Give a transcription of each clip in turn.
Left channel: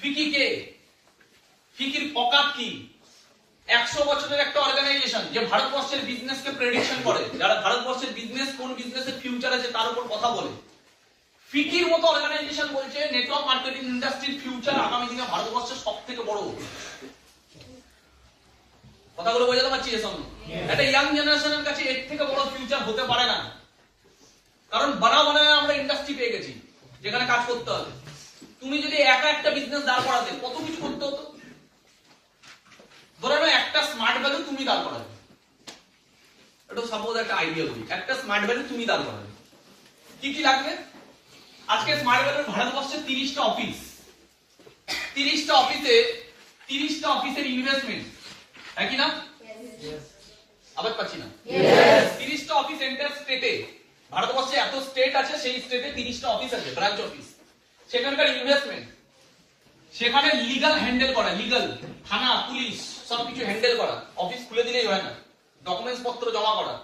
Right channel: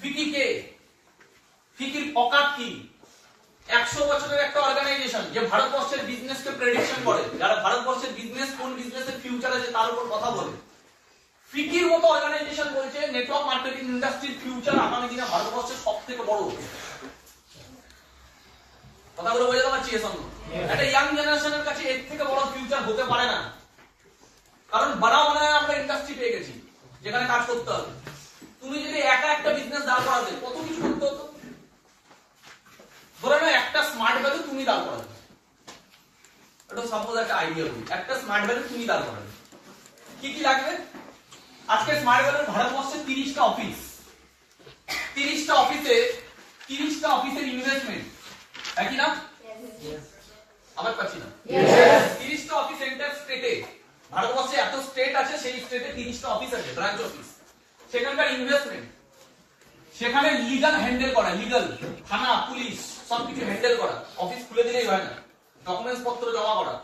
ফিকি কে? ফিকির অকাত কি? 100 বছরের একটা অর্গানাইজেশন যে ভারতবর্ষের বিজনেসকে প্রেডিকশন করে, যারা ভারতবর্ষের বিজনেস কোন বিজনেসের ফিউচার আছে তার উপর কথা বলে। ফিকির মতো অর্গানাইজেশন বলছে নেটওয়ার্ক মার্কেটিং ইন্ডাস্ট্রির ফিউচার আগামী দিনে ভারতবর্ষের সবথেকে বড়। কথাগুলো বোঝাতে পারছি? এর সঙ্গে একটা ইয়াং জেনারেশনের কাছে এর থেকে বড় ফিউচার হতে পারে না, কারণ বানায় আমরা ইন্ডাস্ট্রি পেয়ে গেছি যেখানে কাজ করতে হবে। তুমি যদি একা একটা বিজনেস দাঁড় করাতে কত কিছু করতে হতো। ধরে নাও একটা স্মার্ট ভ্যালু তুমি দাঁড় করাবে, এটা সাপোজ একটা আইডিয়া বলি, একটা স্মার্ট ভ্যালু তুমি দাঁড় করাবে, কি কি লাগবে? আজকে স্মার্ট ভ্যালুর ভারতবর্ষে 30টা অফিস, 30টা অফিসে 30টা অফিসের ইনভেস্টমেন্ট একই না? আবার পাচ্ছি না। 30টা অফিস এন্টার স্টেটে, ভারতবর্ষে এত স্টেট আছে, সেই স্টেটে 30টা অফিস আছে, ব্রাঞ্চ অফিস, সেখানকার ইনভেস্টমেন্ট, সেখানে লিগাল হ্যান্ডেল করা, লিগাল থানা পুলিশ সবকিছু হ্যান্ডেল করা, অফিস খুলে দিলেই হয় না, ডকুমেন্টস পত্র জমা করা,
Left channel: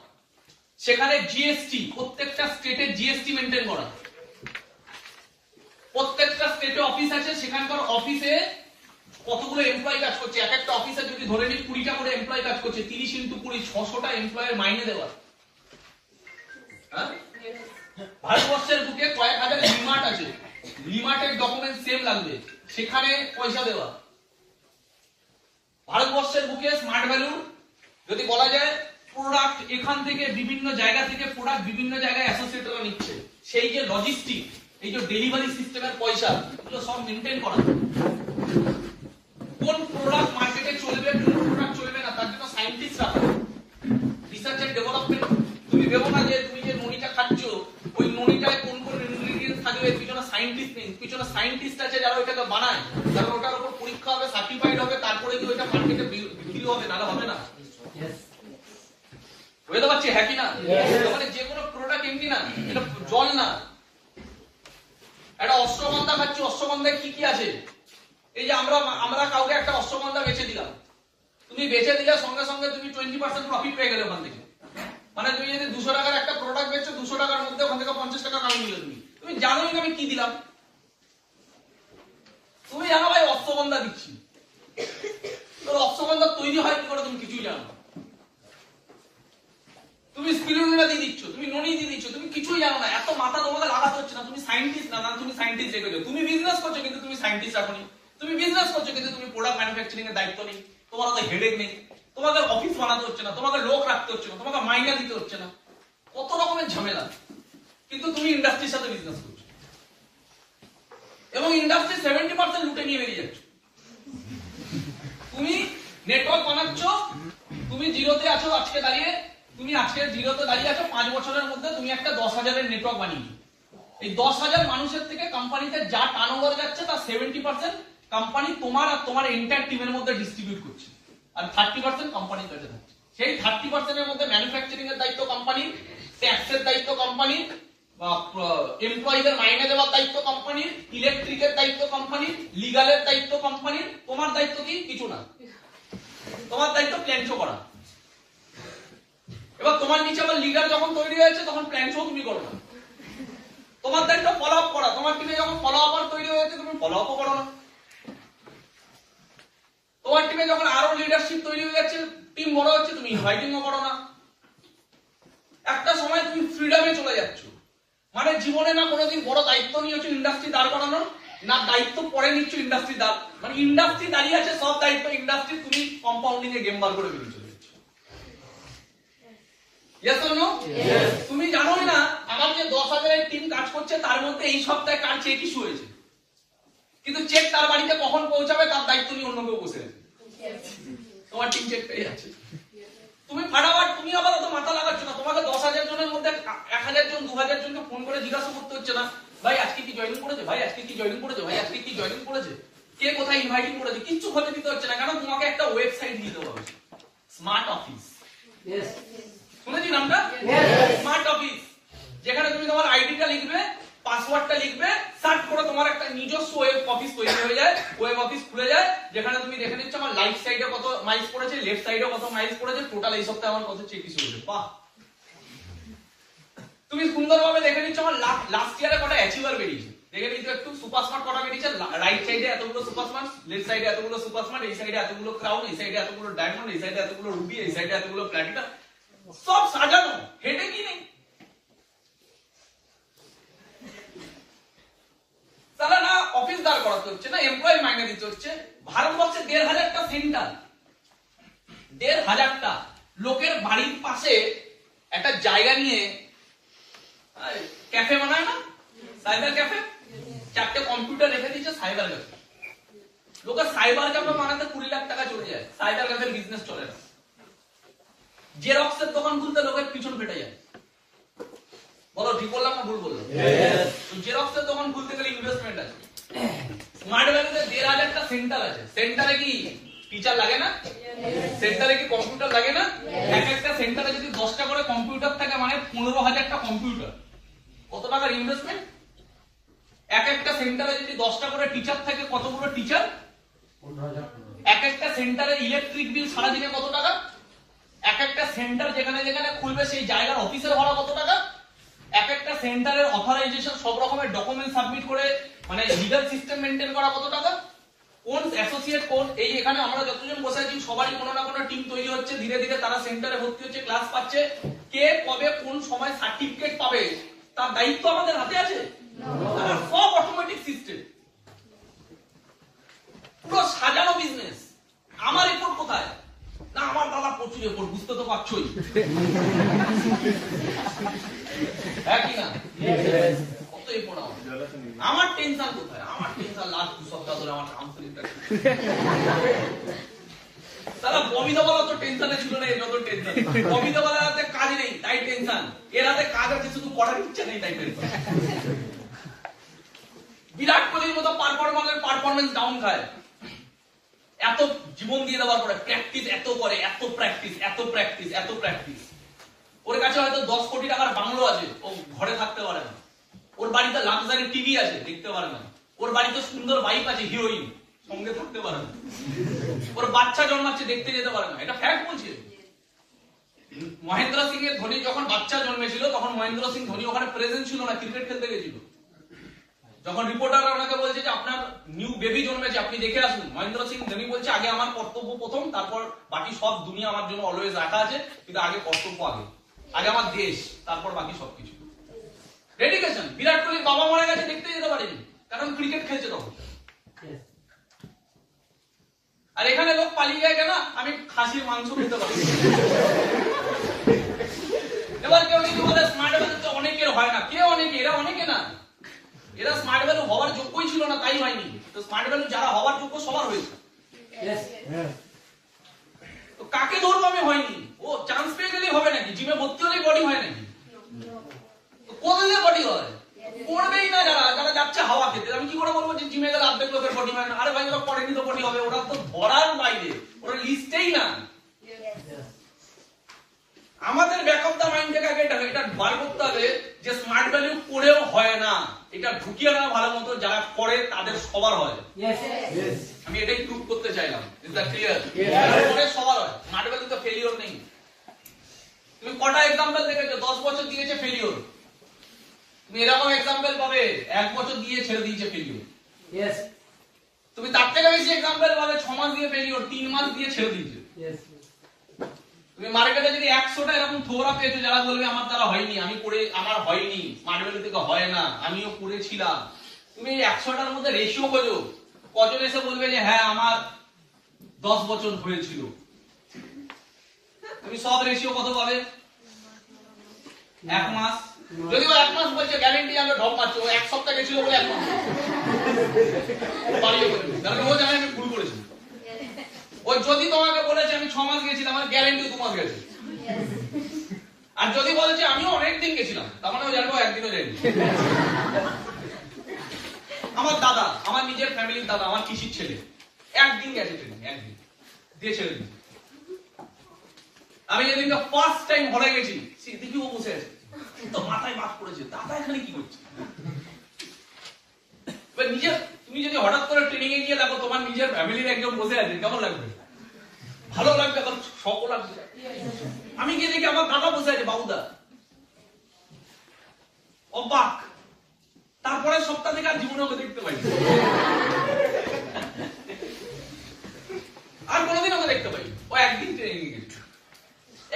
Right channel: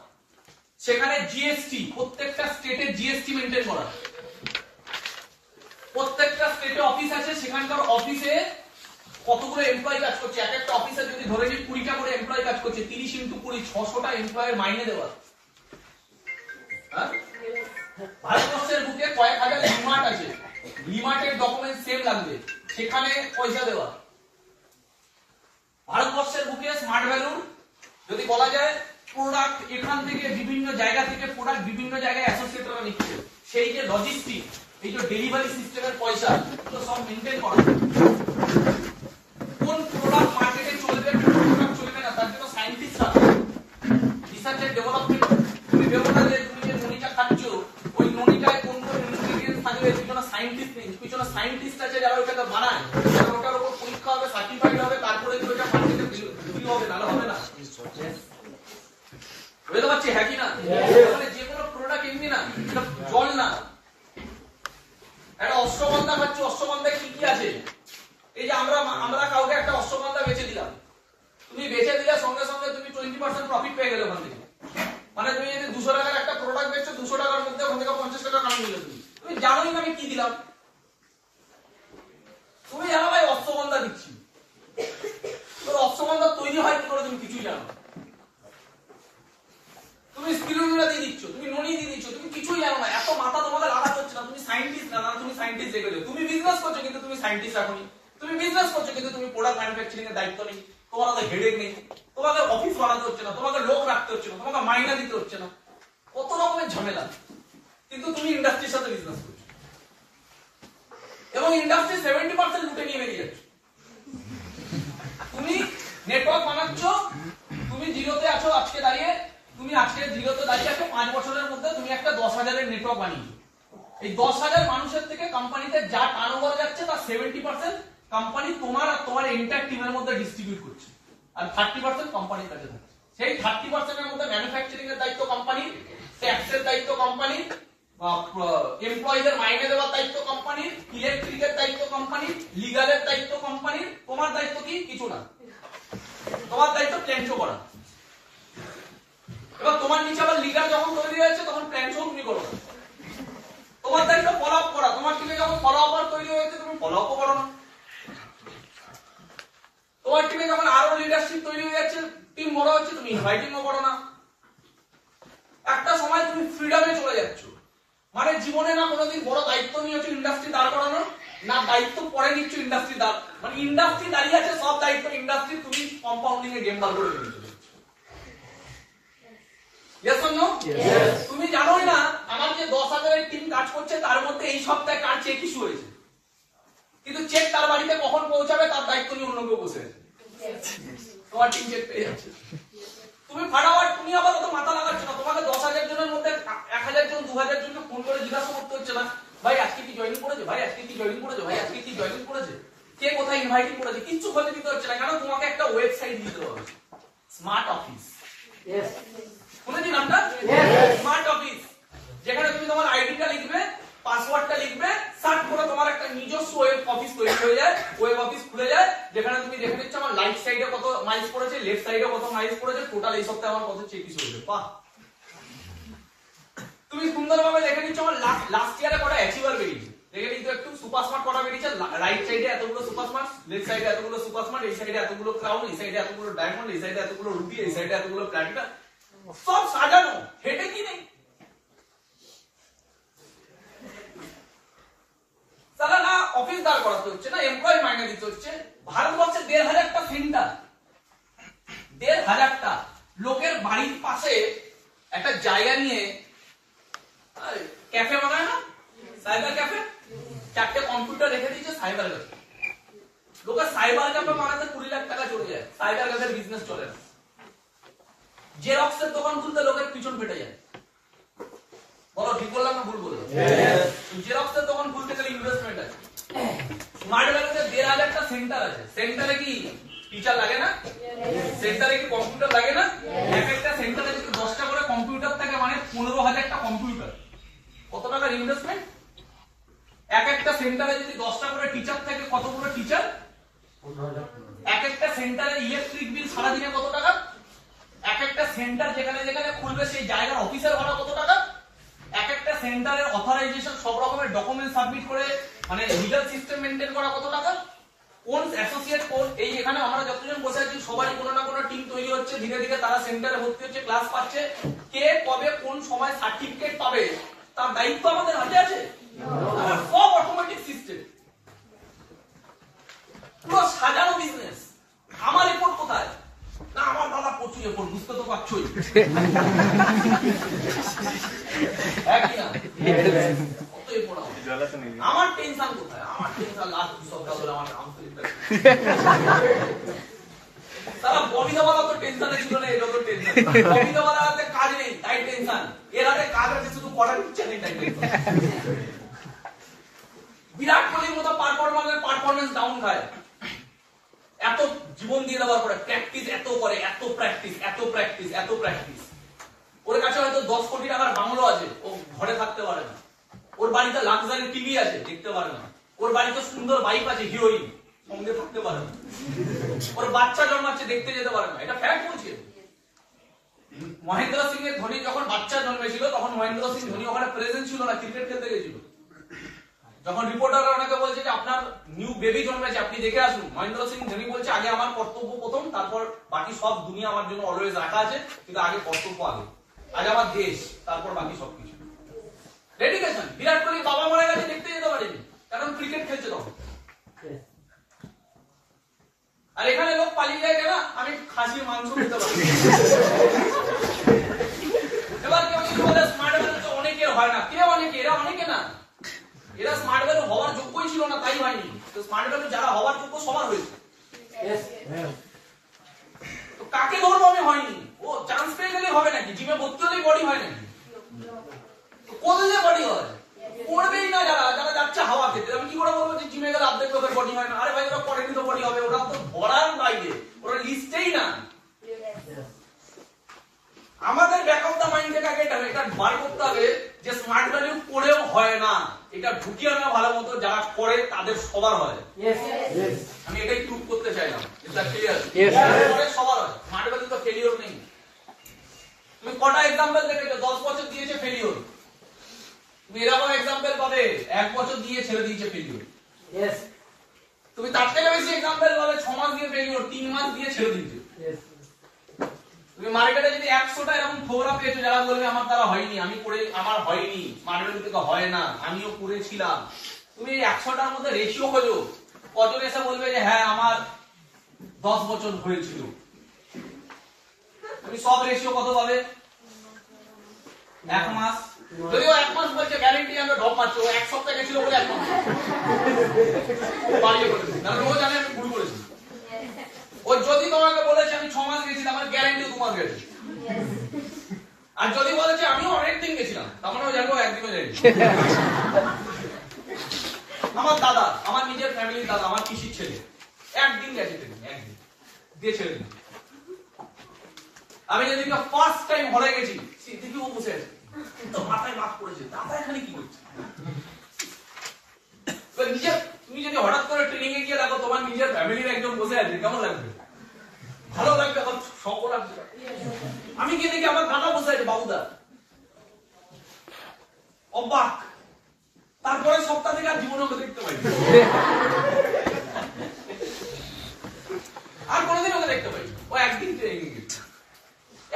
সেখানে জিএসটি, প্রত্যেকটা স্টেটে জিএসটি মেনটেন করা, প্রত্যেকটা স্টেটে অফিস আছে, সেখানকার অফিসে কতগুলো এমপ্লয়ি কাজ করছে, এক একটা অফিসে যদি ধরে নিই 20টা করে এমপ্লয়ি কাজ করছে, 30 × 20 600টা এমপ্লয়ের মাইনে দেওয়া। ভারতবর্ষের বুকে কয়েক হাজার লিমার্ট আছে, লিমার্টের ডকুমেন্ট সেম লাগবে, সেখানে পয়সা দেওয়া। ভারতবর্ষের বুকে স্মার্ট ভ্যালু যদি বলা যায় প্রোডাক্ট এখান থেকে বিভিন্ন জায়গা থেকে প্রোডাক্ট বিভিন্ন জায়গায় অ্যাসোসিয়েটরা নিচ্ছে, সেই যে লজিস্টিক, এই যে ডেলিভারি সিস্টেমের পয়সা, এগুলো সব মেনটেন করা। কোন প্রোডাক্ট মার্কেটে চলবে, কোন প্রোডাক্ট চলবে না, তার জন্য সায়েন্টিস্টরা রিসার্চ এন্ড ডেভেলপমেন্ট। তুমি ভেবো না যে তুমি যে ননিটা খাচ্ছ ওই ননিটায় কোন কোন ইনগ্রেডিয়েন্টস থাকবে, পিছনে সায়েন্টিস্ট নেই, পিছনে সায়েন্টিস্ট আছে যারা ওটাকে বানায়, যারা ওটার উপর পরীক্ষা হবে, সার্টিফাইড হবে, তারপরে কি ওটা মার্কেটে বিক্রি হবে, নাহলে হবে না। বুঝতে পারছি? হ্যাঁ কি না? মানে যে কোনো প্রোডাক্ট এমনি না, এটা জল না। একটা অশ্বগন্ধা খাচ্ছি, অশ্বগন্ধায় কি কি আছে? এই যে আমরা কাউকে একটা অশ্বগন্ধা বেচে দিলাম, তুমি বেচে দিলে সঙ্গে সঙ্গে তুমি 20% প্রফিট পেয়ে গেলে ওখান থেকে। মানে তুমি যদি 200 টাকার একটা প্রোডাক্ট বেচছো, 200 টাকার মধ্যে ওখান থেকে 50 টাকা কামাই নিলে তুমি জানোই না আমি কি দিলাম। তুমি জানো ভাই অশ্বগন্ধা দিচ্ছি, তোর অশ্বগন্ধা তৈরি হয় কি করে তুমি কিছুই জানো না। তুমি স্পিরুলিনা দিয়ে দিচ্ছ, তুমি ননি দিয়ে দিচ্ছ, তুমি কিছুই জানো না। এত মাথা তোমাকে লাগাতে হচ্ছে না, তুমি সায়েন্টিস্ট না, তুমি সায়েন্টিস্ট রেখে দেবে। তুমি বিজনেস করছো কিন্তু তুমি সায়েন্টিস্ট রাখোনি, তুমি বিজনেস করছো কিন্তু তুমি প্রোডাক্ট ম্যানুফ্যাকচারিং এর দায়িত্ব নেই, তোমার হাতে হেডেক নেই, তোমাকে অফিস বানাতে হচ্ছে না, তোমাকে লোক রাখতে হচ্ছে না, তোমাকে মাইনা দিতে হচ্ছে না, কত রকমের ঝামেলা। কিন্তু তুমি ইন্ডাস্ট্রির সাথে বিজনেস করছো এবং ইন্ডাস্ট্রি 70% লুটে নিয়ে বেরিয়ে যাচ্ছ। তুমি নেটওয়ার্ক বানাচ্ছ, তুমি জিরোতে আছো আজকে দাঁড়িয়ে, তুমি আজকে জিরোতে দাঁড়িয়ে আছো, 5 বছরের মধ্যে তুমি একটা 10,000-এর নেটওয়ার্ক বানিয়েছো। এই 10,000 মানুষের থেকে কোম্পানিতে যা টার্নওভার যাচ্ছে তার 70% কোম্পানি তোমার আর তোমার এন্টায়ার টিমের মধ্যে ডিস্ট্রিবিউট করছে, আর 30% কোম্পানির কাছে থাকছে। সেই 30% এর মধ্যে ম্যানুফ্যাকচারিং এর দায়িত্ব কোম্পানি, ট্যাক্সের দায়িত্ব কোম্পানি, এমপ্লয়িদের মাইনে দেওয়ার দায়িত্ব কোম্পানি, ইলেকট্রিকের দায়িত্ব কোম্পানি, লিগালের দায়িত্ব কোম্পানি। তোমার দায়িত্ব কি? কিছু না, তোমার দায়িত্ব প্ল্যান শো করা। এবার তোমার নিচে আবার লিগাল যখন তৈরি হয়েছে তখন প্ল্যান শো তুমি করো না, তোমার দায়িত্ব ফলো আপ করা। তোমার টিমে যখন ফলো আপ তৈরি হয়েছে তুমি ফলো আপও করো না। তোমার টিমে যখন আরো লিডারশিপ তৈরি হয়ে যাচ্ছে, টিম বড় হচ্ছে, তুমি ইনভাইটিংও করো না। একটা সময় তুমি ফ্রিডমে চলে যাচ্ছ, মানে জীবনে না কোনোদিন বড় দায়িত্ব নিয়েছো ইন্ডাস্ট্রি দাঁড় করানো, না দায়িত্ব পরে নিচ্ছ ইন্ডাস্ট্রি দাঁড়, মানে ইন্ডাস্ট্রি দাঁড়িয়ে আছে সব দায়িত্ব ইন্ডাস্ট্রি, তুমি কম্পাউন্ডিং এ গেম বার করে বেরিয়েছো। Yes or no? Yes. তুমি জানোই না আমার যে 10,000-এর টিম কাজ করছে তার মধ্যে এই সপ্তাহে কার চেক ইস্যু হয়েছে, কিন্তু চেক তার বাড়িতে কখন পৌঁছাবে তার দায়িত্ব নিয়ে অন্য কেউ বসে আছে। তোমার টিম চেক পেয়ে যাচ্ছে, তুমি ফাটাফাট, তুমি আবার অত মাথা লাগাচ্ছ না। তোমাকে 10,000 জনের মধ্যে 1,000 জন 2,000 জনকে ফোন করে জিজ্ঞাসা করতে হচ্ছে না, ভাই আজকে কি জয়েনিং করেছে, ভাই আজকে কি জয়েনিং করেছে, ভাই আজকে কি জয়েনিং করেছে, কে কোথায় ইনভাইটিং করেছে, কিচ্ছু খোঁজ দিতে হচ্ছে না, কারণ তোমাকে একটা ওয়েবসাইট দিতে হবে, স্মার্ট অফিস। শুনেছি নামটা? স্মার্ট অফিস, যেখানে তুমি তোমার আইডিটা লিখবে, পাসওয়ার্ডটা লিখবে, সার্চ করে তোমার একটা নিজস্ব ওয়েব অফিস তৈরি হয়ে যায়, ওয়েব অফিস খুলে যায়, যেখানে তুমি দেখে নিচ্ছ আমার রাইট সাইডে কত মাইলস পড়েছে, লেফট সাইডে কত মাইলস পড়েছে, টোটাল এই সপ্তাহে আমার কত চেক ইস্যু হয়েছে। বাহ, তুমি সুন্দরভাবে দেখে নিচ্ছ আমার লাস্ট ইয়ারে কটা অ্যাচিভার বেরিয়েছে, দেখে নিতে একটু সুপার স্মার্ট কটা বেরিয়েছে, রাইট সাইডে এতগুলো সুপার স্মার্ট, লেফট সাইডে এতগুলো সুপার স্মার্ট, এই সাইডে এতগুলো ক্রাউন, এই সাইডে এতগুলো ডায়মন্ড, এই সাইডে এতগুলো রুবি, এই সাইডে এতগুলো প্ল্যাটিনাম, সব সাজানো, হেডে কি নেই। তাহলে না অফিস দাঁড় করাতে হচ্ছে, না এমপ্লয়ি মাইনে দিতে হচ্ছে। ভারতবর্ষে ১,৫০০টা সেন্টার, ১,৫০০টা লোকের বাড়ির পাশে একটা জায়গা নিয়ে ক্যাফে বানায় না, সাইবার ক্যাফে, 4টে কম্পিউটার রেখে দিচ্ছে সাইবার ক্যাফে। লোকের সাইবার ক্যাফে বানাতে 20 লাখ টাকা চলে যায়, সাইবার ক্যাফের বিজনেস চলে না। জেরক্সের দোকান খুলতে লোকের পিছন ফেটে যায়। বলো ঠিক বললাম না ভুল বললাম? জেরক্সের দোকান খুলতে গেলে ইনভেস্টমেন্ট আছে। স্মার্ট ভ্যালিতে ১,৫০০টা সেন্টার আছে, সেন্টারে কি টিচার লাগে না? সেন্টারে কি কম্পিউটার লাগে না? এক একটা সেন্টারে যদি 10টা করে কম্পিউটার থাকে মানে 15,০০০টা কম্পিউটার, কত টাকার ইনভেস্টমেন্ট? এক একটা সেন্টারে যদি 10টা করে টিচার থাকে, কতগুলো টিচার? এক একটা সেন্টারের ইলেকট্রিক বিল সারাদিনে কত টাকা? এক একটা সেন্টার যেখানে যেখানে খুলবে সেই জায়গার অফিসের ভাড়া কত টাকা? এক একটা সেন্টারের অথরাইজেশন, সব রকমের ডকুমেন্ট সাবমিট করে মানে লিগ্যাল সিস্টেম মেইনটেইন করা কত টাকা? কোন অ্যাসোসিয়েট কোন, এই এখানে আমরা যতজন বসে আছি সবারই কোনো না কোনো টিম তৈরি হচ্ছে, ধীরে ধীরে তারা সেন্টারে ভর্তি হচ্ছে, ক্লাস পাচ্ছে। কে কবে কোন সময় সার্টিফিকেট পাবে তার দায়িত্ব আমাদের হাতে আছে? সব অটোমেটিক সিস্টেম, পুরো সাজানো বিজনেস। আমার রিপোর্ট কোথায়? না আমার দাদা প্রচুর রিপোর্ট, বুঝতে তো পারছোই। কত রিপোর্ট আমার টেনশন কোথায়? আমার টেনশন লাস্ট 2 সপ্তাহ ধরে আমার কাউন্সিলিংটা। সারা ববিদাওয়ালা তো টেনশনে ছিল না, এটা তো টেনশন। ববিদাওয়ালা হাতে কাজ নেই তাই টেনশন, এর হাতে কাজ আছে শুধু পড়ার ইচ্ছা নেই তাই টেনশন। বিরাট কোহলির মতো পারফরম্যান্স ডাউন খায়, এত জীবন দিয়ে দেওয়ার পরে প্র্যাকটিস এত করে, এত প্র্যাকটিস, এত প্র্যাকটিস, এত প্র্যাকটিস। ওর কাছে হয়তো 10 কোটি টাকার বাংলো আছে, ও ঘরে থাকতে পারে না। ওর বাড়িতে লাক্সারি টিভি আছে, দেখতে পারে না। ওর বাড়িতে সুন্দর বাইক আছে, হিরোইন, সঙ্গে থাকতে পারে না। ওর বাচ্চা জন্মাচ্ছে, দেখতে যেতে পারে না। এটা ফ্যাক্ট বলছে। মহেন্দ্র সিং এর ধোনি যখন বাচ্চা জন্মেছিল তখন মহেন্দ্র সিং ধোনি ওখানে প্রেজেন্ট ছিল না, ক্রিকেট খেলতে গেছিল। যখন রিপোর্টার ওনাকে বলছে যে আপনার নিউ বেবি জন্মেছে, আপনি দেখে আসুন, মহেন্দ্র সিং ধোনি বলছে আগে আমার কর্তব্য প্রথম, তারপর বাকি সব দুনিয়া আমার জন্য অলওয়েজ রাখা আছে, কিন্তু আগে কর্তব্য, আগে আমার দেশ, তারপর বাকি সবকিছু। ডেডিকেশন। বিরাট কোহলির বাবা মারা গেছে, দেখতে যেতে পারেনি, কারণ ক্রিকেট খেলছে তখন। আর এখানে লোক পালিয়ে যায় কেন? আমি খাসির মাংস খেতে পারি। এবার কেউ যদি বলে স্মার্ট ভ্যালু তো অনেকের হয় না, কে অনেকে? এরা অনেকে না, এরা স্মার্ট ভ্যালু হওয়ার যোগ্যই ছিল না, তাই হয়নি। তো স্মার্ট ভ্যালু যারা হওয়ার যোগ্য সবার হয়েছে। তো কাকে ধরবো আমি? হয়নি। ও চান্স পেয়ে গেলে হবে নাকি? জিমে ভর্তি হলেই বডি হয় নাকি? কোথায় বডি হয়? পড়বেই না যারা, যারা যাচ্ছে হাওয়া খেতে। আমি কি করে বলবো যে জিমে গেলে অর্ধেক লোকের বডি হয় না? আরে ভাই ওরা পড়েনি তো বডি হবে, ওরা তো ধরার বাইরে, ওরা লিস্টেই না। আমাদের ব্যাক অফ দা মাইন্ড থেকে আগে এটা বার করতে হবে যে স্মার্ট ভ্যালু পড়েও হয় না, এটা ঢুকিয়ে না ভালো মতো, যারা করে তাদের সবার হয়। আমি এটাই প্রুভ করতে চাইলাম। সবার হয়, স্মার্ট ভ্যালু তো ফেলিওর নেই। তুমি কটা এক্সাম্পল দেখেছো 10 বছর দিয়েছে ফেলিওর? তুমি এরকম এক্সাম্পল পাবে 1 বছর দিয়ে ছেড়ে দিয়েছে ফেলিওর। তুমি তার থেকে বেশি এক্সাম্পল পাবে 6 মাস দিয়ে ফেলিওর, 3 মাস দিয়ে ছেড়ে দিয়েছে। তুমি মার্কেটে যদি 100টা এরকম থোড়া পেয়েছো যারা বলবে আমার দ্বারা হয়নি, আমি করে আমার হয়নি, স্মার্ট ভ্যালু থেকে হয় না, আমিও করেছিলাম। তুমি এই 100টার মধ্যে রেশিও খোঁজো, কজন এসে বলবে যে হ্যাঁ আমার 10 বছর হয়েছিল। তুমি সব রেশিও কত পাবে? 1 মাস। যদিও 1 মাস বলছে, গ্যারেন্টি আমি ঢপ মারছি, ও 1 সপ্তাহ গেছিল বলে 1 মাস বাড়িয়ে করে দেবে, কারণ ও জানে আমি ভুল করেছি। ও যদি তোমাকে বলেছে আমি 6 মাস গেছিলাম, আমার গ্যারেন্টি 2 মাস গেছে। আর যদি বলেছে আমিও অনেক দিন গেছিলাম, তার মানে ও জানবো একদিনও যায়নি। আমার দাদা, আমার নিজের ফ্যামিলির দাদা, আমার পিসির ছেলে একদিন গেছে, একদিন দিয়ে ছেড়ে দিন। আমি যেদিনটা ফার্স্ট টাইম হলে গেছি, দেখি ও বসে আছে, তো মাথায় বাজ পড়েছে, দাদা এখানে কি করছে? নিজে তুমি যদি হঠাৎ করে ট্রেনিং এ গিয়ে দেখো তোমার নিজের ফ্যামিলির একজন বসে আছে, কেমন লাগবে? ভালো লাগবে, শখও লাগবে। আমি গিয়ে দেখি আমার দাদা বসে আছে, বাবুদা, অবাক। তারপরে সপ্তাহ থেকে আর জীবনে ওকে দেখতে পাই আর কোনোদিন ওকে দেখতে পাই। ও একদিন ট্রেনিং গেছে,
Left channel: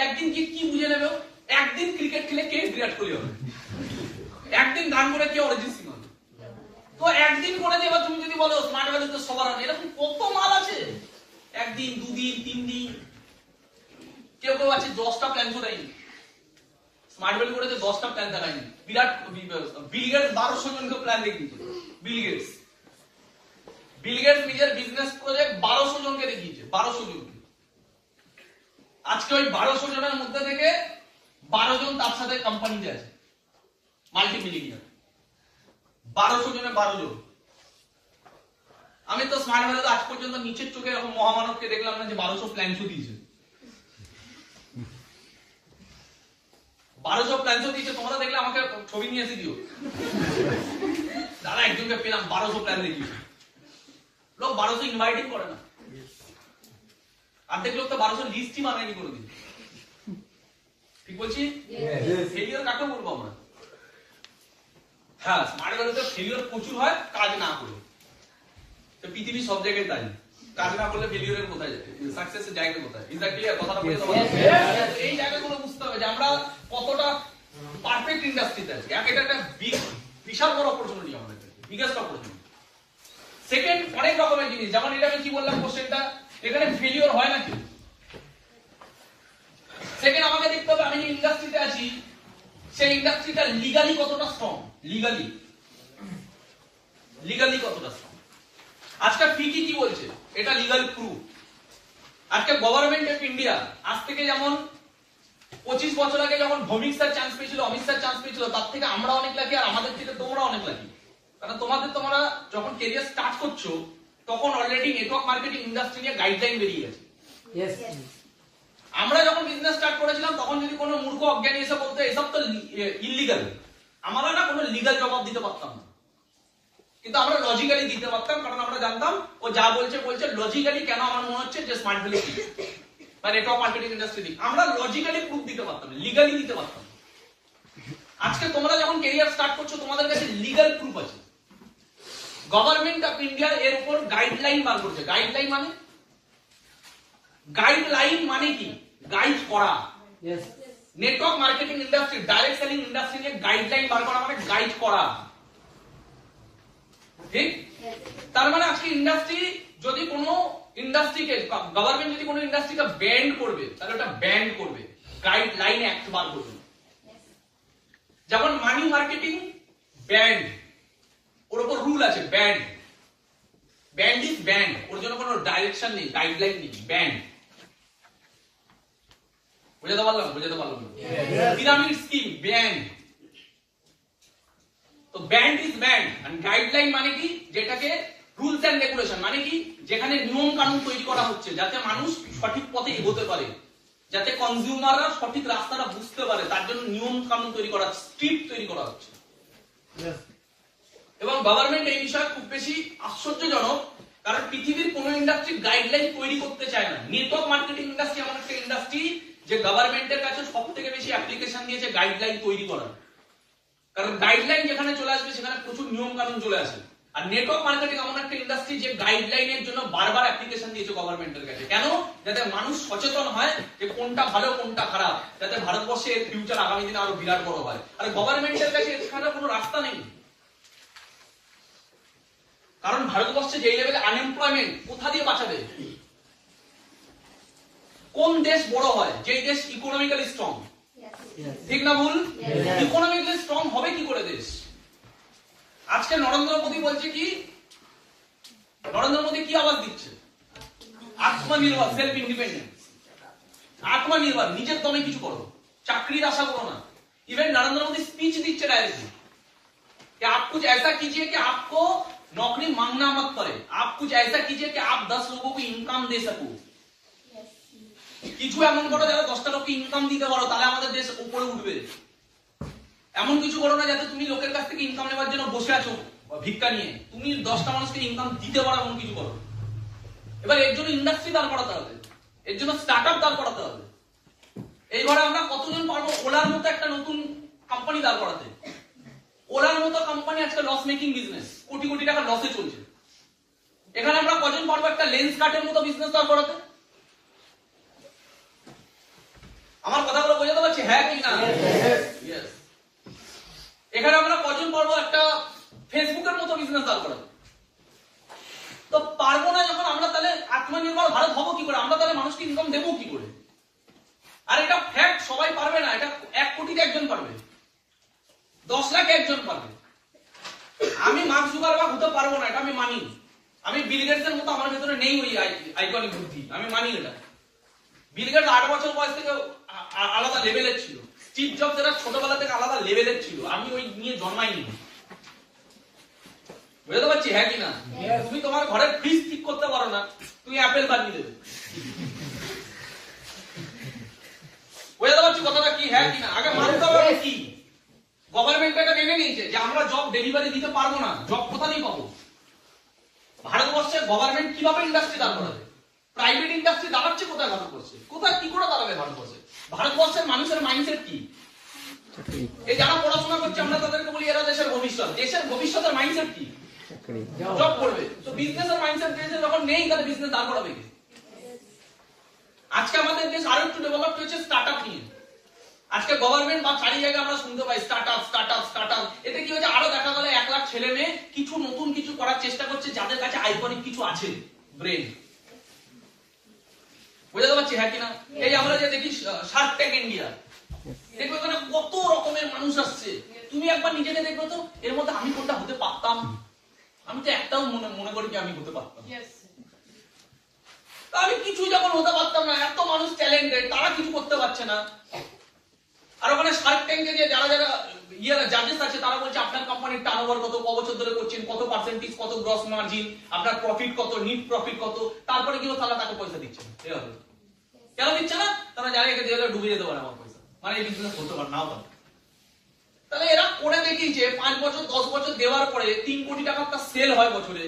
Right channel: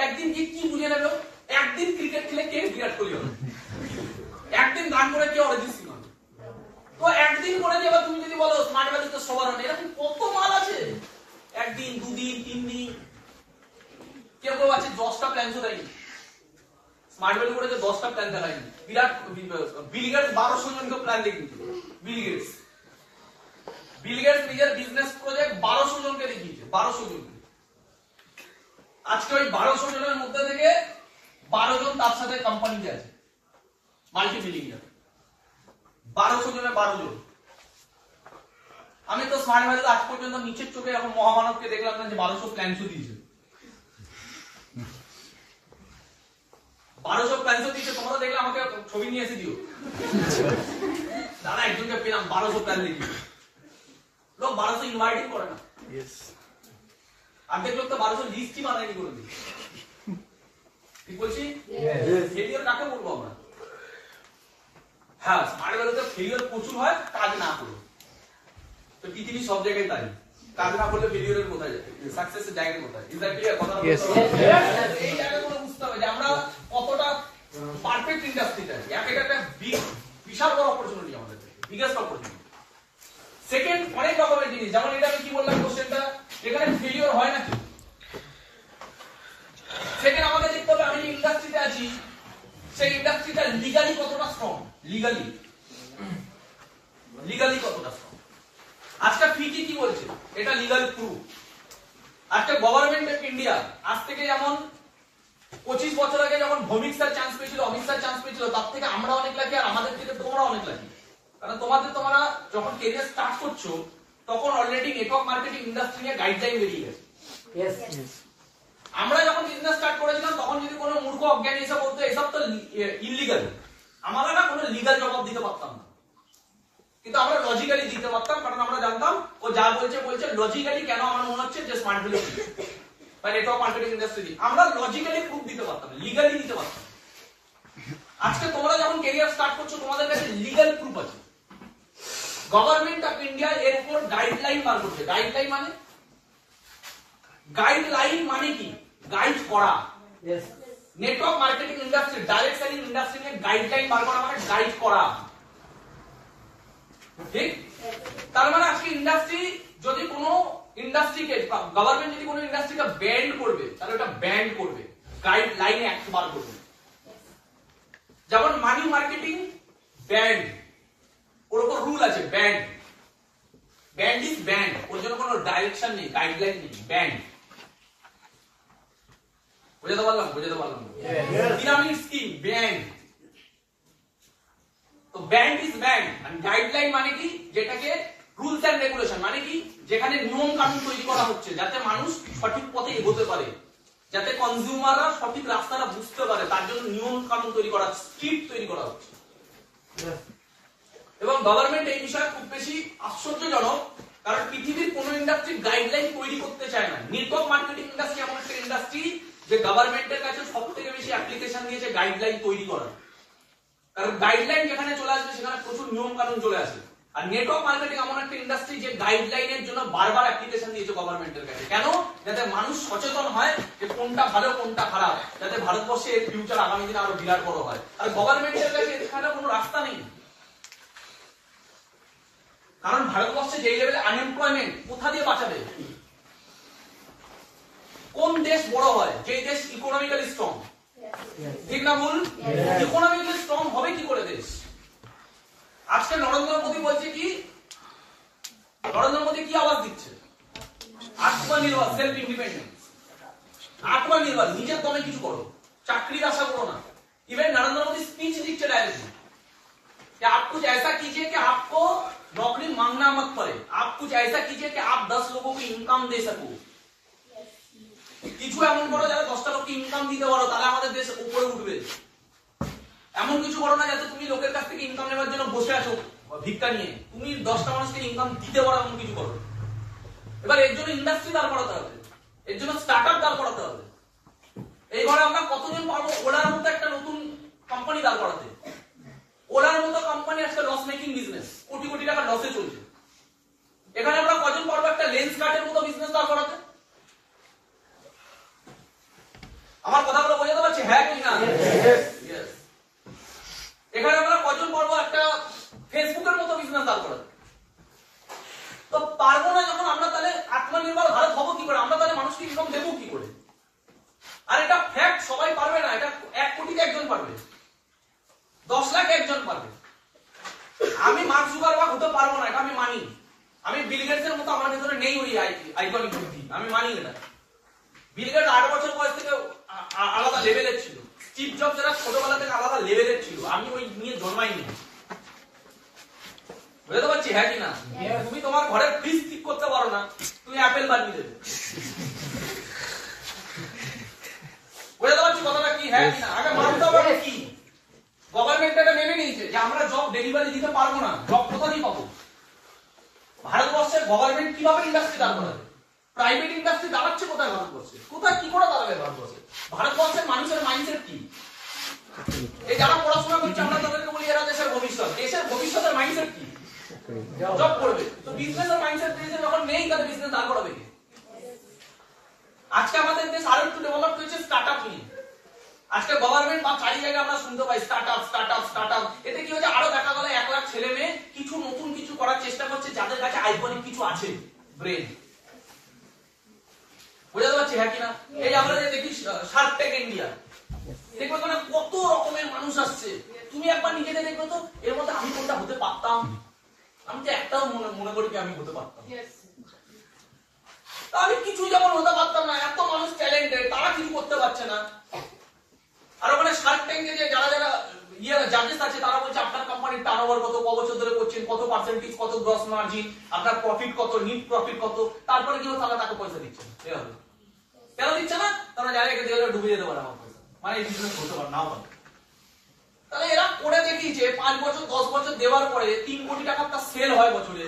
একদিন কি বুঝে নেবে, একদিন ক্রিকেট খেলে কে বিরাট কোহলি হবে, একদিন গান করে কে অরিজিৎ সিং হবে। তো একদিন করে দেবা, তুমি যদি বলো স্মার্ট ভ্যালু তো সবার হবে, এরকম কত মাল আছে, একদিন, দুদিন, 3 দিন, কেউ কেউ আছে 10টা প্ল্যান তো দেয়নি। স্মার্ট ভ্যালু করেছে 10টা প্ল্যান দেখায়নি। বিরাট বিল গেটস 1200 জনকে প্ল্যান দেখিয়েছে। বিল গেটস নিজের বিজনেস প্রজেক্ট 1200 জনকে দেখিয়েছে, 1200 জনকে। আজকে ওই 1200 জনের মধ্যে থেকে 12 জন তার সাথে কোম্পানিতে আছে, মাল্টি মিলিয়নিয়ার। 1200 জনের 12 জন। আমি তো স্মার্ট ভ্যালু আজ পর্যন্ত নিচের চোখে এরকম মহামানবকে দেখলাম না যে 1200 প্ল্যান দিয়েছে। 1200 প্ল্যান দিয়েছে, তোমরা দেখলে আমাকে ছবি নিয়ে এসে দিও, দাদা একজনকে পেলাম 1200 প্ল্যান দেখিয়ে। লোক 1200 ইনভাইটিং করে না, অর্ধেক লোক তো 1200 লিস্টই বানায়নি কোনোদিন। ঠিক বলছি? ফেলিওর কাকে বলবো আমরা? হ্যাঁ, স্মার্ট ভ্যালুতে ফেলিওর প্রচুর হয়, কাজ না করে। তো পৃথিবী সব জায়গায় তাই, কাজ না করলে ফেলিওরের কোথায় যাবে, সাকসেসের জায়গা কোথায়? Is that clear? কথাটা এই জায়গাগুলো বুঝতে হবে যে আমরা কতটা পারফেক্ট ইন্ডাস্ট্রিতে আছি। এটা একটা বিশাল বড় অপরচুনিটি আমাদের, বিগেস্ট অপরচুনিটি। সেকেন্ড, অনেক রকমের জিনিস, যেমন এটা আমি কি বললাম কোশ্চেনটা, এখানে ফেলিওর হয় নাকি? সেকেন্ড, আমাকে দেখতে হবে আমি যে ইন্ডাস্ট্রিতে আছি সেই ইন্ডাস্ট্রিটা লিগালি কতটা স্ট্রং, লিগালি কতটা স্ট্রং। আজকে ফিকি কি বলছে, এটা লিগাল প্রুফ। আজকে গভর্নমেন্ট অফ ইন্ডিয়া আজ থেকে যেমন 25 বছর আগে যখন ভৌমিক স্যার চান্স পেয়েছিল, অমিত স্যার চান্স পেয়েছিল, তার থেকে আমরা অনেক লাকি, আর আমাদের থেকে তোমরা অনেক লাকি। কারণ তোমরা যখন ক্যারিয়ার স্টার্ট করছো তখন অলরেডি নেটওয়ার্ক মার্কেটিং ইন্ডাস্ট্রি নিয়ে গাইডলাইন বেরিয়ে গেছে। আমরা যখন বিজনেস স্টার্ট করেছিলাম তখন যদি কোনো মূর্খ অজ্ঞানী এসে বলতো এসব তো ইল্লিগাল, আমরা না কোনো লিগাল জবাব দিতে পারতাম না, কিন্তু আমরা লজিক্যালি দিতে পারতাম। কারণ আমরা জানতাম ও যা বলছে লজিক্যালি। কেন আমার মনে হচ্ছে যে স্মার্ট ভ্যালু বা নেটওয়ার্ক মার্কেটিং ইন্ডাস্ট্রি, আমরা লজিক্যালি প্রুফ দিতে পারতাম, লিগালি দিতে পারতাম। আজকে তোমরা যখন ক্যারিয়ার স্টার্ট করছো তোমাদের কাছে লিগাল প্রুফ আছে। গভর্নমেন্ট অফ ইন্ডিয়া এর উপর গাইডলাইন বার করছে। গাইডলাইন মানে কি? গাইড করা। Network marketing industry, direct selling industry নিয়ে গাইডলাইন বার করা মানে গাইড করা, ঠিক? তার মানে আজকে ইন্ডাস্ট্রি যদি কোনো ইন্ডাস্ট্রিকে, গভর্নমেন্ট যদি কোনো ইন্ডাস্ট্রিকে ব্যান্ড করবে তাহলে ওটা ব্যান্ড করবে, গাইডলাইন অ্যাক্ট বার করবে। যেমন মানি মার্কেটিং ব্যান্ড, ওর উপর রুল আছে, ব্যান্ড ইজ ব্যান্ড, ওর জন্য কোনো ডাইরেকশন নেই, গাইডলাইন নেই, ব্যান্ড। বুঝাতে পারলাম? Pyramid scheme banned. তো ব্যান্ড ইজ ব্যান্ড, আর গাইডলাইন মানে কি? যেটাকে রুলস এন্ড রেগুলেশন মানে কি? যেখানে নিয়ম কানুন তৈরি করা হচ্ছে যাতে মানুষ সঠিক পথে এগোতে পারে, যাতে কনজিউমাররা সঠিক রাস্তাটা বুঝতে পারে, তার জন্য নিয়ম কানুন তৈরি করা, স্ক্রিপ্ট তৈরি করা হচ্ছে। এবং গভর্নমেন্ট এই বিষয়ে খুব বেশি আশ্চর্যজনক, কারণ পৃথিবীর কোন ইন্ডাস্ট্রি গাইডলাইন তৈরি করতে চায় না। নেটওয়ার্ক মার্কেটিং ইন্ডাস্ট্রি এমন একটা ইন্ডাস্ট্রি যে গভর্নমেন্টের কাছে সবথেকে বেশি অ্যাপ্লিকেশন দিয়েছে গাইডলাইন তৈরি করার। কারণ গাইডলাইন যেখানে চলে আসবে সেখানে প্রচুর নিয়ম কানুন চলে আসে। আর নেটওয়ার্ক মার্কেটিং এমন একটা ইন্ডাস্ট্রি যে গাইডলাইনের জন্য বারবার অ্যাপ্লিকেশন দিয়েছে গভর্নমেন্টের কাছে। কেন? যাতে মানুষ সচেতন হয় যে কোনটা ভালো কোনটা খারাপ, যাতে ভারতবর্ষে এর ফিউচার আগামী দিনে আরো বিরাট বড় হয়। আর গভর্নমেন্টের কাছে এখানে কোনো রাস্তা নেই, কারণ ভারতবর্ষে যে লেভেলে আনএমপ্লয়মেন্ট, কোথা দিয়ে বাঁচাবে? কোন দেশ বড় হয়? যে দেশ ইকোনমিক্যালি স্ট্রং, ঠিক না ভুল? ইকোনমিক্যালি স্ট্রং হবে কি করে দেশ? আজকে নরেন্দ্র মোদী বলছে কি, নরেন্দ্র মোদী কি আওয়াজ দিচ্ছে? আত্মনির্ভর, সেলফ ইন্ডিপেন্ডেন্স, আত্মনির্ভর, নিজের দমে কিছু করো, চাকরির আশা করো না। इवन नरेंद्र मोदी स्पीच दीजिए डायरेक्टली कि आप कुछ ऐसा कीजिए कि आपको नौकरी मांगना मत पड़े, आप कुछ ऐसा कीजिए कि आप 10 लोगों को इनकम दे सको। কিছু এমন করো যাতে 10টা লোককে ইনকাম দিতে পারো, তাহলে আমাদের দেশ উপরে উঠবে। এমন কিছু করো না যাতে তুমি লোকের কাছ থেকে ইনকাম নেওয়ার জন্য বসে আছো ভিক্ষা নিয়ে, তুমি 10টা মানুষকে ইনকাম দিতে পারো এমন কিছু করো। এবার এর জন্য ইন্ডাস্ট্রি দাঁড় করাতে হবে, এর জন্য স্টার্টআপ দাঁড় করাতে হবে। এইবারে আমরা কতজন পারবো ওলার মতো একটা নতুন কোম্পানি দাঁড় করাতে? ওলার মতো কোম্পানি আজকে loss making business, crore crore টাকা লসে চলছে। এখানে আমরা কজন পারবো একটা লেন্স কাটের মতো বিজনেস দাঁড় করাতে? আমার কথাগুলো বোঝাতে পারছি হ্যাঁ কি না? এখানে আমরা কজন পারবো একটা ফেসবুকের মতো বিজনেস দাঁড় করাতে? তো পারবো না যখন আমরা, তাহলে আত্মনির্ভর ভারত হবো কি করে? আমরা তাহলে মানুষকে ইনকাম দেবো কি করে? আর এটা ফ্যাক্ট, সবাই পারবে না। এটা 1 কোটিতে একজন পারবে, 10 লাখ একজন পারবে। আমি মার্ক জুকারবার্গ হতে পারবো না, এটা আমি মানি। আমি বিল গেটসের মতো আমার ভিতরে নেই ওই আইকনিক বুদ্ধি, আমি মানি এটা। বিল গেটস 8 বছর বয়স থেকে আলাদা লেভেলের ছিল, স্টিভ জবস এরা ছোটবেলা থেকে আলাদা লেভেলের ছিল, আমি ওই নিয়ে জন্মাইনি। বুঝতে পারছি হ্যাঁ কি না? তুমি তোমার ঘরে ফ্রিজ ঠিক করতে পারো না, তুমি অ্যাপেল বানিয়ে দেবে। বুঝতে পারছি কথাটা কি হ্যাঁ কি না? আগে মানতে হবে কি গভর্নমেন্ট এটা মেনে নিয়েছে যে আমরা জব ডেলিভারি দিতে পারবো না, জব কোথা দিয়ে পাবো? ভারতবর্ষের গভর্নমেন্ট কিভাবে ইন্ডাস্ট্রি দাঁড় করাবে? প্রাইভেট ইন্ডাস্ট্রি দাঁড়াচ্ছে কোথায় ভারতবর্ষে? কোথায় কি করে দাঁড়াবে ভারতবর্ষে? ভারতবর্ষের মানুষের মাইন্ডসেট কি? এই যারা পড়াশোনা করছে আমরা তাদেরকে বলি এরা দেশের ভবিষ্যৎ। দেশের ভবিষ্যতের মাইন্ডসেট কি? জব করবে। তো বিজনেসের মাইন্ডসেট দেশে যখন নেই, তাহলে বিজনেস দাঁড় করাবে কি? আজকে আমাদের দেশ আরো একটু ডেভেলপ হয়েছে স্টার্টআপ নিয়ে। আজকে গভর্নমেন্ট বা চারি জায়গায় আমরা শুনতে পাই স্টার্টআপ স্টার্টআপ স্টার্টআপ। এতে কি হচ্ছে? আরো দেখা গেল 1 লাখ ছেলে মেয়ে কিছু নতুন কিছু করার চেষ্টা করছে, যাদের কাছে আইকনিক কিছু আছে, ব্রেন। বুঝতে পারছি হ্যাঁ কিনা? এই আমরা যে দেখি শার্ক ট্যাঙ্ক ইন্ডিয়া, দেখবে এখানে কত রকমের মানুষ আসছে। তুমি একবার নিজেকে দেখবে তো, এর মধ্যে আমি কোনটা হতে পারতাম? আমি তো একটাও মনে করি যে আমি হতে পারতাম। আমি কিছু যখন হতে পারতাম না, এত মানুষ ট্যালেন্টেড, তারা কিছু করতে পারছে না। আর ওখানে শার্ক ট্যাঙ্কে যে যারা যারা জাজেস আছে, তারা বলছে আপনার কোম্পানির টার্নওভার কত, ক বছর ধরে করছেন, কত পার্সেন্টেজ, কত গ্রস মার্জিন, আপনার প্রফিট কত, নিট প্রফিট কত। তারপরে কি তারা তাকে পয়সা দিচ্ছে? কেন দিচ্ছে না? তারা জানে একে দিয়ে ডুবে যেতে পারে আমার পয়সা, মানে এই বিজনেস হতে পারে নাও পারে। তাহলে এরা করে দেখিয়েছে 5 বছর 10 বছর দেওয়ার পরে 3 কোটি টাকার তার সেল হয় বছরে,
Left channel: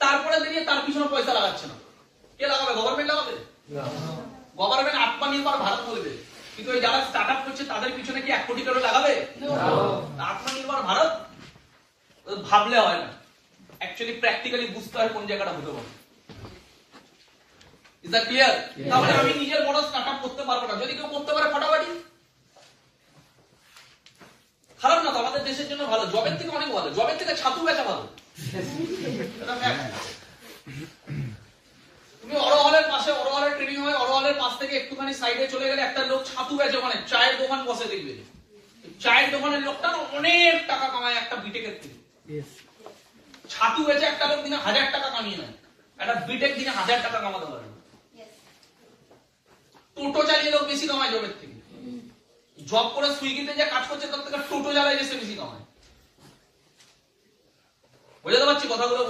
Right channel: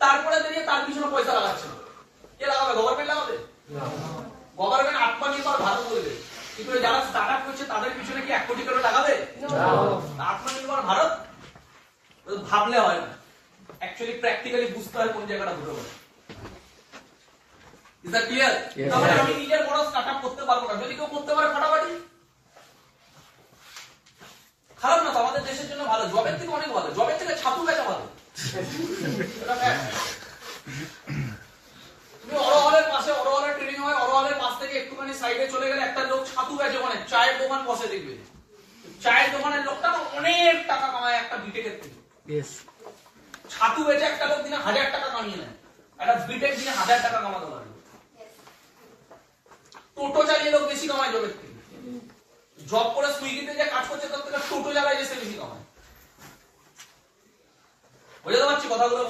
তারপরে দিয়ে তার পিছনে পয়সা লাগাচ্ছে না। কে লাগাবে? গভর্নমেন্ট লাগাবে? গভর্নমেন্ট আত্মনির্ভর ভারত বলবে, কিন্তু যারা স্টার্টআপ করছে তাদের পিছনে কি 1 কোটি করে লাগাবে? আত্মনির্ভর ভারত ভাবলে হয় না, অ্যাকচুয়ালি প্র্যাকটিক্যালি বুঝতে হয় কোন জায়গাটা হতে পারে। Is that clear? তাহলে আমি নিজের বড় স্টার্টআপ করতে পারবো না, যদি কেউ করতে পারে ফাটাফাটি। খারাপ না তো, আমাদের দেশের জন্য ভালো, জবের থেকে অনেক ভালো, জবের থেকে ছাতু বেচা ভালো। তুমি অরহলের পাশে, অরহলের ট্রেনিং হয়, অরহলের পাশ থেকে একটুখানি সাইডে চলে গেলে একটা লোক ছাতু বেচে, মানে চায়ের দোকান বসে, দেখবে চায়ের দোকানের লোকটা অনেক টাকা কামায় একটা বিটেকের থেকে। ছাতু বেচে একটা লোক দিনে 1000 টাকা কামিয়ে নেয়, একটা বিটেক দিনে 1000 টাকা কামাতে পারে। টোটো চালিয়ে লোক বেশি কামায় জবের থেকে। জব করে সুইগিতে যে কাজ করছে তার থেকে টোটো চালায় বেশি কামায়। বুঝতে পারছি কথাগুলো?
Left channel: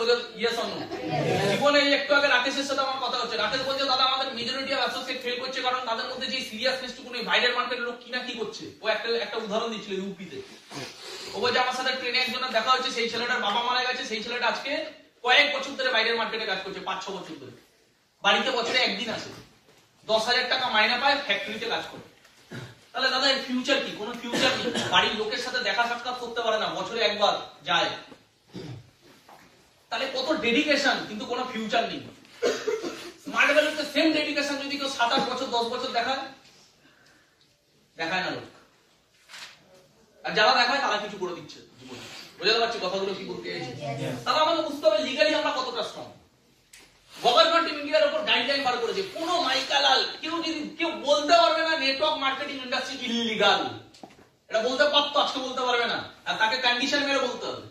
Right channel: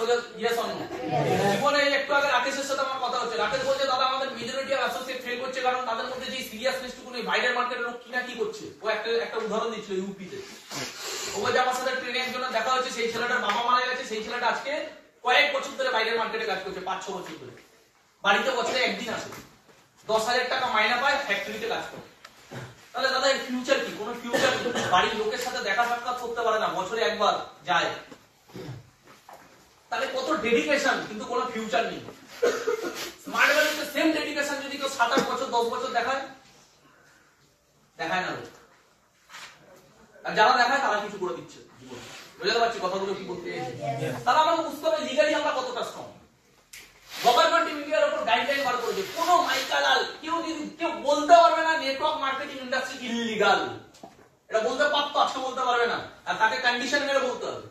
জীবনে একটু আগে রাকেশের সাথে আমার কথা হচ্ছে, রাকেশ বলছে দাদা আমাদের মেজরিটি অফ অ্যাসোসিয়েট ফেল করছে, কারণ তাদের মধ্যে যে সিরিয়াসনেসটুকু নেই। বাইরের মার্কেটের লোক কিনা কি করছে, ও একটা উদাহরণ দিচ্ছিল ইউপিতে। ও বলছে আমার সাথে ট্রেনে একজনের দেখা হচ্ছে, সেই ছেলেটার বাবা মারা গেছে, সেই ছেলেটা আজকে কয়েক বছর ধরে বাইরের মার্কেটে কাজ করছে, 5-6 বছর ধরে। বাড়িতে বছরে একদিন আসে, 10,000 টাকা মাইনা পায়, ফ্যাক্টরিতে কাজ করে। তাহলে দাদা এর ফিউচার কি? কোনো ফিউচার নেই, বাড়ির লোকের সাথে দেখা সাক্ষাৎ করতে পারে না, বছরে একবার যায়। তাহলে কত ডেডিকেশন, কিন্তু কোনো ফিউচার নেই। স্মার্ট ভ্যালুতে সেম ডেডিকেশন যদি কেউ 7-8 বছর 10 বছর দেখায় না, আর যারা দেখায় তারা কিছু করে দিচ্ছে জীবনে। বুঝতে পারছি কথাগুলো কি বলতে চাইছি? তাহলে আমাকে বুঝতে হবে লিগালি আমরা কতটা স্ট্রং। গভর্নমেন্ট ইন্ডিয়ার উপর গাইডলাইন বার করেছে, কোন মাইকালাল কেউ বলতে পারবে না নেটওয়ার্ক মার্কেটিং ইন্ডাস্ট্রি ইলিগাল। এটা বলতে পারতো, আজকে বলতে পারবে না, আর তাকে কন্ডিশন মেরে বলতে হবে।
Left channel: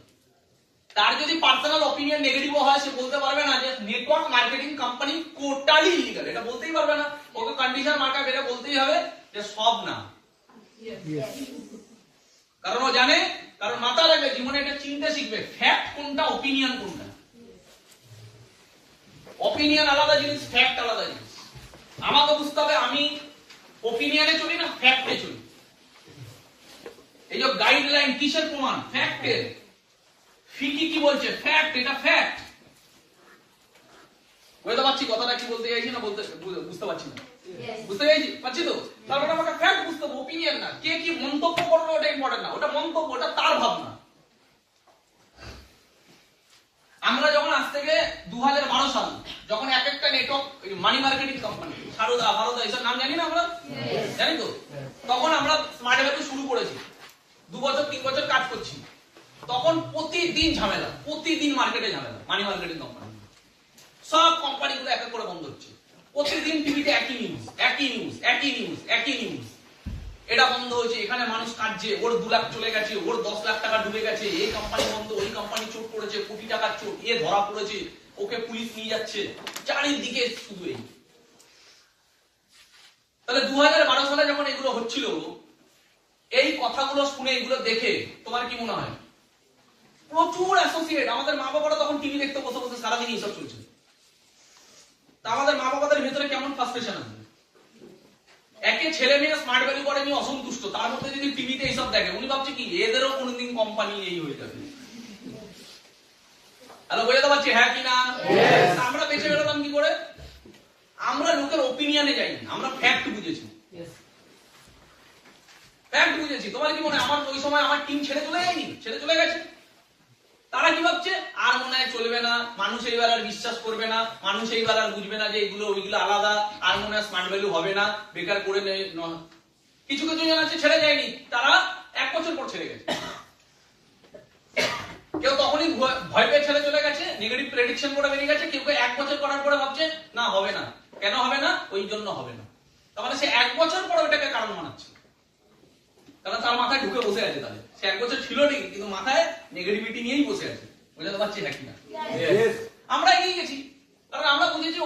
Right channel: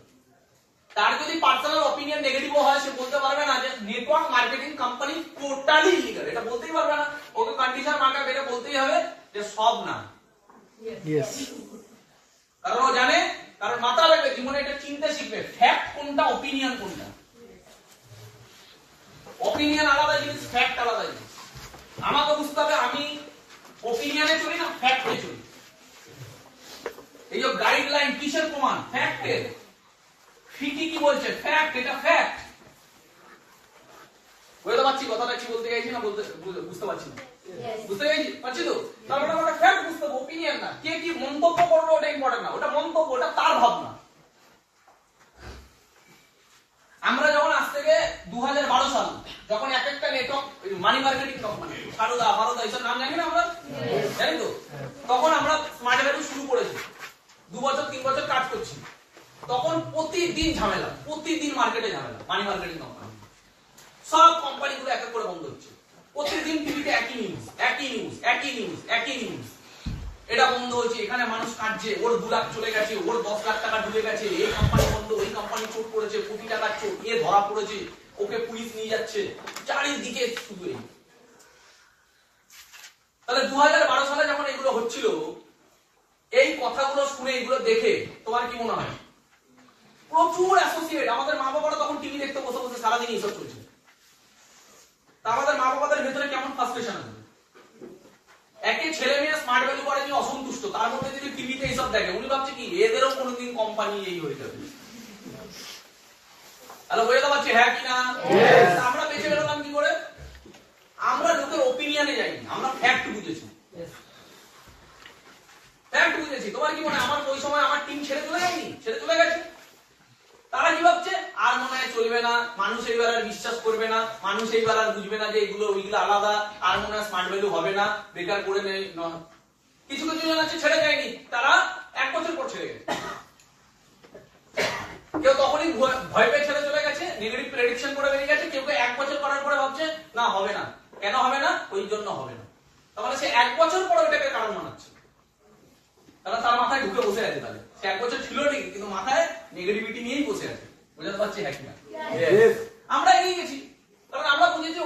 তার যদি পার্সোনাল অপিনিয়ন নেগেটিভ হয়, সে বলতে পারবে না যে network marketing company totally illegal, এটা বলতেই পারবে না। ওকে কন্ডিশন মার্কা বেরে বলতেই হবে যে সব না। কারণ ও জানে, কারণ মাথা লাগবে, জীবনে এটা চিনতে শিখবে, ফ্যাক্ট কোনটা, অপিনিয়ন কোনটা। অপিনিয়ন আলাদা জিনিস, ফ্যাক্ট আলাদা জিনিস। আমাকে বুঝতে হবে আমি অপিনিয়নে চলি না ফ্যাক্টে চলি। এই যে গাইডলাইন কিসের প্রমাণ? ফ্যাক্টের। ফিকি কি বলছে? ফ্যাক্ট, এটা ফ্যাক্ট। বুঝতে পারছি কথাটা কি বলতে চাইছি না? বুঝতে পারছি না। বুঝতে পারছি তো? তার মানে আমাকে ফ্যাক্ট বুঝতে হবে, ওপিনিয়ন না। কে কি মন্তব্য করবে ওটা ইম্পর্টেন্ট না, ওটা মন্তব্য, ওটা তার ভাবনা। আমরা যখন আজ থেকে 2012 সাল যখন এক একটা network money marketing company Saradha ভারদা এইসব নাম জানি না আমরা, জানি তো, তখন আমরা স্মার্ট ভ্যালু শুরু করেছি, 2 বছর 3 বছর কাজ করছি। তখন প্রতিদিন ঝামেলা, প্রতিদিন মার্কেটে ঝামেলা, মানি মার্কেটিং কোম্পানি সব কোম্পানিগুলো এক এক করে বন্ধ হচ্ছে। প্রতিদিন টিভিতে একই নিউজ, একই নিউজ, একই নিউজ, একই নিউজ। এটা বন্ধ হয়েছে, এখানে মানুষ কাটছে, ওর 2 লাখ চলে গেছে, ওর 10 লাখ টাকা ডুবে গেছে, এই কোম্পানি বন্ধ, ওই কোম্পানি চোট করেছে, কোটি টাকার চোট, এ ধরা পড়েছে, ওকে পুলিশ নিয়ে যাচ্ছে, চারিদিকে শুধু এই। তাহলে 2012 সালে যখন এগুলো হচ্ছিল, এই কথাগুলো শুনে, এগুলো দেখে তোমার কি মনে হয়? প্রচুর অ্যাসোসিয়েট, আমাদের মা বাবারা তখন টিভি দেখতে বসে বসে সারাদিন এইসব চলছে। তা আমাদের মা বাবাদের ভেতরে কেমন ফ্রাস্ট্রেশন আছে? একে ছেলে মেয়ে স্মার্ট ভ্যালু করে নিয়ে অসন্তুষ্ট, তার মধ্যে যদি টিভিতে এইসব দেখে, উনি ভাবছে কি এদেরও কোনোদিন কোম্পানি এই হয়ে যাবে। হ্যালো, বুঝতে পারছি হ্যাঁ কি না? আমরা বেঁচে বেরোতাম কি করে? আমরা লোকের ওপিনিয়নে যাইনি, আমরা ফ্যাক্ট বুঝেছি। ফ্যাক্ট বুঝেছি। তোমার কি মনে হয় আমার ওই সময় আমার টিম ছেড়ে চলে যায়নি? ছেড়ে চলে গেছে। তারা কি ভাবছে? আর মনে হয় চলবে না, মানুষ এইবার আর বিশ্বাস করবে না, মানুষ এইবার আর বুঝবে না যে এগুলো ওইগুলো আলাদা, আর মনে হয় স্মার্ট ভ্যালু হবে না, বেকার করে নেই। কিছু কিছু জন আছে ছেড়ে যায়নি, তারা 1 বছর পর ছেড়ে গেছে। কেউ তখনই ভয় পেয়ে ছেড়ে চলে গেছে, নেগেটিভ প্রেডিকশন করে বেরিয়ে গেছে। কেউ 1 বছর করার পরে ভাবছে না হবে না। কেন হবে না? ওই জন্য হবে না। তার মানে সে 1 বছর পরে ওটাকে কারণ মানাচ্ছে, কারণ তার মাথায় ঢুকে বসে আছে। তাহলে সে 1 বছর ছিল ঠিকই, কিন্তু মাথায় নেগেটিভিটি নিয়েই বসে আছে। বুঝতে পারছি হ্যাঁ কিনা? আমরা এগিয়ে গেছি, কারণ আমরা বুঝেছি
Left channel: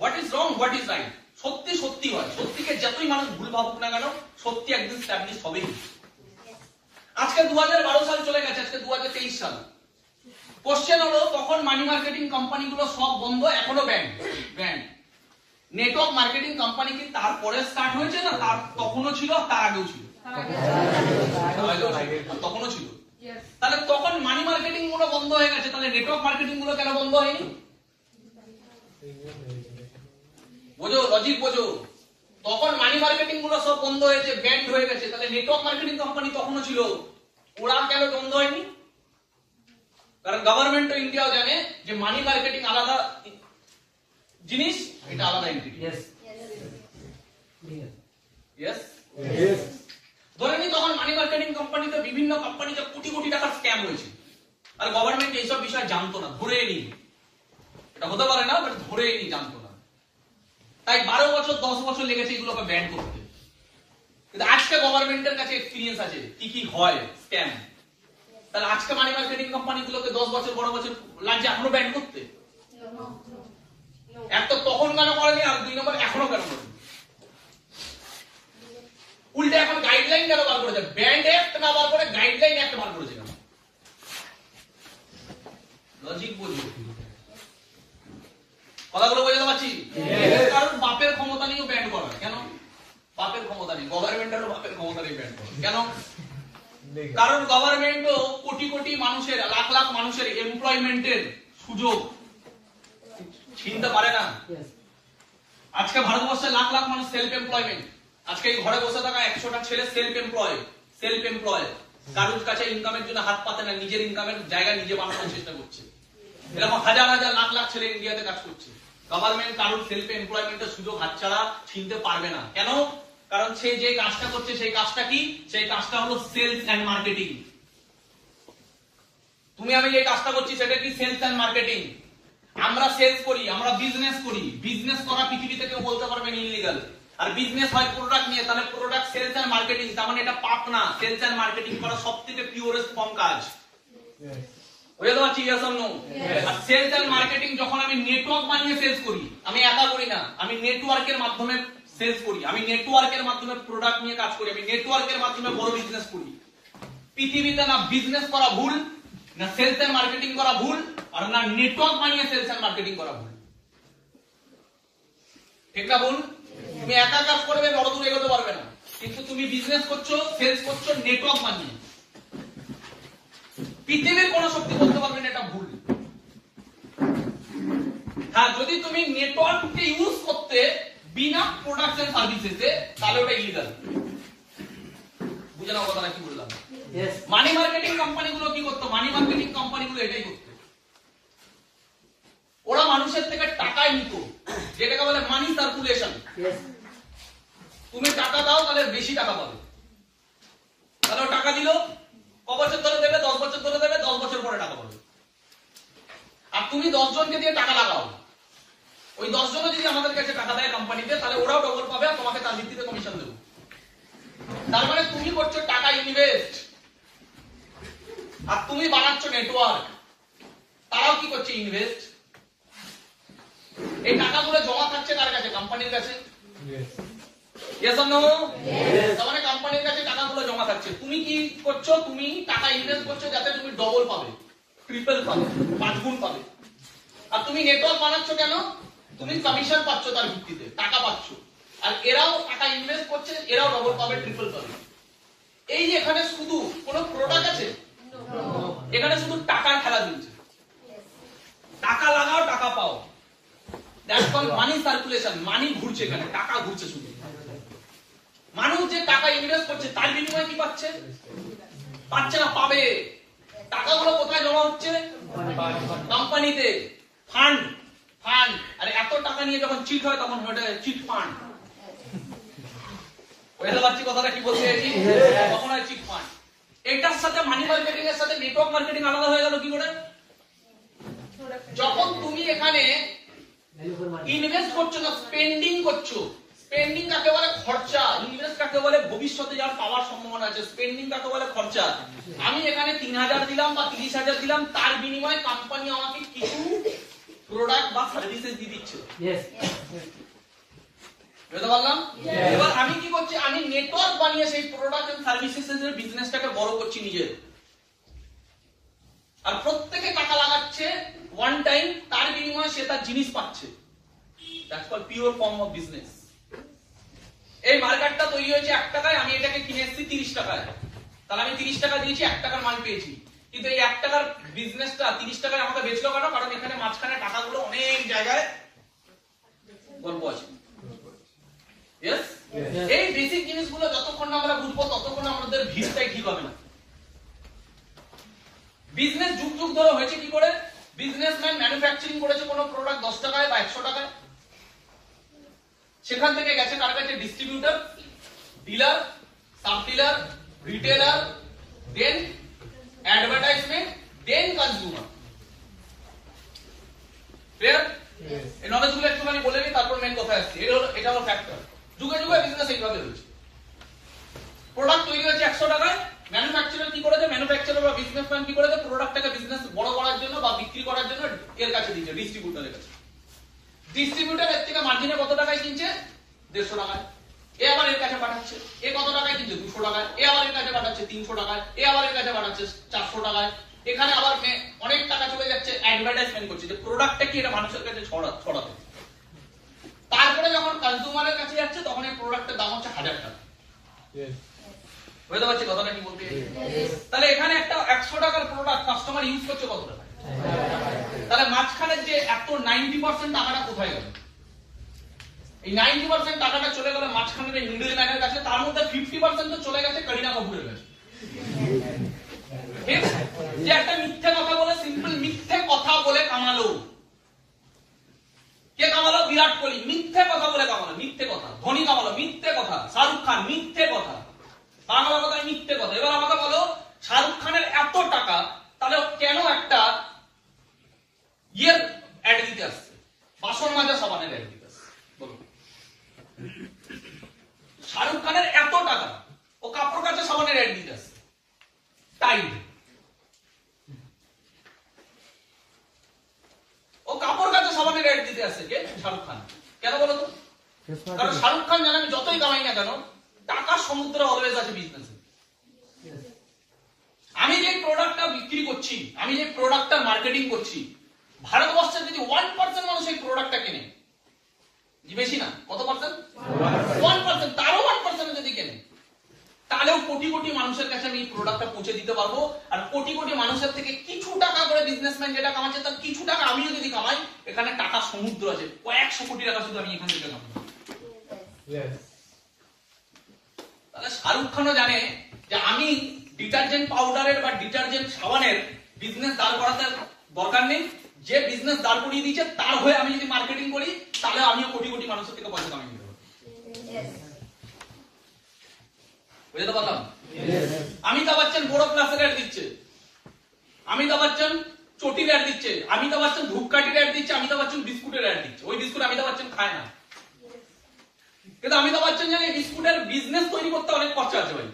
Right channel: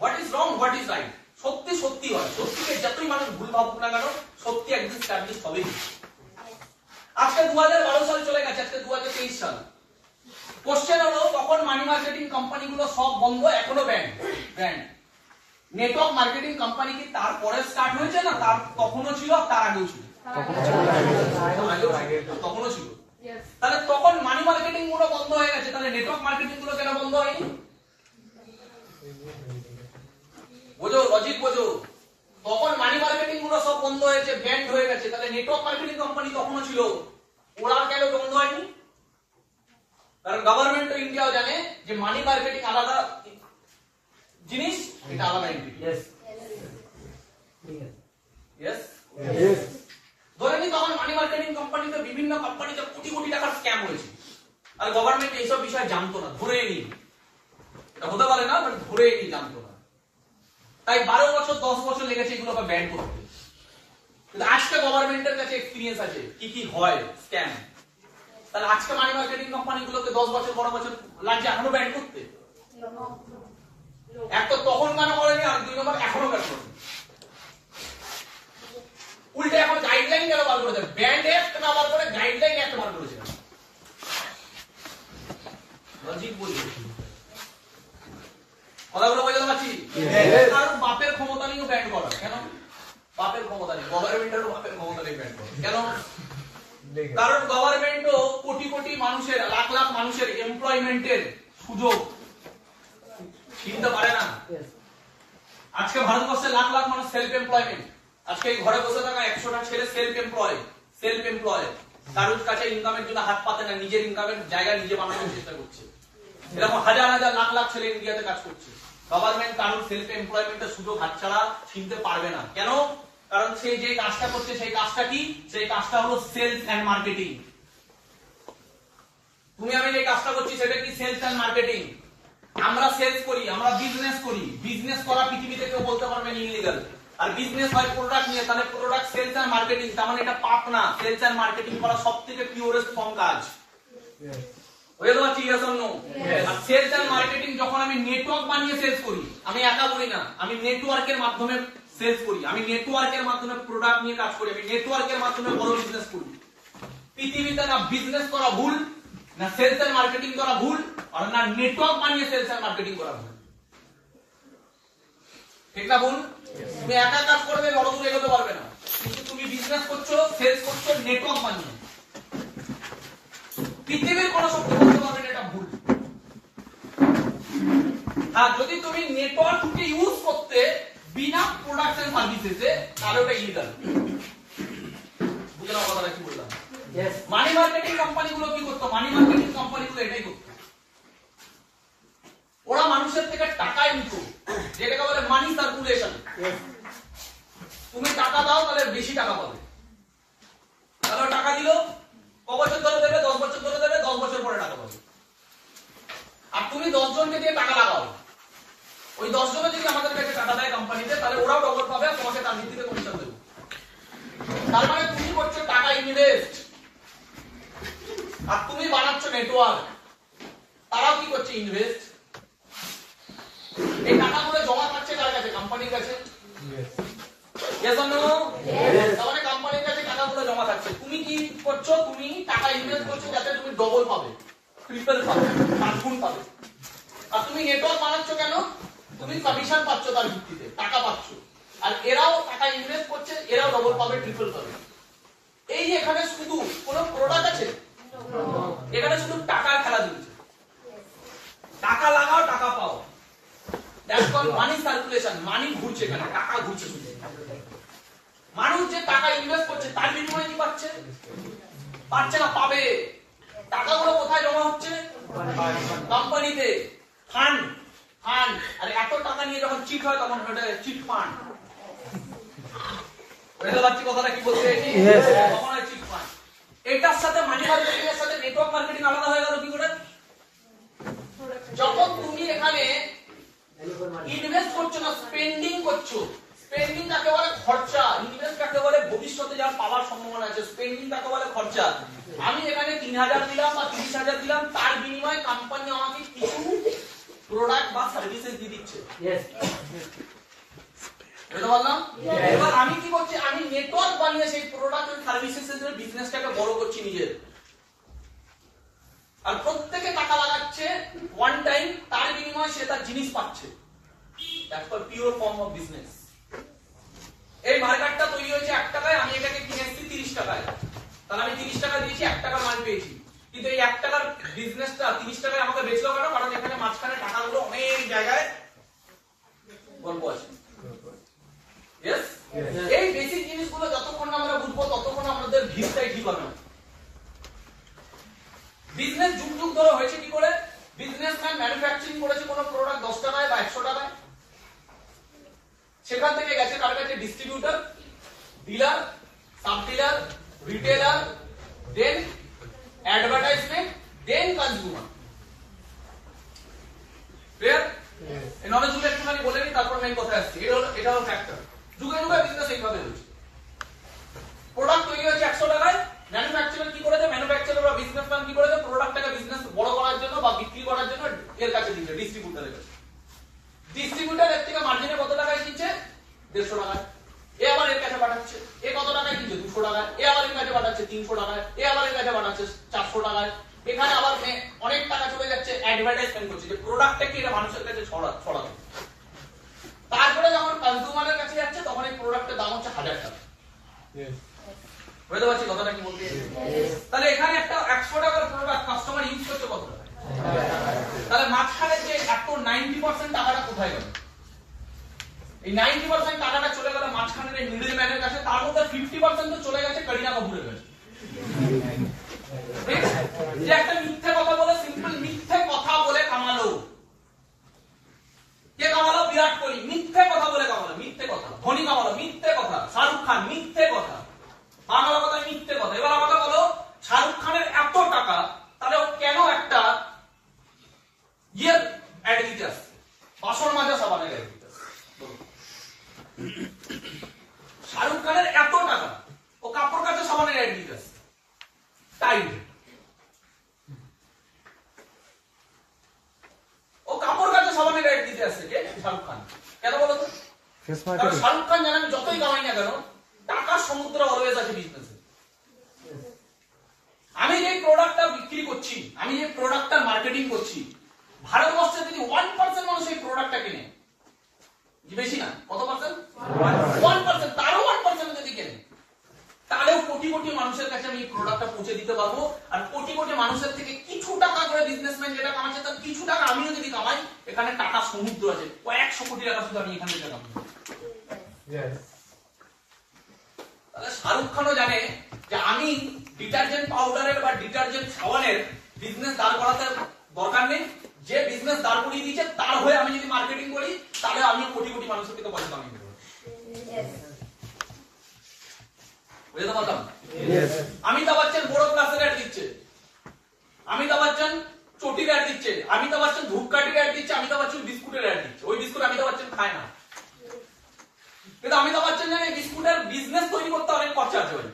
what is wrong, what is right. সত্যি সত্যি হয়, সত্যিকে যতই মানুষ ভুল ভাবুক না কেন, সত্যি একদিন স্ট্যাবলিশ হবেই। আজকে 2012 সাল চলে গেছে, আজকে 2023 সাল। কোশ্চেন হলো, তখন মানি মার্কেটিং কোম্পানিগুলো সব বন্ধ, এখনো ব্যান্ড। নেটওয়ার্ক মার্কেটিং কোম্পানি কি তারপরে স্টার্ট হয়েছে না তার তখনও ছিল, তার আগেও ছিল? তখনও ছিল। তাহলে তখন মানি মার্কেটিং গুলো বন্ধ হয়ে গেছে, তাহলে নেটওয়ার্ক মার্কেটিং গুলো কেন বন্ধ হয়নি? বোঝো, লজিক বোঝো। তখন মানি মার্কেটিং গুলো সব বন্ধ হয়েছে, ব্যান্ড হয়ে গেছে, তাহলে নেটওয়ার্ক মার্কেটিং কোম্পানি তখনও ছিল, ওরা কেন বন্ধ হয়নি? কারণ গভর্নমেন্ট অফ ইন্ডিয়াও জানে যে মানি মার্কেটিং আলাদা জিনিস, এটা আলাদা এন্টিটি। ধরে নি তখন মানি মার্কেটিং কোম্পানিতে, বিভিন্ন কোম্পানিতে কোটি কোটি টাকার স্ক্যাম হয়েছে, আর গভর্নমেন্ট এইসব বিষয় জানতো না, ধরে নি। এটা হতে পারে না, বাট ধরে নি, জানতো না। তাই 12 বছর 10 বছর লেগেছে এগুলোকে ব্যান করতে। কিন্তু আজকে গভর্নমেন্টের কাছে এক্সপেরিয়েন্স আছে কি কি হয় স্ক্যাম। তাহলে আজকে মানি মার্কেটিং কোম্পানিগুলোকে 10 বছর 12 বছর লাগছে এখনো ব্যান করতে? এক তো তখন কেন করেনি, আর 2 নম্বর এখনো কেন করেনি? উল্টে এখন গাইডলাইন কেন বার করেছে? ব্যান্ড অ্যাক্ট না বার করে গাইডলাইন অ্যাক্ট বার করেছে। লজিক বুঝুন, কথাগুলো বোঝাতে পারছি? কারণ বাপের ক্ষমতা নিয়েও ব্যান্ড করা। কেন বাপের ক্ষমতা নেই? গভর্নমেন্টেরও বাপের ক্ষমতা নেই ব্যান্ড করা। কেন? কারণ গভর্নমেন্টও কোটি কোটি মানুষের, লাখ লাখ মানুষের এমপ্লয়মেন্টের সুযোগ চিনতে পারে না। আজকে ভারতবর্ষে লাখ লাখ মানুষ সেলফ এমপ্লয়মেন্ট। আজকে এই ঘরে বসে থাকা 100টা ছেলে সেলফ এমপ্লয়। কারোর কাছে ইনকামের জন্য হাত পাতে না, নিজের ইনকামের জায়গা নিজে বানানোর চেষ্টা করছে। এরকম হাজার হাজার লাখ লাখ ছেলে ইন্ডিয়াতে কাজ করছে। গভর্নমেন্ট কারোর সেলফ এমপ্লয়মেন্টের সুযোগ হাতছাড়া চিনতে পারবে না। কেন? কারণ সে যে কাজটা করছে সেই কাজটা কি? সেই কাজটা হলো সেলস এন্ড মার্কেটিং। তুমি আমি যে কাজটা করছি সেটা কি? Sales and marketing. আমরা সেলস করি, আমরা বিজনেস করি। বিজনেস করা পৃথিবীতে কেউ বলতে পারবে না ইলিগাল। আর বিজনেস হয় প্রোডাক্ট নিয়ে, তাহলে প্রোডাক্ট সেলস এন্ড মার্কেটিং, তার মানে এটা পাপ না। সেলস এন্ড মার্কেটিং করা সবথেকে পিওরেস্ট ফর্ম কাজ। বুঝতে পারছি? Yes or no? আর সেলস এন্ড মার্কেটিং যখন আমি নেটওয়ার্ক বানিয়ে সেলস করি, আমি একা করি না, আমি নেটওয়ার্কের মাধ্যমে সেলস করি, আমি নেটওয়ার্কের মাধ্যমে প্রোডাক্ট নিয়ে কাজ করি, আমি নেটওয়ার্কের মাধ্যমে বড় বিজনেস করি। পৃথিবীতে না বিজনেস করা ভুল, না সেলস এন্ড মার্কেটিং করা ভুল, আর না নেটওয়ার্ক বানিয়ে সেলস এন্ড মার্কেটিং করা ভুল। ঠিক না ভুল? তুমি একা কাজ করবে, বড় দূর এগোতে পারবে না। কিন্তু তুমি বিজনেস করছো, সেলস করছো নেটওয়ার্ক বানিয়ে, পৃথিবীর কোন শক্তি বলতে পারবে না এটা ভুল। হ্যাঁ, যদি তুমি নেটওয়ার্ককে ইউজ করতে বিনা প্রোডাক্ট এন্ড সার্ভিসেসে, তাহলে ওটা ইলিগাল। বুঝে নাও কথাটা কি বললাম। মানি মার্কেটিং কোম্পানিগুলো কি করতো? মানি মার্কেটিং কোম্পানিগুলো এটাই করতো, ওরা মানুষের থেকে টাকায় নিত, যেটাকে বলে মানি সার্কুলেশন। তুমি টাকা দাও তাহলে বেশি টাকা পাবে, তাহলে টাকা দিল, ক বছর ধরে দেবে? 10 বছর ধরে দেবে, 10 বছর পরে টাকা পাবে। আর তুমি 10 জনকে দিয়ে টাকা লাগাও, ওই 10 জনও যদি আমাদের কাছে টাকা দেয় কোম্পানিতে, তাহলে ওরাও ডবল পাবে আর তোমাকে তার ভিত্তিতে কমিশন দেবে। তার মানে তুমি করছো টাকা ইনভেস্ট, আর তুমি বানাচ্ছ নেটওয়ার্ক, তারাও কি করছে? ইনভেস্ট। এই টাকাগুলো জমা থাকছে কার কাছে? কোম্পানির কাছে। Yes or no? তার মানে কোম্পানির কাছে টাকাগুলো জমা থাকছে। তুমি কি করছো? তুমি টাকা ইনভেস্ট করছো যাতে তুমি ডবল পাবে, ট্রিপল পাবে, 5 গুণ পাবে। আর তুমি নেটওয়ার্ক বানাচ্ছ কেন? তুমি কমিশন পাচ্ছ তার ভিত্তিতে, টাকা পাচ্ছ। আর এরাও টাকা ইনভেস্ট করছে, এরাও ডবল পাবে, ট্রিপল পাবে। এই যে এখানে শুধু কোনো প্রোডাক্ট আছে? এখানে শুধু টাকার খেলা দিচ্ছে, টাকা লাগাও টাকা পাও। That's called money circulation. Money ঘুরছে, এখানে টাকা ঘুরছে শুধু। মানুষ যে টাকা ইনভেস্ট করছে তার বিনিময়ে কি পাচ্ছে? পাচ্ছে না, পাবে। টাকাগুলো কোথায় জমা হচ্ছে? কোম্পানিতে, ফান্ড। ফান্ড। আর এত টাকা নিয়ে যখন চিট হয় তখন ওটা চিট ফান্ড। বুঝতে পারছি কথাটা কি বলতে চাইছি? তখন হয় চিট ফান্ড। এটার সাথে মানি মার্কেটিং এর সাথে নেটওয়ার্ক মার্কেটিং আলাদা হয়ে গেল কি করে? যখন তুমি এখানে ইনভেস্ট করছো না, স্পেন্ডিং করছো। স্পেন্ডিং কাকে বলে? খরচা। ইনভেস্ট কাকে বলে? ভবিষ্যতে যার পাওয়ার সম্ভাবনা আছে। স্পেন্ডিং কাকে বলে? খরচা। আমি এখানে 3000 দিলাম বা 30,000 দিলাম, তার বিনিময়ে কোম্পানি আমাকে কিছু প্রোডাক্ট বা সার্ভিসেস দিয়ে দিচ্ছে। বুঝতে পারলাম? এবার আমি কি করছি? আমি নেটওয়ার্ক বানিয়ে সেই প্রোডাক্ট এন্ড সার্ভিসেস এর বিজনেসটাকে বড় করছি নিজের। আর প্রত্যেকে টাকা লাগাচ্ছে ওয়ান টাইম, তার বিনিময়ে সে তার জিনিস পাচ্ছে। That's called pure form of business. এই মার্কেটটা তৈরি হয়েছে 1 টাকায়, আমি এটাকে কিনে এসেছি 30 টাকায়, তাহলে আমি 30 টাকা দিয়েছি, 1 টাকার মাল পেয়েছি। কিন্তু এই 1 টাকার বিজনেসটা 30 টাকায় আমাকে বেচলো কেন? কারণ এখানে মাঝখানে টাকাগুলো অনেক জায়গায় গল্প আছে। ইয়েস? এই বেসিক জিনিসগুলো যতক্ষণ আমরা বুঝবো ততক্ষণ আমাদের ভিতটাই ঠিক হবে না। বিজনেস যুগ যুগ ধরে হয়েছে কি করে? বিজনেসম্যান ম্যানুফ্যাকচারিং করেছে কোনো প্রোডাক্ট 10 টাকায় বা 100 টাকায়, সেখান থেকে গেছে কার কাছে? Distributor, dealer, sub dealer, retailer, then advertisement, then consumer. Clear? এই নলেজ গুলো একটুখানি বলে নিই, তারপর মেইন কথায় আসছি। এটা হলো ফ্যাক্টর। যুগে যুগে বিজনেস এইভাবে হয়েছে। প্রোডাক্ট তৈরি হয়েছে 100 টাকায়, ম্যানুফ্যাকচারার কি করেছে? ম্যানুফ্যাকচারার বা বিজনেসম্যান কি করেছে? প্রোডাক্টটাকে বিজনেস বড় করার জন্য বা বিক্রি করার জন্য এর কাছে দিয়েছে, ডিস্ট্রিবিউটরের কাছে। ডিস্ট্রিবিউটর এর থেকে মার্জিনে কত টাকায় কিনছে? 150 টাকায়। এ আবার এর কাছে পাঠাচ্ছে, এ কত টাকায় কিনছে? 200 টাকায়। এ আবার এর কাছে পাঠাচ্ছে 300 টাকায়। এ আবার এর কাছে পাঠাচ্ছে 400 টাকায়। এখানে আবার অনেক টাকা চলে যাচ্ছে অ্যাডভার্টাইজমেন্ট করছে, যে প্রোডাক্টটা কি এটা মানুষের কাছে ছড়াতে। তারপরে যখন কনজিউমারের কাছে যাচ্ছে তখন এই প্রোডাক্টের দাম হচ্ছে 1000 টাকা। বুঝতে পারছি কথাটা কি বলতে? তাহলে এখানে একটা 100 টাকার প্রোডাক্ট কাস্টমার ইউজ করছে কত টাকা? তাহলে মাঝখানে যে এত 90% টাকাটা কোথায় গেল? এই 90% টাকাটা চলে গেল মাঝখানের এই মিডল ম্যানের কাছে, তার মধ্যে 50% তো চলে গেছে করিনা কাপুরের কাছে। ঠিক? যে একটা মিথ্যে কথা বলে, সিম্পল মিথ্যে কথা বলে কামালো। কে কামালো? বিরাট কোহলি। মিথ্যে কথা বলে কামালো, মিথ্যে কথা। ধোনি কামালো, মিথ্যে কথা। শাহরুখ খান, মিথ্যে কথা। বাংলা কথায় মিথ্যে কথা। এবার আমাকে বলো, শাহরুখ খানের এত টাকা, তাহলে কেন একটা অ্যাড দিতে আসছে? বাসন মাজা সাবানের অ্যাড দিতে আসছে। শাহরুখ খানের এত টাকা, ও কাপড় কাচা সাবানের অ্যাড দিতে আসছে। টাইড। ও কাপড় কাচা সাবানের অ্যাড দিতে আসছে কে? শাহরুখ খান। কেন বলো তো? কারণ শাহরুখ খান জানে আমি যতই কামাই না কেন, টাকার সমুদ্র অলওয়েজ আছে বিজনেসে। আমি যে প্রোডাক্টটা বিক্রি করছি, আমি যে প্রোডাক্টটা মার্কেটিং করছি, ভারতবর্ষে যদি 1% মানুষ এই প্রোডাক্টটা কেনে, বেশি না, কত পার্সেন্ট? 1%। তারও 1% যদি কেনে, তাহলেও কোটি কোটি মানুষের কাছে আমি এই প্রোডাক্টটা পৌঁছে দিতে পারবো। আর কোটি কোটি মানুষের থেকে কিছু টাকা করে বিজনেসম্যান যেটা কামাচ্ছে, তার কিছু টাকা আমিও যদি কামাই, এখানে টাকা সমুদ্র আছে। কয়েকশো কোটি টাকা শুধু আমি এখান থেকে কামাই। তাহলে শাহরুখ খানও জানে যে আমি ডিটারজেন্ট পাউডারের বা ডিটারজেন্ট সাবানের বিজনেস দাঁড় করাতে দরকার নেই, যে বিজনেস দাঁড় করিয়ে দিয়েছে তার হয়ে আমি যদি মার্কেটিং করি তাহলে আমিও কোটি কোটি মানুষের থেকে পয়সা কামিয়ে দেবো। বুঝতে পারলাম? অমিতাভ বচ্চন বড় ক্লাসের অ্যাড দিচ্ছে, অমিতাভ বচ্চন চটির অ্যাড দিচ্ছে, অমিতাভ বচ্চন ধূপকাঠির অ্যাড দিচ্ছে, অমিতাভ বচ্চন বিস্কুটের অ্যাড দিচ্ছে। ওই বিস্কুট অমিতাভ বচ্চন খায় না, কিন্তু অমিতাভ বচ্চন জানে বিস্কুটের বিজনেস তৈরি করতে অনেক খরচা আছে ভাই।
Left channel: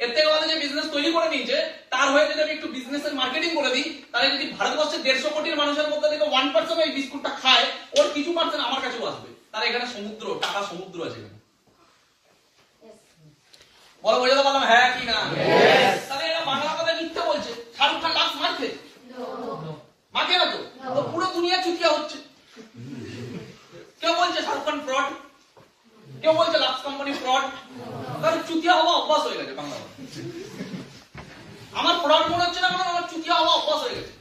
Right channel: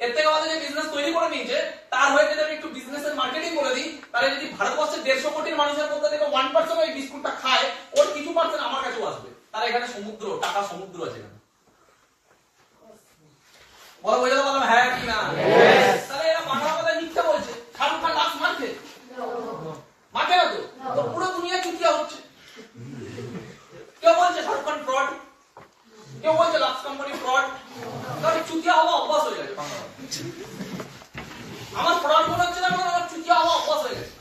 এর থেকে ভালো যে বিজনেস তৈরি করে নিয়েছে তার হয়ে যদি আমি একটু বিজনেসের মার্কেটিং করে দিই, তাহলে যদি ভারতবর্ষের 150 কোটির মানুষের মধ্যে থেকে 1% এই বিস্কুটটা খায়, ওর কিছু পার্সেন্ট আমার কাছেও আসবে। তার এখানে সমুদ্র, টাকা সমুদ্র আছে এখানে। বলো বুঝতে পারলাম? হ্যাঁ কি না? তাহলে এরা বাংলা কথা মিথ্যা বলছে। শাহরুখ খান লাক্স মারছে, মারছে না তো? তো পুরো দুনিয়া চুতিয়া হচ্ছে। কেউ বলছে শাহরুখ খান ফ্রড, কেউ বলছে লাক্স কোম্পানি ফ্রড। কারণ চুতিয়া হওয়া অভ্যাস হয়ে গেছে বাংলা কথা। আমার ফ্রড মনে হচ্ছে না, কারণ আমার চুতিয়া হওয়া অভ্যাস হয়ে গেছে।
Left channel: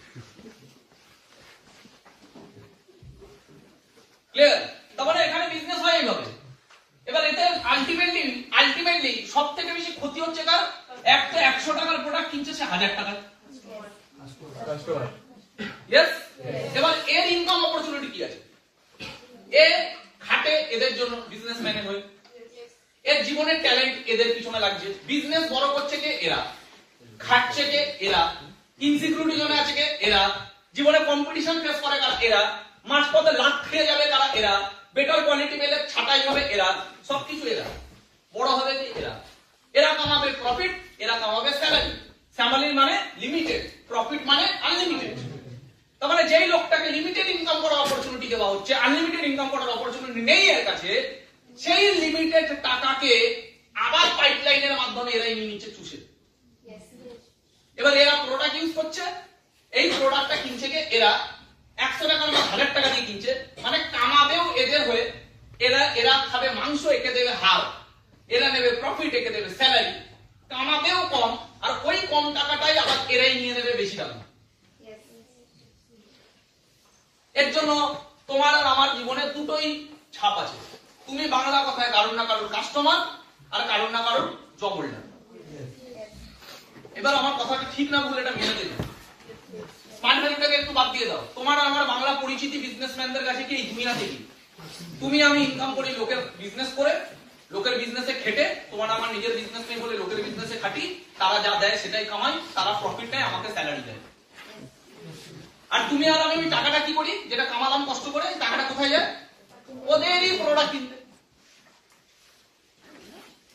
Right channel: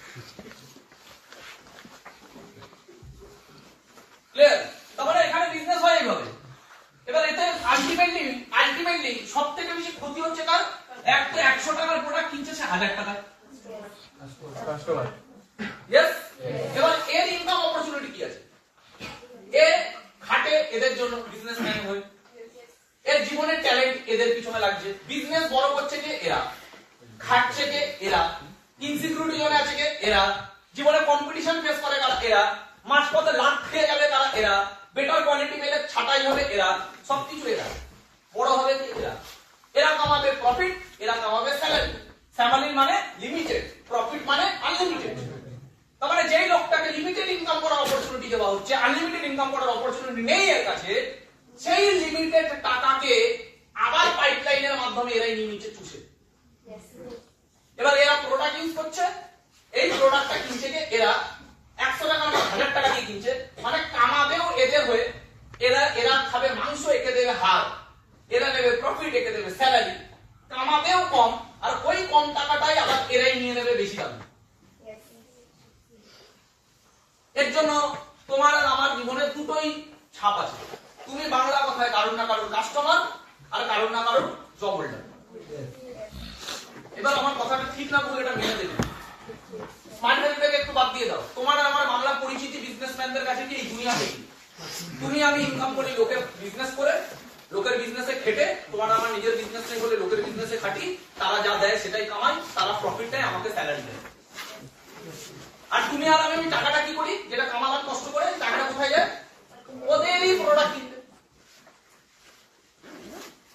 ক্লিয়ার? তারপরে এখানে বিজনেস হয় এইভাবে। এবার এতে আলটিমেটলি সব থেকে বেশি ক্ষতি হচ্ছে কার? এক তো 100 টাকার প্রোডাক্ট কিনছে সে 1000 টাকায়। ইয়েস। এবার এর ইনকাম অপরচুনিটি কি আছে? এ খাটে এদের জন্য, বিজনেসম্যান হয়ে এর জীবনের ট্যালেন্ট এদের পিছনে লাগছে। বিজনেস বড় করছে কে? এরা। খাটছে কে? এরা। ইনসিকিউরিটি জোনে আছে কে? এরা। জীবনে কম্পিটিশন ফেস করে কারা? এরা। মাঝপথে লাখ খেয়ে যাবে কারা? এরা। বেটার কোয়ালিটি পেলে ছাটাই হবে এরা। সবকিছু এরা। বড় হবে কি? এরা। এরা কামাবে প্রফিট, এরা কামাবে স্যালারি। স্যালারি মানে লিমিটেড, প্রফিট মানে আনলিমিটেড। তার মানে যেই লোকটাকে লিমিটেড ইনকাম করার অপরচুনিটি দেওয়া হচ্ছে, আনলিমিটেড ইনকাম করার অপরচুনিটি নেই এর কাছে, সেই লিমিটেড টাকাকে আবার পাইপলাইনের মাধ্যমে এরাই নিয়ে নিচ্ছে চুষে। এবার এরা প্রোডাক্ট ইউজ করছে, এই প্রোডাক্টটা কিনছে কে? এরা। 100 টাকা না 1000 টাকা দিয়ে কিনছে, মানে কামাবেও এদের হয়ে। এরা খাবে মাংস, একে দেবে হাড়, এরা নেবে প্রফিট, একে দেবে স্যালারি। কামাবেও কম, আর ওই কম টাকাটাই আবার এরাই নিয়ে নেবে বেশি দাম। এর জন্য তোমার আর আমার জীবনে দুটোই ছাপ আছে। তুমি বাংলা কথায় কারণ না কারণ কাস্টমার, আর কারণ না কারণ জব হোল্ডার। এবার আমার কথাটা ঠিক না বলে এটা মেনে দেবে। স্মার্ট ভ্যালুটাকে একটু বাদ দিয়ে দাও। তোমার আর আমার বাংলা পরিচিতি বিজনেসম্যানদের কাছে কি এই দুনিয়াতে কি? তুমি আমি ইনকাম করি লোকের বিজনেস করে, লোকের বিজনেসে খেটে। তোমার আমার নিজের বিজনেস নেই বলে লোকের বিজনেসে খাটি, তারা যা দেয় সেটাই কামাই, তারা প্রফিট নেয়, আমাকে স্যালারি দেয়। আর তুমি আর আমি টাকাটা কি করি? যেটা কামালাম কষ্ট করে, টাকাটা কোথায় যায়? ওদেরই প্রোডাক্ট কিনতে।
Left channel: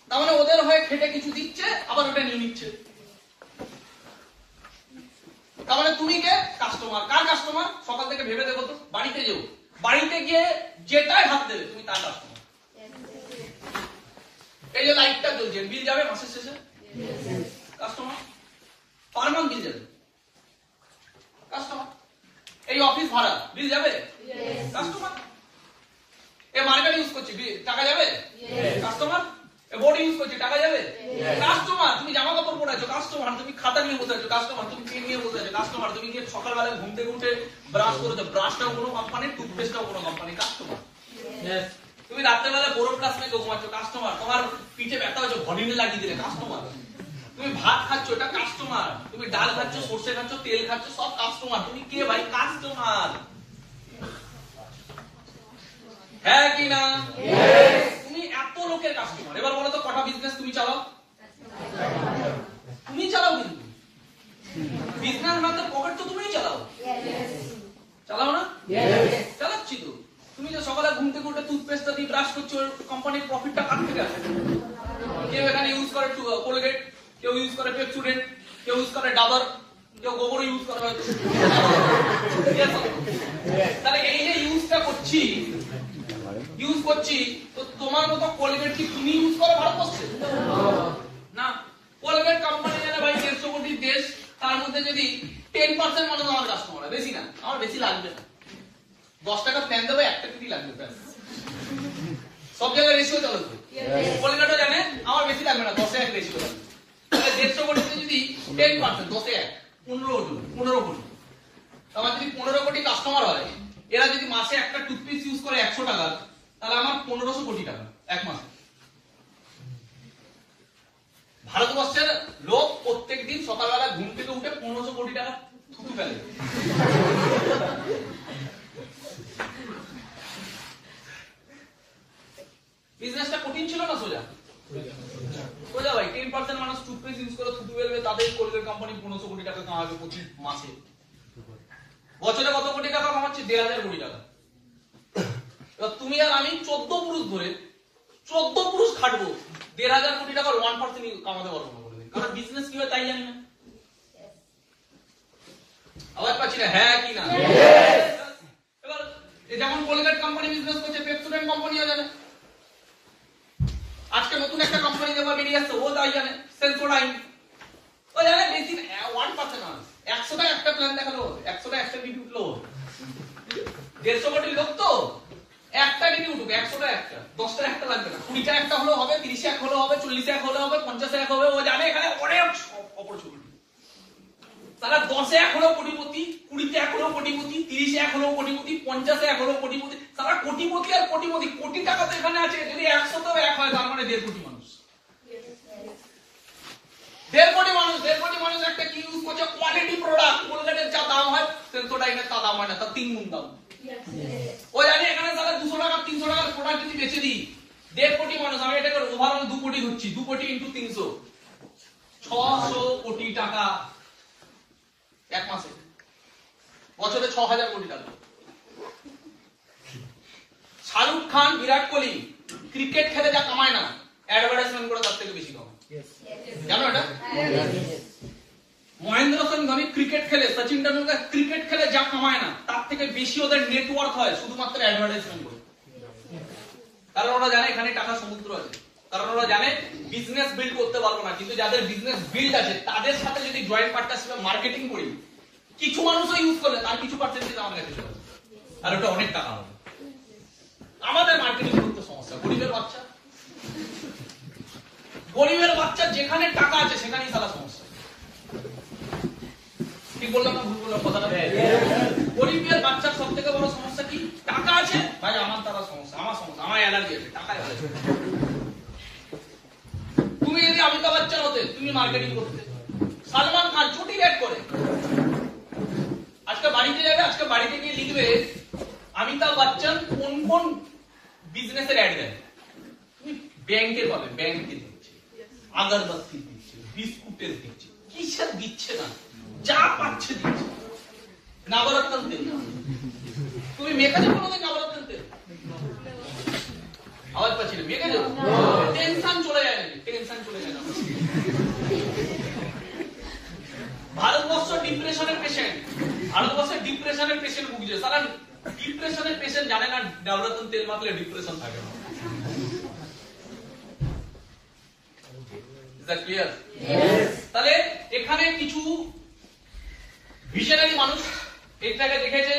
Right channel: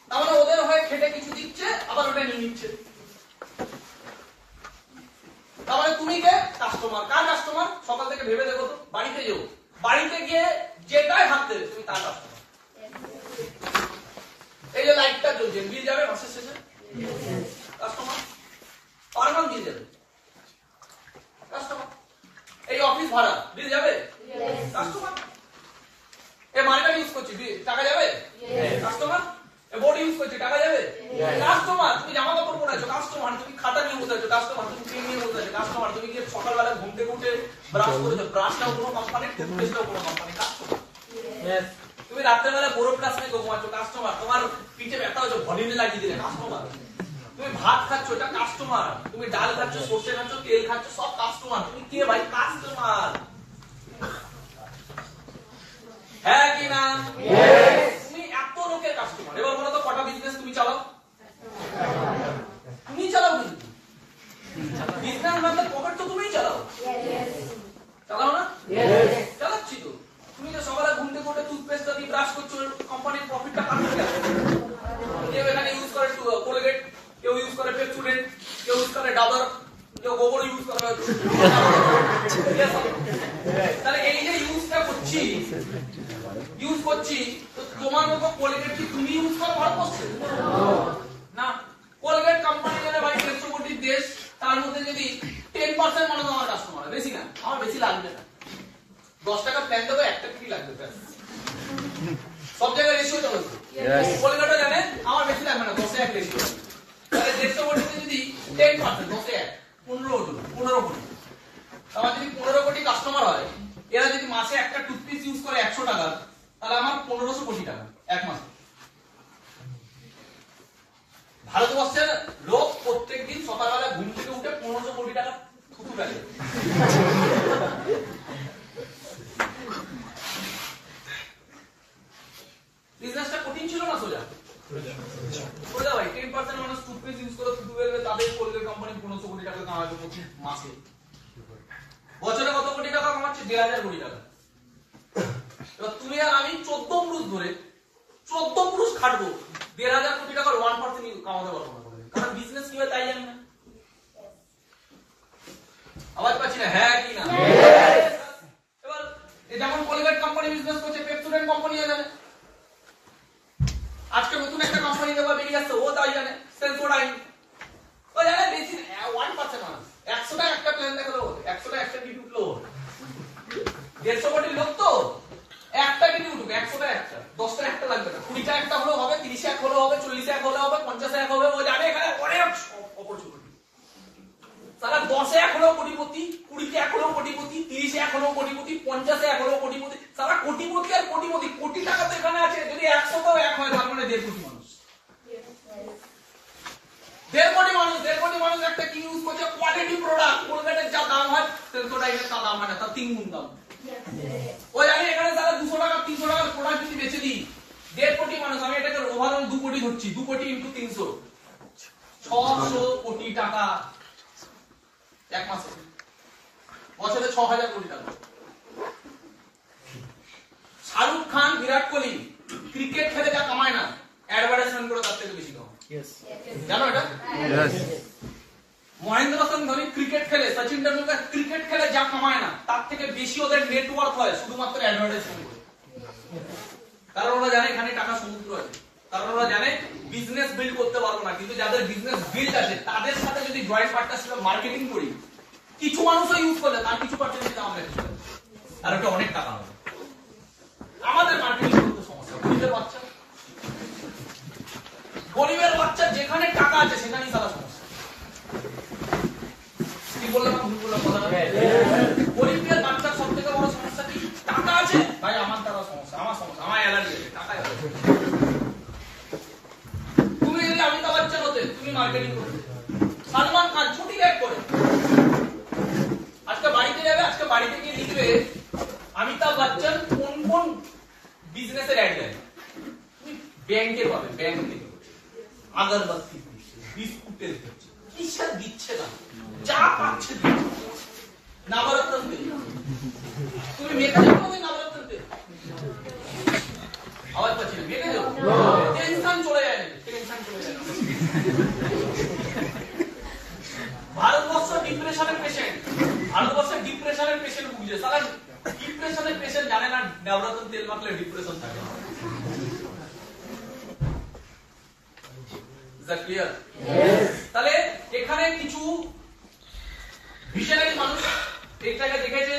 তার মানে ওদের হয়ে খেটে কিছু দিচ্ছে, আবার ওটা নিয়ে নিচ্ছে। তার মানে তুমি কে? কাস্টমার। কার কাস্টমার? সকাল থেকে ভেবে দেখো তো, বাড়িতে যেও, বাড়িতে গিয়ে যেটাই হাত দেবে তুমি তার কাস্টমার। এই যে লাইটটা জ্বলছে, বিল যাবে মাসের শেষে, কাস্টমার। পার মান্থ বিল যাবে, কাস্টমার। এই অফিস ভাড়া বিল যাবে, কাস্টমার। এই মার্কেট ইউজ করছি, টাকা যাবে, কাস্টমার। বোর্ড ইউজ করছি, টাকা যাবে, কাস্টমার। তুমি জামা কাপড় পরে আছো, কাস্টমার। তুমি খাতা নিয়ে বসে আছো, কাস্টমার। তুমি পেন নিয়ে বসে আছো, কাস্টমার। তুমি গিয়ে সকালবেলা ঘুম থেকে উঠে ব্রাশ করেছো, ব্রাশটাও কোনো কোম্পানির, টুথপেস্টটাও কোনো কোম্পানি, কাস্টমার। তুমি রাত্রেবেলা বোরো প্লাস নিয়ে ঘুমাচ্ছ, কাস্টমার। তোমার পিঠে ব্যথা হয়েছে, ভলিনে লাগিয়ে দিলে, কাস্টমার। তুমি ভাত খাচ্ছ, এটা কাস্টমার। তুমি ডাল খাচ্ছ, সর্ষে খাচ্ছ, তেল খাচ্ছ, সব কাস্টমার। তুমি কে ভাই? কাস্টমার। হ্যাঁ কি না? তুমি এত লোকের কাস্টমার। এবার বলো তো কটা বিজনেস তুমি চালাও? তুমি চালাও, কিন্তু বিজনেস ম্যানদের পকেট তো তুমিই চালাও, চালাও না? চালাচ্ছি তো। তুমি যে সকালে ঘুম থেকে উঠে টুথপেস্টটা দিয়ে ব্রাশ করছো, কোম্পানির প্রফিটটা কাটতে গেছে। কেউ এখানে ইউজ করে কোলগেট, কেউ ইউজ করে পেপসুডেন্ট, কেউ ইউজ করে ডাবর, কেউ গোবর ইউজ করে। তাহলে এই যে ইউজটা করছি, তো তোমার মতো কোলগেট কি তুমি ইউজ করো ভারতবর্ষে? না। কোলগেট কোম্পানি জানে ভাই 150 কোটির দেশ, তার মধ্যে যদি 10% মনে হয় আমার কাস্টমার, বেশি না, আমার বেশি লাগবে না। 10 টাকা প্ল্যান দেবো, 1 টাকা ফ্রি লাগবে। সব জায়গায় রেশিও চলে। কোলগেটও জানে আমার বেশি লাগবে না, 10 এ 1 রেশিও লাগবে। 150 কোটিতে যদি 10%, 10 এ 1, 15 কোটি। আমার যদি 15 কোটি কাস্টমার হয়, এরা যদি মাসে একটা টুথপেস্ট ইউজ করে 100 টাকা, তাহলে আমার 1500 কোটি টাকা এক মাসে। ভারতবর্ষের লোক প্রত্যেকদিন সকালবেলা ঘুম থেকে উঠে 1500 কোটি টাকা থুতু ফেলে। বিজনেসটা কঠিন ছিল না সোজা? সোজা ভাই। 10% মানুষ টুথপেস্ট ইউজ করে থুতু ফেলবে, তাদের কোলগেট কোম্পানি 1500 কোটি টাকা কামাবে প্রতি মাসে। বছরে কত কোটি টাকা কামাচ্ছে? 1500 কোটি টাকা। এবার তুমি আর আমি 14 পুরুষ ধরে 14 পুরুষ খাটবো, 1500 কোটি টাকার 1% কামাতে পারবো না কোনোদিন। কারণ বিজনেস কি হয় তাই জানি না। আওয়াজ পাচ্ছি না? হ্যাঁ কি না? এবার যেমন কোলগেট কোম্পানি বিজনেস করছে, পেপসোডেন্ট কোম্পানিও জানে। আজকে নতুন একটা কোম্পানি দেবা বেরিয়ে আসছে, ও তাই জানে। সেন্সোডাইন ও জানে। বেশি 1% মানুষ 100টা একটা প্ল্যান দেখালো, 100টা একটা ডিউটি উঠলো। 150 কোটি লোক তো একটা ডিউটি উঠুক, 100টা একটা, 10টা একটা লাগবে না। 20টা একটা হলেও হবে, 30 এক হলেও হবে, 40 এক হলেও হবে, 50 এক হবে। ও জানে এখানে অনেক অপরচুনিটি। তারা 10 এক হলেও কোটিপতি, 20 এক হলেও কোটিপতি, 30 এক হলেও কোটিপতি, 50 এক হলেও কোটিপতি। তারা কোটিপতি আর কোটিপতি, কোটি টাকা তো এখানে আছে। যদি 100টাও এক হয় তার মানে 1.5 কোটি মানুষ। 1.5 কোটি মানুষ, 1.5 কোটি মানুষ একটা কি ইউজ করছে? Quality product. কোলগেটের যা দাম হয় সেন্সোডাইনের তা দাম হয় না, তার 3 গুণ দাম। ও জানে এখানে তারা 200 টাকা 300 টাকার প্রোডাক্ট যদি বেচে দিই, 1.5 কোটি মানুষ, আমি এটাকে ওভারঅল 2 কোটি ধরছি। 2 কোটি ইনটু 300, 600 কোটি টাকা এক মাসে। বছরে 6000 কোটি টাকা। শাহরুখ খান, বিরাট কোহলি ক্রিকেট খেলে যা কামায় না, অ্যাডভার্টাইজমেন্ট করে তার থেকে বেশি কামায়। জানো এটা? মহেন্দ্র সিং ধোনি ক্রিকেট খেলে, সচিন টেন্ডুলকার ক্রিকেট খেলে যা কামায় না, তার থেকে বেশি ওদের নেটওয়ার্ক হয় শুধুমাত্র অ্যাডভার্টাইজমেন্ট করে। কারণ ওরা জানে এখানে টাকা সমুদ্র আছে। কারণ ওরা জানে বিজনেস বিল্ড করতে পারবো না, কিন্তু যাদের বিজনেস বিল্ড আছে তাদের সাথে যদি জয়েন্ট পার্টনারশিপে মার্কেটিং করি, কিছু মানুষও ইউজ করলে তার কিছু পার্সেন্টেজ আমরা কিছু, আর ওটা অনেক টাকা হবে। আমাদের মার্কেটিং করতে সমস্যা। গরিবের বাচ্চা যেখানে টাকা আছে সেখানেই সারা সমস্যা। কি বললাম না? ভুল বললাম কথাটা? গরিবের বাচ্চার সব থেকে বড় সমস্যা কি? টাকা আছে ভাই, আমার দ্বারা সমস্যা, আমার সমস্যা, আমার অ্যালার্জি আছে, টাকা আছে। তুমি যদি অমিতাভ বচ্চন হতে, তুমি মার্কেটিং করতে। সালমান খান ছুটি রেট করে আজকে বাড়িতে যাবে, আজকে বাড়িতে গিয়ে লিখবে অমিতাভ বচ্চন কোন কোন বিজনেসের অ্যাড দেয়। তুমি ব্যাংকে পাবে, ব্যাংকে আগরবাতি দিচ্ছে, বিস্কুটের দিচ্ছে, কিসের দিচ্ছে না, যা পাচ্ছে দিচ্ছে। নবরত্ন তেল, তুমি মেখে যাবো আমাদের নবরত্ন তেল। আওয়াজ পাচ্ছি না? মেখে যাবো, টেনশন চলে যায় নাকি? টেনশন চলে যায় না। ভারতবর্ষ ডিপ্রেশনের পেশেন্ট, ভারতবর্ষের ডিপ্রেশনের পেশেন্ট ভুগছে। সারা ডিপ্রেশনের পেশেন্ট জানে না নবরত্ন তেল মাখলে ডিপ্রেশন থাকে না। ক্লিয়ার? তাহলে এখানে কিছু ভিশনারি মানুষ এটাকে দেখেছে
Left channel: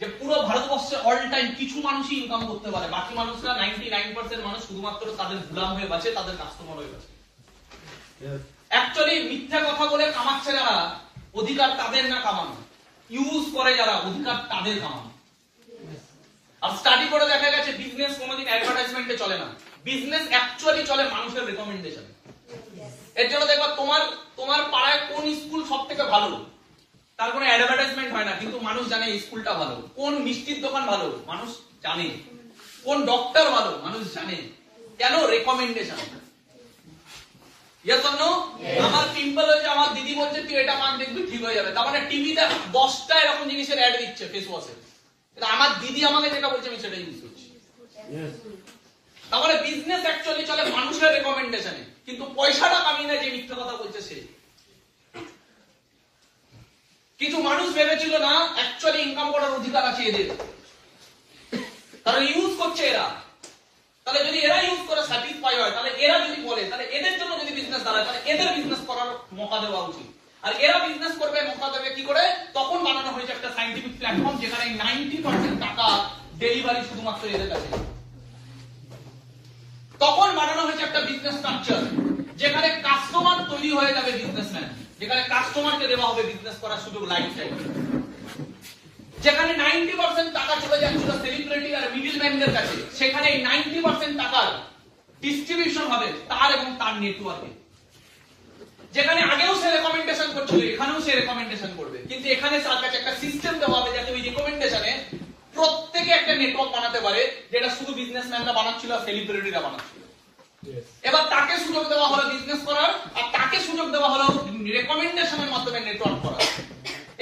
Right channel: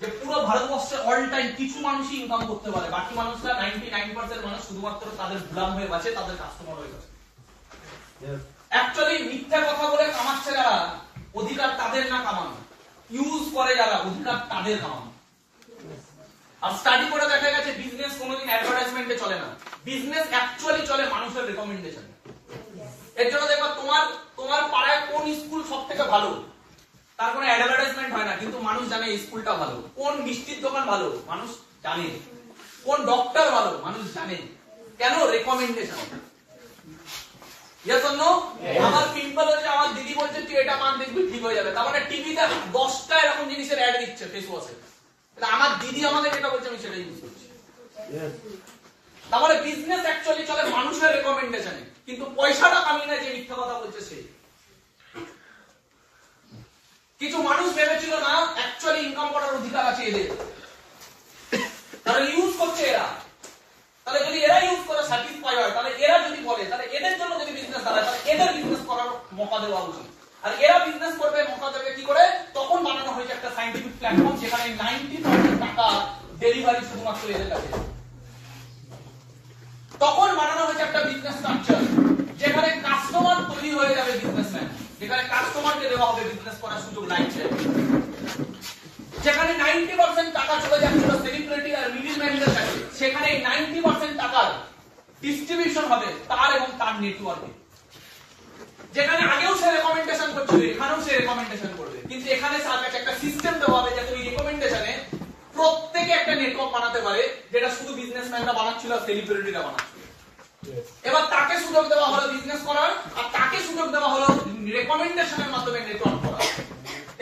যে পুরো ভারতবর্ষে অল টাইম কিছু মানুষই ইনকাম করতে পারে, বাকি মানুষরা 99% মানুষ শুধুমাত্র তাদের গোলাম হয়ে বাঁচে, তাদের কাস্টমার হয়ে বাঁচে। অ্যাকচুয়ালি মিথ্যা কথা বলে কামাচ্ছে যারা, অধিকার তাদের না কামানো। ইউজ করে যারা, অধিকার তাদের কামানো। আর স্টাডি করে দেখা গেছে বিজনেস কোনোদিন অ্যাডভার্টাইজমেন্টে চলে না, বিজনেস অ্যাকচুয়ালি চলে মানুষের রেকমেন্ডেশন। এর জন্য দেখবা তোমার পাড়ায় কোন স্কুল সব থেকে ভালো, তার কোনো অ্যাডভার্টাইজমেন্ট হয় না, কিন্তু মানুষ জানে এই স্কুলটা ভালো। কোন মিষ্টির দোকান ভালো মানুষ জানে, কোন ডক্টর ভালো মানুষ জানে। কেন? রেকমেন্ডেশন। Yes or no? আমার পিম্পল হচ্ছে, আমার দিদি বলছে তুই এটা মাখ দেখবি ঠিক হয়ে যাবে। তার মানে টিভিতে 10টা এরকম জিনিসের অ্যাড দিচ্ছে ফেস ওয়াশে, আমার দিদি আমাকে যেটা বলছে আমি সেটাই ইউজ করছি। তার মানে বিজনেস অ্যাকচুয়ালি চলে মানুষের রেকমেন্ডেশনে, কিন্তু পয়সাটা কামিয়ে নেয় যে মিথ্যা কথা বলছে সে। কিছু মানুষ ভেবেছিল না অ্যাকচুয়ালি ইনকাম করার অধিকার আছে এদের, তারা ইউজ করছে এরা। তাহলে যদি এরা ইউজ করে স্যাটিসফাই হয়, তাহলে এরা যদি বলে, তাহলে এদের জন্য যদি বিজনেস দাঁড়ায়, তাহলে এদের বিজনেস করার মৌকা দেওয়া উচিত। আর এরা বিজনেস করবে, মৌকা দেবে কি করে? তখন বানানো হয়েছে একটা সায়েন্টিফিক প্ল্যাটফর্ম, যেখানে 90% টাকা ডেলিভারি শুধুমাত্র এদের কাছে। তখন বানানো হয়েছে একটা বিজনেস স্ট্রাকচার, যেখানে কাস্টমার তৈরি হয়ে যাবে বিজনেসম্যান, যেখানে কাস্টমারকে দেওয়া হবে বিজনেস করার সুযোগ লাইফ টাইম। যেখানে 90% টাকা চলে যাচ্ছিল সেলিব্রিটি আর মিডলম্যানদের কাছে, সেখানে ডিস্ট্রিবিউশন হবে তার এবং তার নেটওয়ার্কে। যেখানে আগেও সে রেকমেন্ডেশন করছিল এখানেও সে রেকমেন্ডেশন করবে, কিন্তু এখানে তার কাছে একটা সিস্টেম দেওয়া হবে যাতে ওই রেকমেন্ডেশনে প্রত্যেকে একটা নেটওয়ার্ক বানাতে পারে, যেটা শুধু বিজনেসম্যানরা বানাচ্ছিল আর সেলিব্রিটিরা বানাচ্ছিল। এবার তাকে সুযোগ দেওয়া হলো বিজনেস করার, আর তাকে সুযোগ দেওয়া হলো রেকমেন্ডেশনের মাধ্যমে নেটওয়ার্ক করার,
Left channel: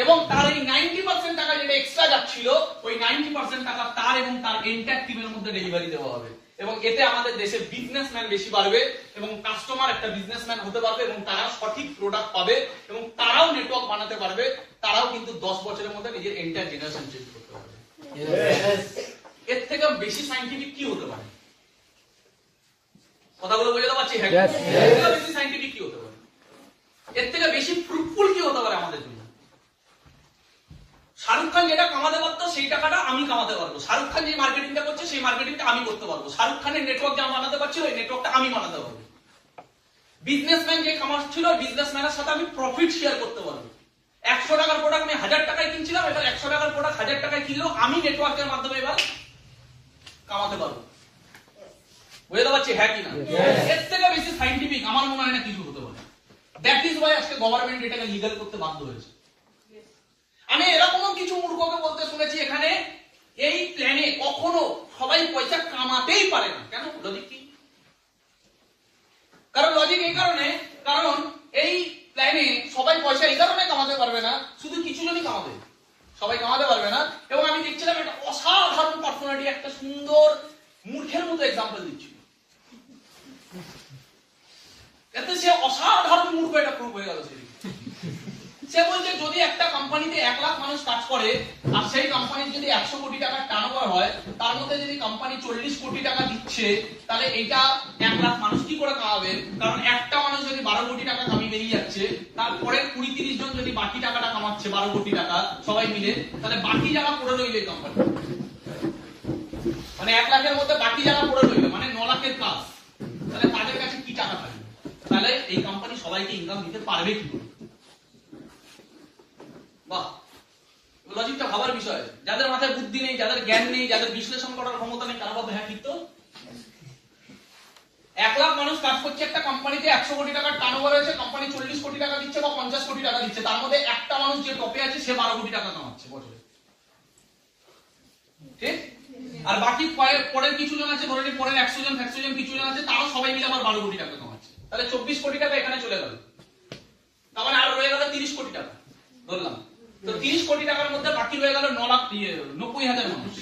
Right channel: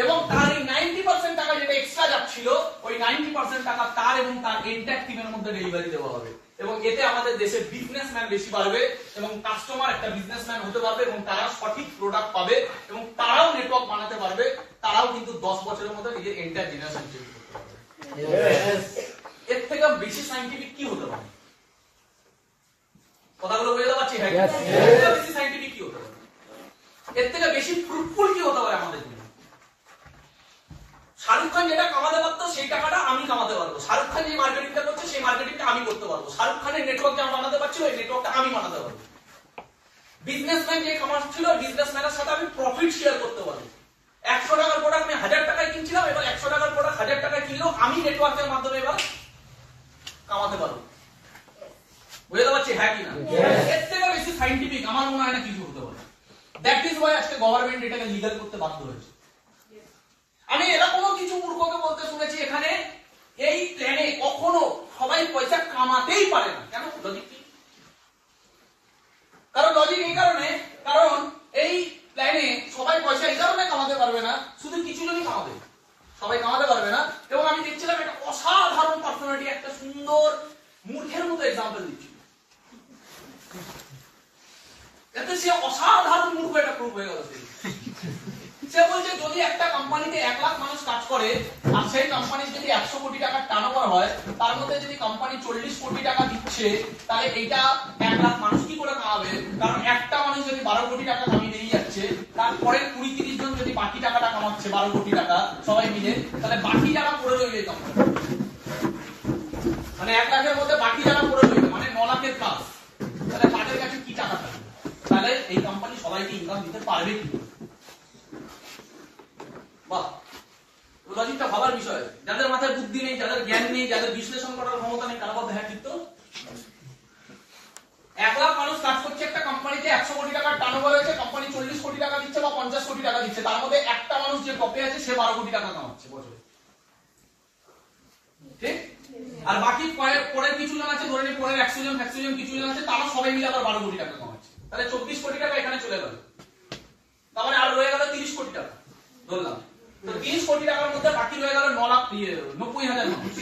এবং তার এই 90% টাকা যেটা এক্সট্রা যাচ্ছিল ওই 90% টাকা তার এবং তার এন্টায়ার টিমের মধ্যে ডেলিভারি দেওয়া হবে। এবং এতে আমাদের দেশে বিজনেসম্যান বেশি বাড়বে এবং কাস্টমার একটা বিজনেসম্যান হতে পারবে এবং তারা সঠিক প্রোডাক্ট পাবে এবং তারাও নেটওয়ার্ক বানাতে পারবে, তারাও কিন্তু 10 বছরের মধ্যে নিজের এন্টায়ার জেনারেশন চেঞ্জ করতে পারবে। এর থেকে বেশি সায়েন্টিফিক কি হতে পারে? কথাগুলো বুঝতে পারছি? হ্যাঁ, এর থেকে বেশি সায়েন্টিফিক কি হতে পারে? এর থেকে বেশি ফ্রুটফুল কি হতে পারে আমাদের জন্য? শাহরুখ খান যেটা কামাতে পারতো সেই টাকাটা আমি কামাতে পারবো, শাহরুখ খান যে মার্কেটিংটা করছে সেই মার্কেটিংটা আমি করতে পারবো, শাহরুখ খানের নেটওয়ার্ক যা বানাতে পারছি ওই নেটওয়ার্কটা আমি বানাতে পারবো। বিজনেসম্যান যে কামাচ্ছিল বিজনেসম্যানের সাথে আমি প্রফিট শেয়ার করতে পারবো। 100 টাকার প্রোডাক্ট আমি 1000 টাকায় কিনছিলাম, এবার 100 টাকার প্রোডাক্ট 1000 টাকায় কিনলেও আমি নেটওয়ার্কের মাধ্যমে এবার কামাতে পারবো। বুঝতে পারছি? হ্যাঁ কিনা? এর থেকে বেশি সায়েন্টিফিক আমার মনে হয় না কিছু হতে পারে। দ্যাট ইজ ওয়াই আজকে গভর্নমেন্ট এটাকে লিগ্যাল করতে বাধ্য হয়েছে। আমি এরকমও কিছু মূর্খকে বলতে শুনেছি এখানে এই প্ল্যানে কখনো সবাই পয়সা কামাতেই পারে না। কেন? লজিক কি? কারণ লজিক এই কারণে, কারণ এই প্ল্যানে সবাই পয়সা এই কারণে কামাতে পারবে না, শুধু কিছু জনই কামাবে, সবাই কামাতে পারবে না। এবং আমি দেখছিলাম এটা অসাধারণ পার্সোনালিটি একটা সুন্দর মূর্খের মতো এক্সাম্পল দিচ্ছিল, এতে সে অসাধারণ মূর্খ এটা প্রুভ হয়ে গেল। সে বলছে যদি একটা কোম্পানিতে 1 লাখ মানুষ কাজ করে আর সেই কোম্পানির যদি 100 কোটি টাকার টার্নওভার হয়, তার মধ্যে যদি কোম্পানি 40 কোটি টাকা দিচ্ছে, তাহলে এইটা 1 লাখ মানুষ কি করে কামাবে? কারণ একটা মানুষ যদি 12 কোটি টাকা কামিয়ে বেরিয়ে যাচ্ছে, তারপরে 20-30 জন যদি বাকি টাকাটা কামাচ্ছে 12 কোটি টাকা সবাই মিলে, তাহলে বাকি টাকা পড়ে রইবে কোম্পানি, মানে 1 লাখের মধ্যে বাকি টাকা পড়ে রইবে, মানে 9 লাখের কাজ। তাহলে তাদের কাছে কি টাকা থাকবে? তাহলে এই কোম্পানি সবাইকে ইনকাম দিতে পারবে কি? বাহ, লজিকটা ভাবার বিষয়। যাদের মাথায় বুদ্ধি নেই, যাদের জ্ঞান নেই, যাদের বিশ্লেষণ করার ক্ষমতা নেই, তারা বলতে হ্যাঁ ঠিক তো। 1 লাখ মানুষ কাজ করছে একটা কোম্পানিতে, 100 কোটি টাকার টার্নওভার হয়েছে, কোম্পানি 40 কোটি টাকা দিচ্ছে বা 50 কোটি টাকা দিচ্ছে, তার মধ্যে একটা মানুষ যে টপে আছে সে 12 কোটি টাকা কামাচ্ছে বছরে, ঠিক? আর বাকি পরের কিছু জন আছে, ধরে নিন পরের 100 জন কিছু জন আছে, তারা সবাই মিলে আবার 12 কোটি টাকা কামাচ্ছে, তাহলে 24 কোটি টাকা এখানে চলে গেল। তার মানে আর রয়ে গেল 30 কোটি টাকা ধরলাম। তো 30 কোটি টাকার মধ্যে বাকি রয়ে গেল 90,000 মানুষ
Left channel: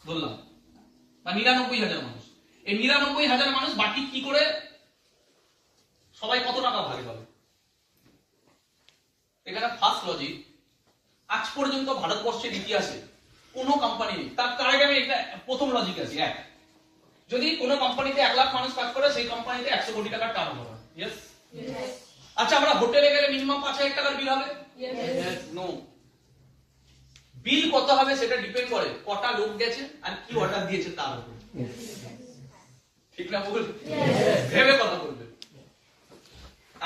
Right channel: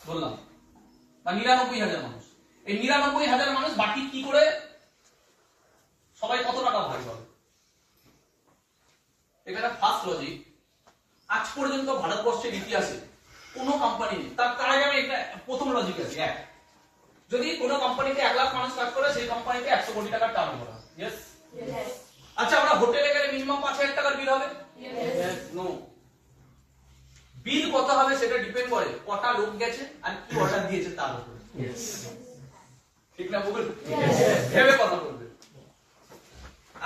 ধরলাম, বা 99,000 মানুষ। এই 99,000 মানুষ বাকি কি করে, সবাই কত টাকা ভাগ পাবে? এখানে ফার্স্ট লজিক, আজ পর্যন্ত ভারতবর্ষের ইতিহাসে কোন কোম্পানি, তার আগে আমি প্রথম লজিক আছে, এক, যদি কোন কোম্পানিতে 1 লাখ মানুষ কাজ করে সেই কোম্পানিতে 100 কোটি টাকার টার্নওভার হয়। ইয়েস? আচ্ছা, আমরা হোটেলে গেলে মিনিমাম 5,000 টাকার বিল হবে? নো। বিল কত হবে সেটা ডিপেন্ড করে কটা লোক গেছে আর কি অর্ডার দিয়েছে তার উপর, ঠিক না? বলুন, ভেবে কথা বলবে।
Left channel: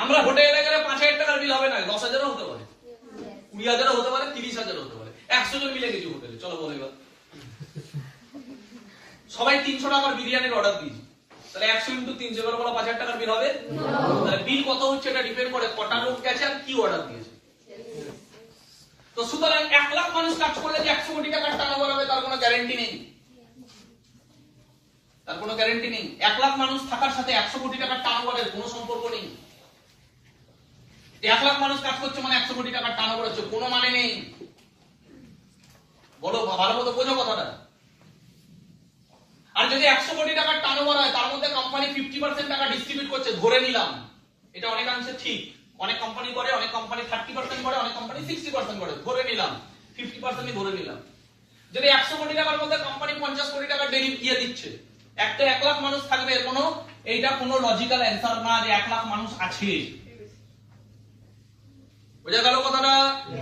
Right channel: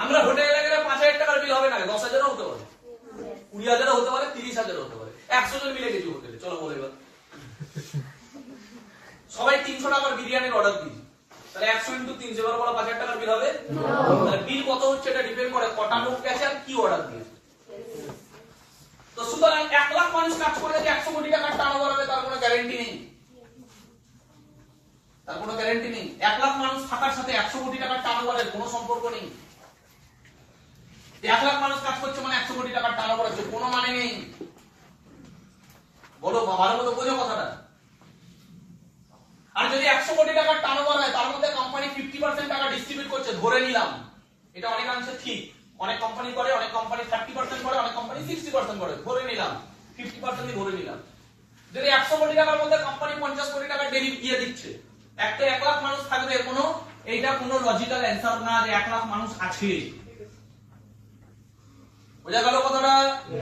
আমরা হোটেলে গেলে 5,000 টাকার বিল হবে না, 10,000ও হতে পারে, 20,000ও হতে পারে, 30,000ও হতে পারে। 100 জন মিলে গেছি হোটেলে, চলো বলো এবার সবাই 300 টাকার বিরিয়ানির অর্ডার দিয়েছি, তাহলে 100 × 300 এবার বলো 5,000 টাকার বিল হবে? তাহলে বিল কত হচ্ছে এটা ডিপেন্ড করে কটা লোক গেছে আর কি অর্ডার দিয়েছে। তো সুতরাং 1 লাখ মানুষ কাজ করলে যে 100 কোটি টাকার টার্নওভার হবে তার কোনো গ্যারান্টি নেই, তার কোনো গ্যারান্টি নেই। 1 লাখ মানুষ থাকার সাথে 100 কোটি টাকার টার্নওভারের কোনো সম্পর্ক নেই। 1 লাখ মানুষ কাজ করছে মানে 100 কোটি টাকার টার্নওভার হচ্ছে, কোনো মানে নেই। বলো, ভালো মতো বোঝো কথাটা। আর যদি 100 কোটি টাকার টার্নওভার হয় তার মধ্যে কোম্পানি 50% টাকা ডিস্ট্রিবিউট করছে, ধরে নিলাম, এটা অনেকাংশে ঠিক, অনেক কোম্পানি করে, অনেক কোম্পানি 30% করে, অনেক কোম্পানি 60% করে, ধরে নিলাম 50%ই ধরে নিলাম। যদি 100 কোটি টাকার মধ্যে কোম্পানি 50 কোটি টাকা দিয়ে দিচ্ছে, একটা 1 লাখ মানুষ থাকবে, এইটা কোনো লজিক্যাল অ্যান্সার না যে 1 লাখ মানুষ আছে। বোঝা গেল কথাটা?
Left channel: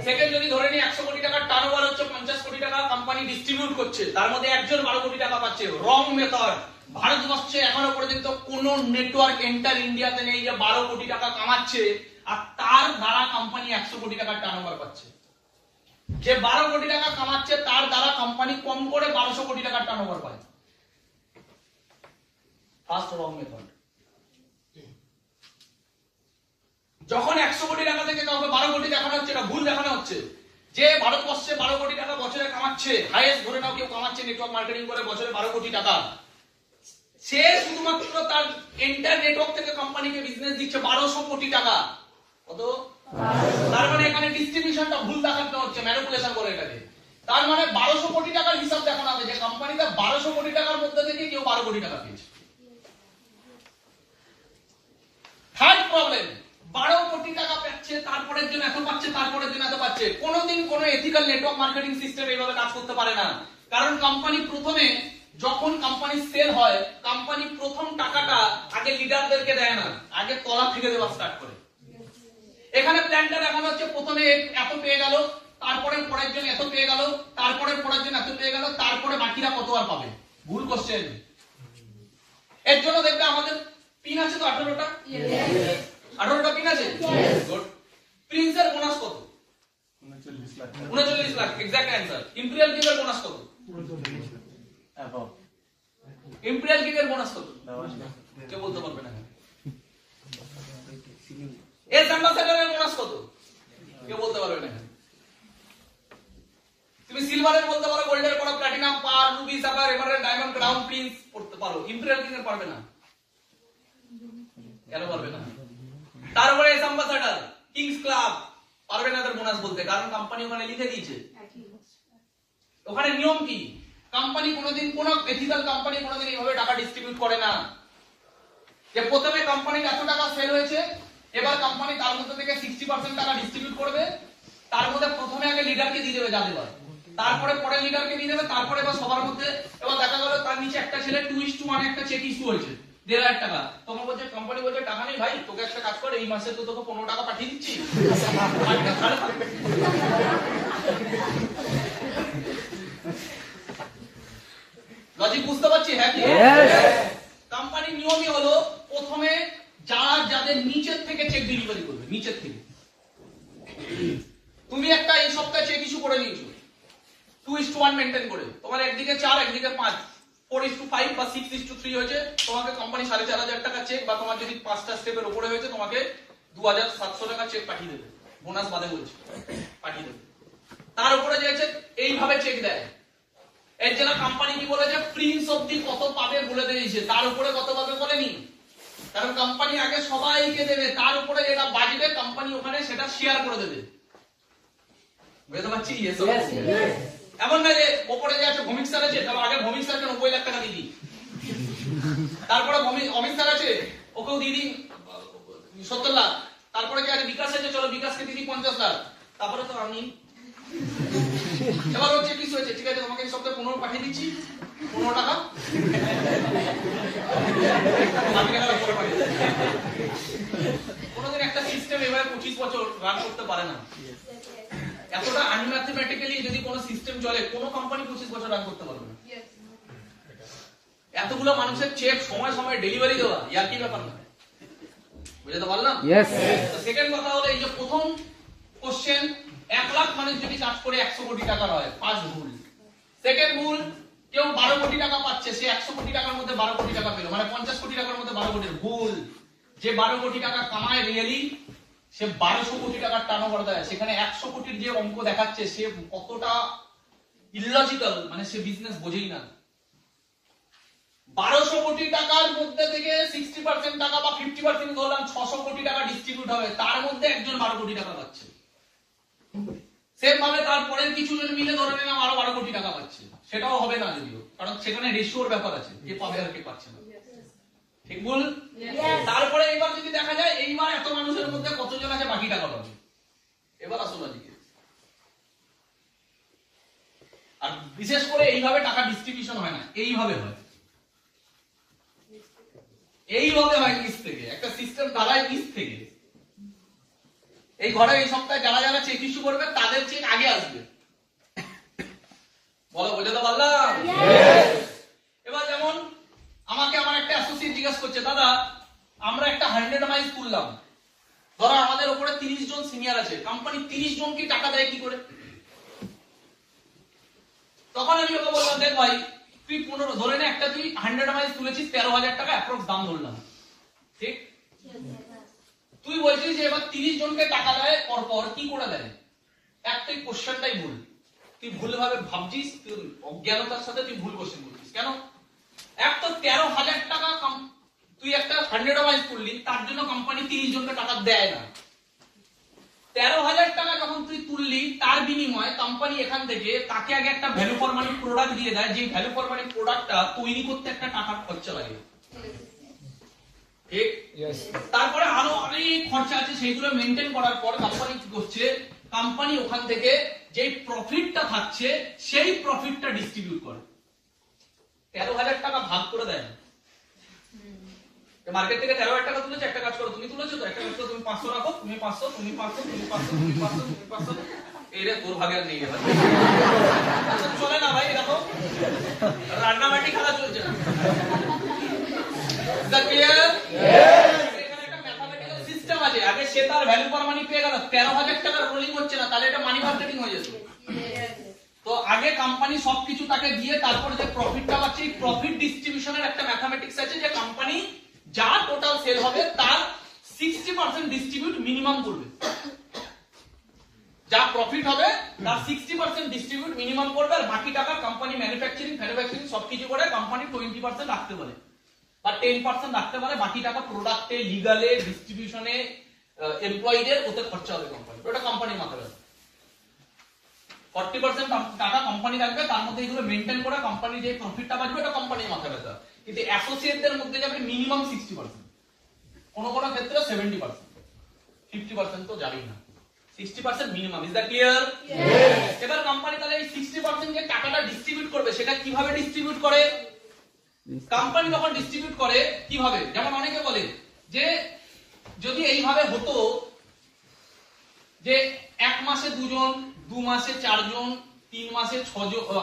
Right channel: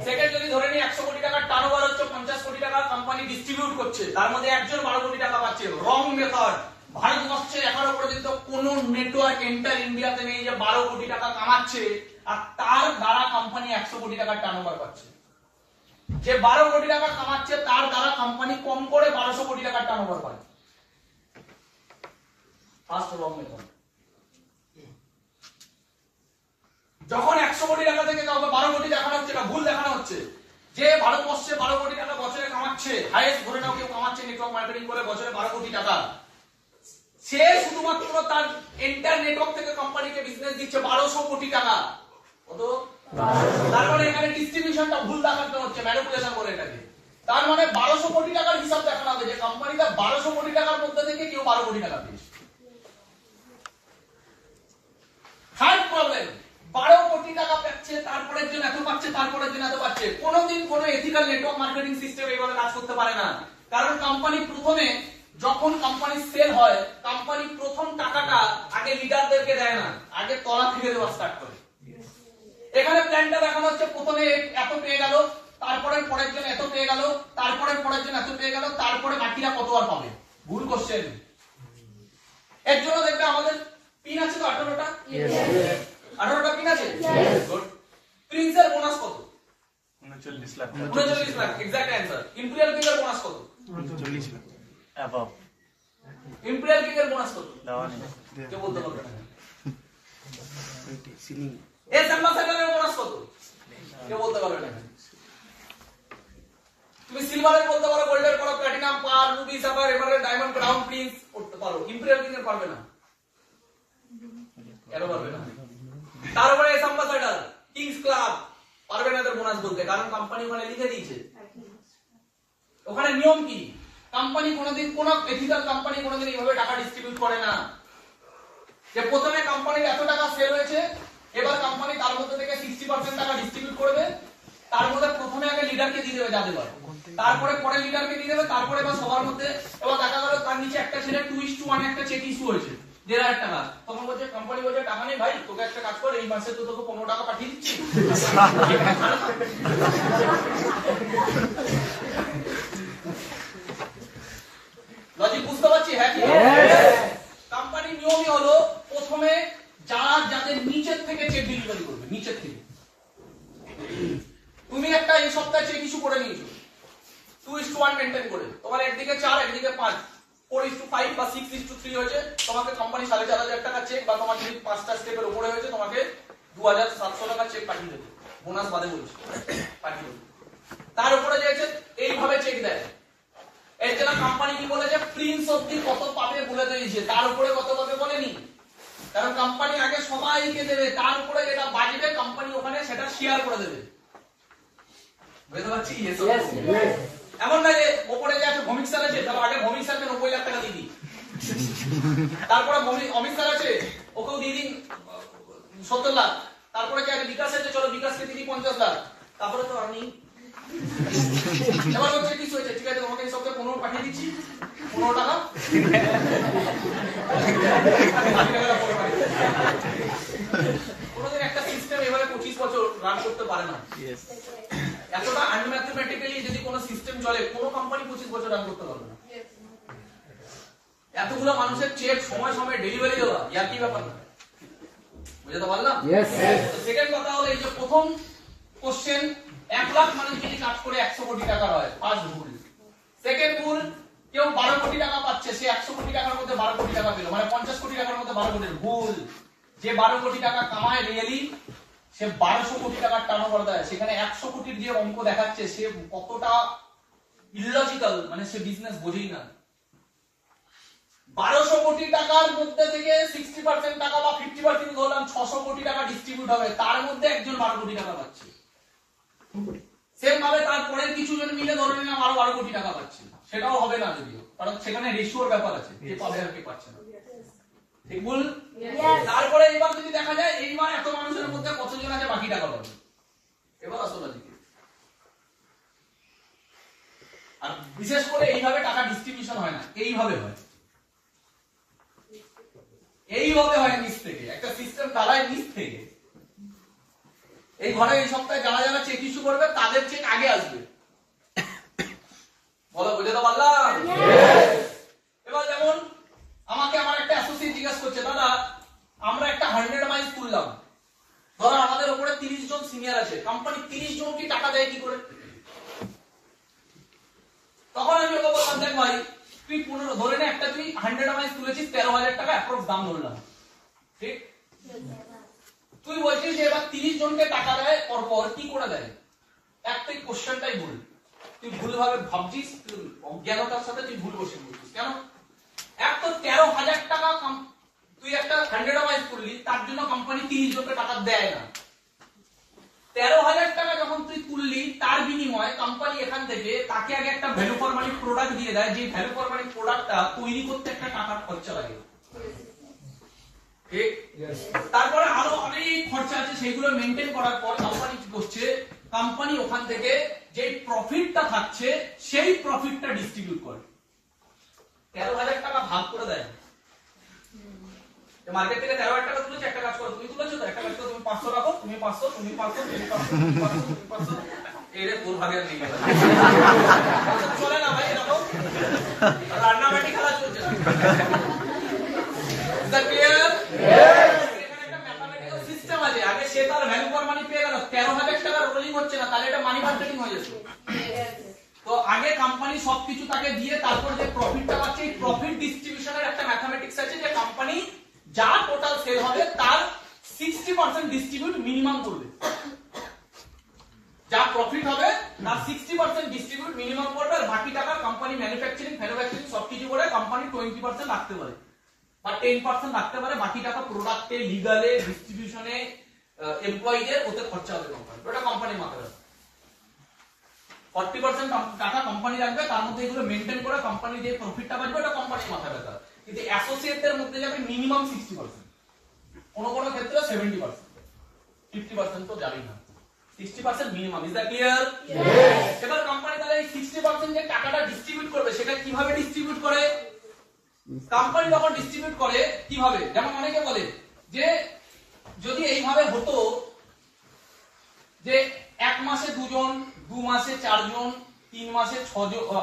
সেকেন্ড, যদি ধরে নিই 100 কোটি টাকার টার্নওভার হচ্ছে, 50 কোটি টাকা কোম্পানি ডিস্ট্রিবিউট করছে, তার মধ্যে একজন 12 কোটি টাকা পাচ্ছে। রং মেথড। ভারতবর্ষে এখনো পর্যন্ত কোন নেটওয়ার্ক এন্টার ইন্ডিয়াতে নেই যে 12 কোটি টাকা কামাচ্ছে আর তার দ্বারা কোম্পানি 100 কোটি টাকার টার্নওভার পাচ্ছে। যে 12 কোটি টাকা কামাচ্ছে তার দ্বারা কোম্পানি কম করে 1200 কোটি টাকার টার্নওভার পায়। ফার্স্ট রং মেথড। যখন 100 কোটি টাকা থেকে কাউকে 12 কোটি দেখানো হচ্ছে, এটা ভুল দেখানো হচ্ছে। যে ভারতবর্ষে 12 কোটি টাকা বছরে কামাচ্ছে, হাইয়েস্ট ধরে নাও কেউ কামাচ্ছে নেটওয়ার্ক মার্কেটিং করে বছরে 12 কোটি টাকা, সে শুধুমাত্র তার এন্টার নেটওয়ার্ক থেকে কোম্পানিকে বিজনেস দিচ্ছে 1200 কোটি টাকা। কত? তার মানে এখানে ডিস্ট্রিবিউশনটা ভুল দেখানো হচ্ছে, ম্যানিপুলেশন করে এটাকে। তার মানে 1200 কোটি টাকার হিসাব দেখানো হবে যে কোম্পানিতে 1200 কোটি টাকার মধ্যে থেকে কেউ 12 কোটি টাকা পেয়েছে। থার্ড প্রবলেম, 12 কোটি টাকা পাচ্ছে, তারপরের দিন এত পাচ্ছে, তারপরের দিন এত পাচ্ছে। কোনোদিন কোনো এথিক্যাল নেটওয়ার্ক মার্কেটিং সিস্টেম এইভাবে কাজ করতে পারে না। কারণ কোম্পানি প্রথমে, যখন কোম্পানি সেল হয়, কোম্পানি প্রথম টাকাটা আগে লিডারদেরকে দেয় না, আগে তলা থেকে দেওয়া স্টার্ট করে। এখানে প্ল্যানটা দেখানো হচ্ছে, প্রথমে এত পেয়ে গেল, তারপরে পরের জন এত পেয়ে গেল, তারপরে পরের জন এত পেয়ে গেল, তারপরে বাকিরা কত আর পাবে। ভুল কোশ্চেন। এর জন্য দেখবে আমাদের পিন আছে তো 18টা, 18টা পিন আছে। গুড। প্রিন্সের বোনাস কত? 39 lakh. 39 lakh, exact answer. Imperial কিংয়ের বোনাস কত? 39 লাখ অ্যাবাভ। ইম্পেরিয়াল কিংয়ের বোনাস কত? কেউ বলতে পারবে না। এস অ্যাম্বাসেডরের বোনাস কত? কেউ বলতে পারবে না। তুমি সিলভারের বলতে পারো, গোল্ডের পারো, প্ল্যাটিনাম, পার, ruby, sapphire, emerald, diamond, crown, prince করতে পারো। ইম্পেরিয়াল কিংয়ের পারবে না। কেন পারবে না? তারপরে এস অ্যাম্বাসেডর, কিংস ক্লাব পারবে না এদের বোনাস বলতে, কারণ কোম্পানি ওখানে লিখে দিয়েছে। ওখানে নিয়ম কি? কোম্পানি কোনোদিন, কোন এথিক্যাল কোম্পানি কোনোদিন এইভাবে টাকা ডিস্ট্রিবিউট করে না যে প্রথমে কোম্পানির এত টাকা সেল হয়েছে, এবার কোম্পানি তার মধ্যে থেকে 60% টাকা ডিস্ট্রিবিউট করবে। তার মধ্যে প্রথমে আগে লিডারকে দিয়ে দেবে, যা দেবার, তারপরে পরে লিডারকে দিয়ে দেবে, তারপরে এবার সবার মধ্যে। এবার দেখা গেল তার নিচে একটা ছেলে 2:1 একটা চেক ইস্যু হয়েছে 1,500 টাকা। তখন বলছে, কোম্পানি বলছে টাকা নেই ভাই, তোকে একটা কাজ কর, এই মাসে তো তোকে 15 টাকা পাঠিয়ে দিচ্ছি। লজিক বুঝতে পারছি? হ্যাঁ কি? কোম্পানির নিয়মই হলো প্রথমে যাদের নিচের থেকে চেক ডেলিভারি করবে, নিচের থেকে। তুমি একটা এই সপ্তাহে চেক ইস্যু করে নিয়েছো 2:1 মেইনটেইন করে, তোমার একদিকে 4 একদিকে 5, 4:5 বা 6:3 হয়েছে, তোমাকে কোম্পানি 4,500 টাকা চেক, বা তোমার যদি 5টা স্টেপের উপরে হয়েছে তোমাকে 2,700 টাকা চেক পাঠিয়ে দেবে, বোনাস বাদে বলছে, পাঠিয়ে দেবে। তার উপরে যে আছে এইভাবে চেক দেয়। এর জন্য কোম্পানি কি বলেছে, প্রিন্স অবধি কত পাবে বলে দিয়েছে, তার উপরে কত পাবে বলেনি। কারণ কোম্পানি আগে সবাইকে দেবে, তার উপরে যেটা বাজবে কোম্পানি ওখানে সেটা শেয়ার করে দেবে। বুঝতে পারছি? এমন না যে উপরে যে আছে ভৌমিক স্যার আছে, তবে আগে ভৌমিক স্যারকে 90 লাখ টাকা দিয়ে দিই, তারপরে অমিত স্যার আছে ওকেও দিয়ে দিন 70 লাখ, তারপরে কি আছে বিকাশ আছে, চলো বিকাশকে দিয়ে দিই 50 লাখ, তারপরে তো আমি। এবার হচ্ছে কিছু হয়েছে, ঠিক আছে তোমাকে এই সপ্তাহে 15 পাঠিয়ে দিচ্ছি, 15 টাকা। কোনোদিন একটা সিস্টেম এভাবে 25 বছর রান করতে পারে না। এতটা আনম্যাথমেটিক্যালি যদি কোনো সিস্টেম চলে, কোনো কোম্পানি 25 বছর রান করতে পারবে না। এতগুলো মানুষের চেক সময় সময় ডেলিভারি দেওয়া, ইয়ার কি ব্যাপার না? বুঝতে পারলাম? সেকেন্ড কথা হলো, এই যে প্রথম কোশ্চেন, 1 লাখ মানুষ যদি কাজ করে 100 কোটি টাকা হয়, ফার্স্ট ভুল। সেকেন্ড ভুল, কেউ 12 কোটি টাকা পাচ্ছে, সে 100 কোটি টাকার মধ্যে 12 কোটি টাকা পেল, মানে 50 কোটি টাকার মধ্যে 12 কোটি। ভুল। যে 12 কোটি টাকা কামায় রিয়েলি, সে 1200 কোটি টাকার টার্নওভার দেয়, সেখানে 100 কোটির যে অঙ্ক দেখাচ্ছে সে কতটা ইললজিক্যাল, মানে সে বিজনেস বোঝেই না। 1200 কোটি টাকার মধ্যে থেকে 60% টাকা বা 50% ধরলাম 600 কোটি টাকা ডিস্ট্রিবিউট হবে, তার মধ্যে একজন 12 কোটি টাকা পাচ্ছে। সেম ভাবে তারপরে কিছু জন মিলে ধরে নিলাম আরো 12 কোটি টাকা পাচ্ছে, সেটাও হবে না যদিও, কারণ সেখানে রেশিওর ব্যাপার আছে, কে পাবে আর কে পাচ্ছে না। ঠিক বল? তারপরে এইবার যদি দেখা যায় এইবার এত মানুষের মধ্যে কতজন আছে বাকি টাকা পাবে, এবার আসলে দিকে। আর বিশেষ করে এইভাবে টাকা ডিস্ট্রিবিউশন হয় না, এইভাবে হয়, এইভাবে হয় নিচ থেকে, একটা সিস্টেম ঢালায় নিচ থেকে। এই ঘরে এই সপ্তাহে যারা যারা চেক ইস্যু করবে তাদের চেক আগে আসবে। বলো, বুঝতে পারলাম? এবার যেমন আমাকে আমার একটা অ্যাসোসিয়েট জিজ্ঞাসা করছে, দাদা আমরা একটা 100 মাইল তুললাম, ধরো আমাদের উপরে 30 জন সিনিয়র আছে, কোম্পানি 30 জনকে টাকা দেয় কি করে? তখন আমি ওকে বললাম, দেখ ভাই তুই 15 ধরে নে একটা তুই 100 মাইলস তুলেছিস 13,000 টাকা অ্যাপ্রক্স দাম ধরলাম, ঠিক? তুই বলছিস যে এবার 30 জনকে টাকা দেয় পর কি করে দেয়? একটাই কোশ্চেনটাই ভুল, তুই ভুলভাবে ভাবছিস, তুই অজ্ঞানতার সাথে তুই ভুল কোশ্চেন বলছিস। কেন? এক তো 13,000 টাকা তুই একটা 100 মাইলস করলি, তার জন্য কোম্পানি 30 জনকে টাকা দেয় না। 13,000 টাকা যখন তুই তুললি, তার বিনিময়ে কোম্পানি এখান থেকে তাকে আগে একটা ভ্যালু ফর মানি প্রোডাক্ট দিয়ে দেয়, যে ভ্যালু ফর মানি প্রোডাক্টটা তৈরি করতে একটা টাকার খরচা লাগে, ঠিক? তারপরে আরো অনেক খরচা আছে, সেগুলো মেনটেন করার পর কোম্পানি কি করছে? কোম্পানি ওখান থেকে যে প্রফিটটা থাকছে সেই প্রফিটটা ডিস্ট্রিবিউট করে। 13,000 টাকা ভাগ করে দেয়। মার্কেট থেকে 13,000 টাকা তুলেছে, একটা কাজ করো, তুমি তুলেছো তো, একটা কাজ করো, তুমি 500 রাখো, তুমি 500, তুমি 500, তুমি 500, তুমি 500, তুমি 500, এই রে তোর ভাগে আর নেই গেল। চলে না ভাই, দেখো রান্নাবাটি খেলা চলছে না। Is that clear? এখানে একটা ম্যাথমেটিক্যাল সিস্টেম আছে, আগে সে তার ভ্যালু ফর মানি পেয়ে গেল, 13,000 টাকা রোলিং হচ্ছে না, তাহলে এটা মানি মার্কেটিং হয়ে যেত। তো আগে কোম্পানি সবকিছু তাকে দিয়ে তারপর যে প্রফিটটা পাচ্ছে, এই প্রফিট ডিস্ট্রিবিউশনের একটা ম্যাথমেটিক্স আছে, যে কোম্পানি যা টোটাল সেল হবে তার 60% ডিস্ট্রিবিউট মিনিমাম করবে, যা প্রফিট হবে তার 60% ডিস্ট্রিবিউট মিনিমাম করবে, আর বাকি টাকা কোম্পানি ম্যানুফ্যাকচারিং সবকিছু করে কোম্পানি 20% রাখতে পারে বা 10% রাখতে পারে, বাকি টাকা প্রোডাক্টে, লিগালে, ডিস্ট্রিবিউশনে, এমপ্লয়ীদের ওতে খরচা হবে কোম্পানি, ওটা কোম্পানির মাথায় রাখবে। 40% টাকা কোম্পানি রাখবে, তার মধ্যে এগুলো মেইনটেইন করে কোম্পানি যে প্রফিটটা পাবে ওটা কোম্পানির মাথায় রাখবে। কিন্তু অ্যাসোসিয়েটদের মধ্যে যাবে মিনিমাম 60%, কোন কোন ক্ষেত্রে 70%, 50% তো জানি না, 60% মিনিমাম। Is that clear? এবার কোম্পানি তাহলে এই 60% যে টাকাটা ডিস্ট্রিবিউট করবে, সেটা কিভাবে ডিস্ট্রিবিউট করে? কোম্পানি যখন ডিস্ট্রিবিউট করে কিভাবে, যেমন অনেকে বলে যে যদি এইভাবে হতো যে 1 মাসে 2 জন, 2 মাসে 4 জন, 3 মাসে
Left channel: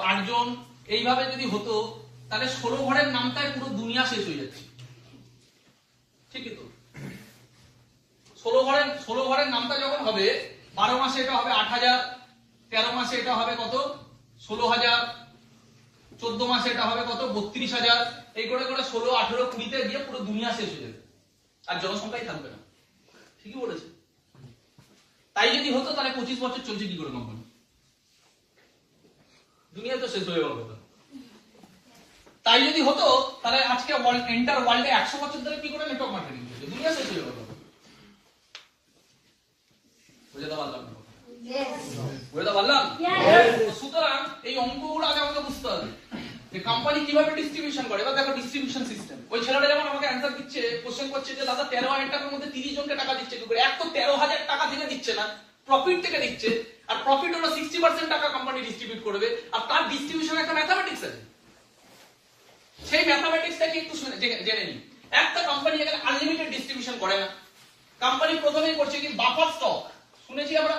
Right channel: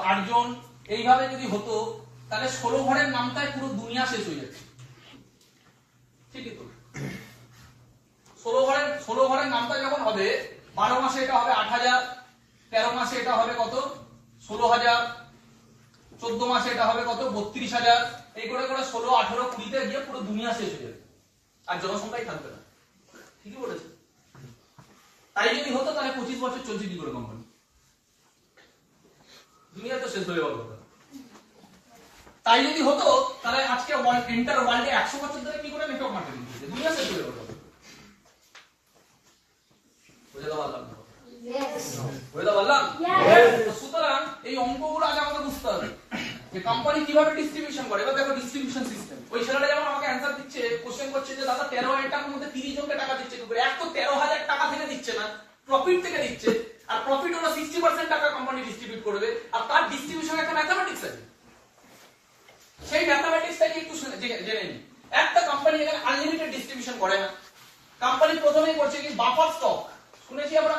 8 জন, এইভাবে যদি হতো, তাহলে 16 ঘরের নামটাই পুরো দুনিয়া শেষ হয়ে যাচ্ছে, ঠিকই তো? 16 ঘরের নামটা যখন হবে, 12 মাসে এটা হবে 8,000, 13 মাসে এটা হবে কত? 16,000, 14 মাসে এটা হবে কত? 32,000, এই করে করে 16, 18, 20 তে গিয়ে পুরো দুনিয়া শেষ হয়ে যাবে, আর জনসংখ্যাই থাকবে না। ঠিকই বলেছে। তাই যদি হতো তাহলে 25 বছর চলছে কি করে কোম্পানি? দুনিয়া তো শেষ হয়ে গেল। তাই যদি হতো তাহলে আজকে এন্টার ওয়ার্ল্ডে 100 বছর ধরে কি করে নেটওয়ার্ক মার্কেটিং চলছে? দুনিয়া শেষ হয়ে গেল। বুঝতে পারলাম না? বুঝতে পারলাম? সুতরাং এই অঙ্কগুলো আগে আমাদের বুঝতে হবে যে কোম্পানি কিভাবে ডিস্ট্রিবিউশন করে। এবার দেখো ডিস্ট্রিবিউশন সিস্টেম। ওই ছেলেটা যেমন আমাকে অ্যানসার দিচ্ছে, কোশ্চেন করছে যে দাদা 13,000 টাকার মধ্যে 30 জনকে টাকা দিচ্ছে কি করে? এক তো 13,000 টাকা থেকে দিচ্ছে না, প্রফিট থেকে দিচ্ছে, আর প্রফিট হলো 60% টাকা কোম্পানি ডিস্ট্রিবিউট করবে, আর তার ডিস্ট্রিবিউশন একটা ম্যাথমেটিক্স আছে। সেই ম্যাথমেটিক্সটাকে একটু জেনে নিই। একটা কোম্পানি এখানে আনলিমিটেড ডিস্ট্রিবিউশন করে না। কোম্পানি প্রথমেই করছে কি বাফার স্টক, শুনেছি আমরা?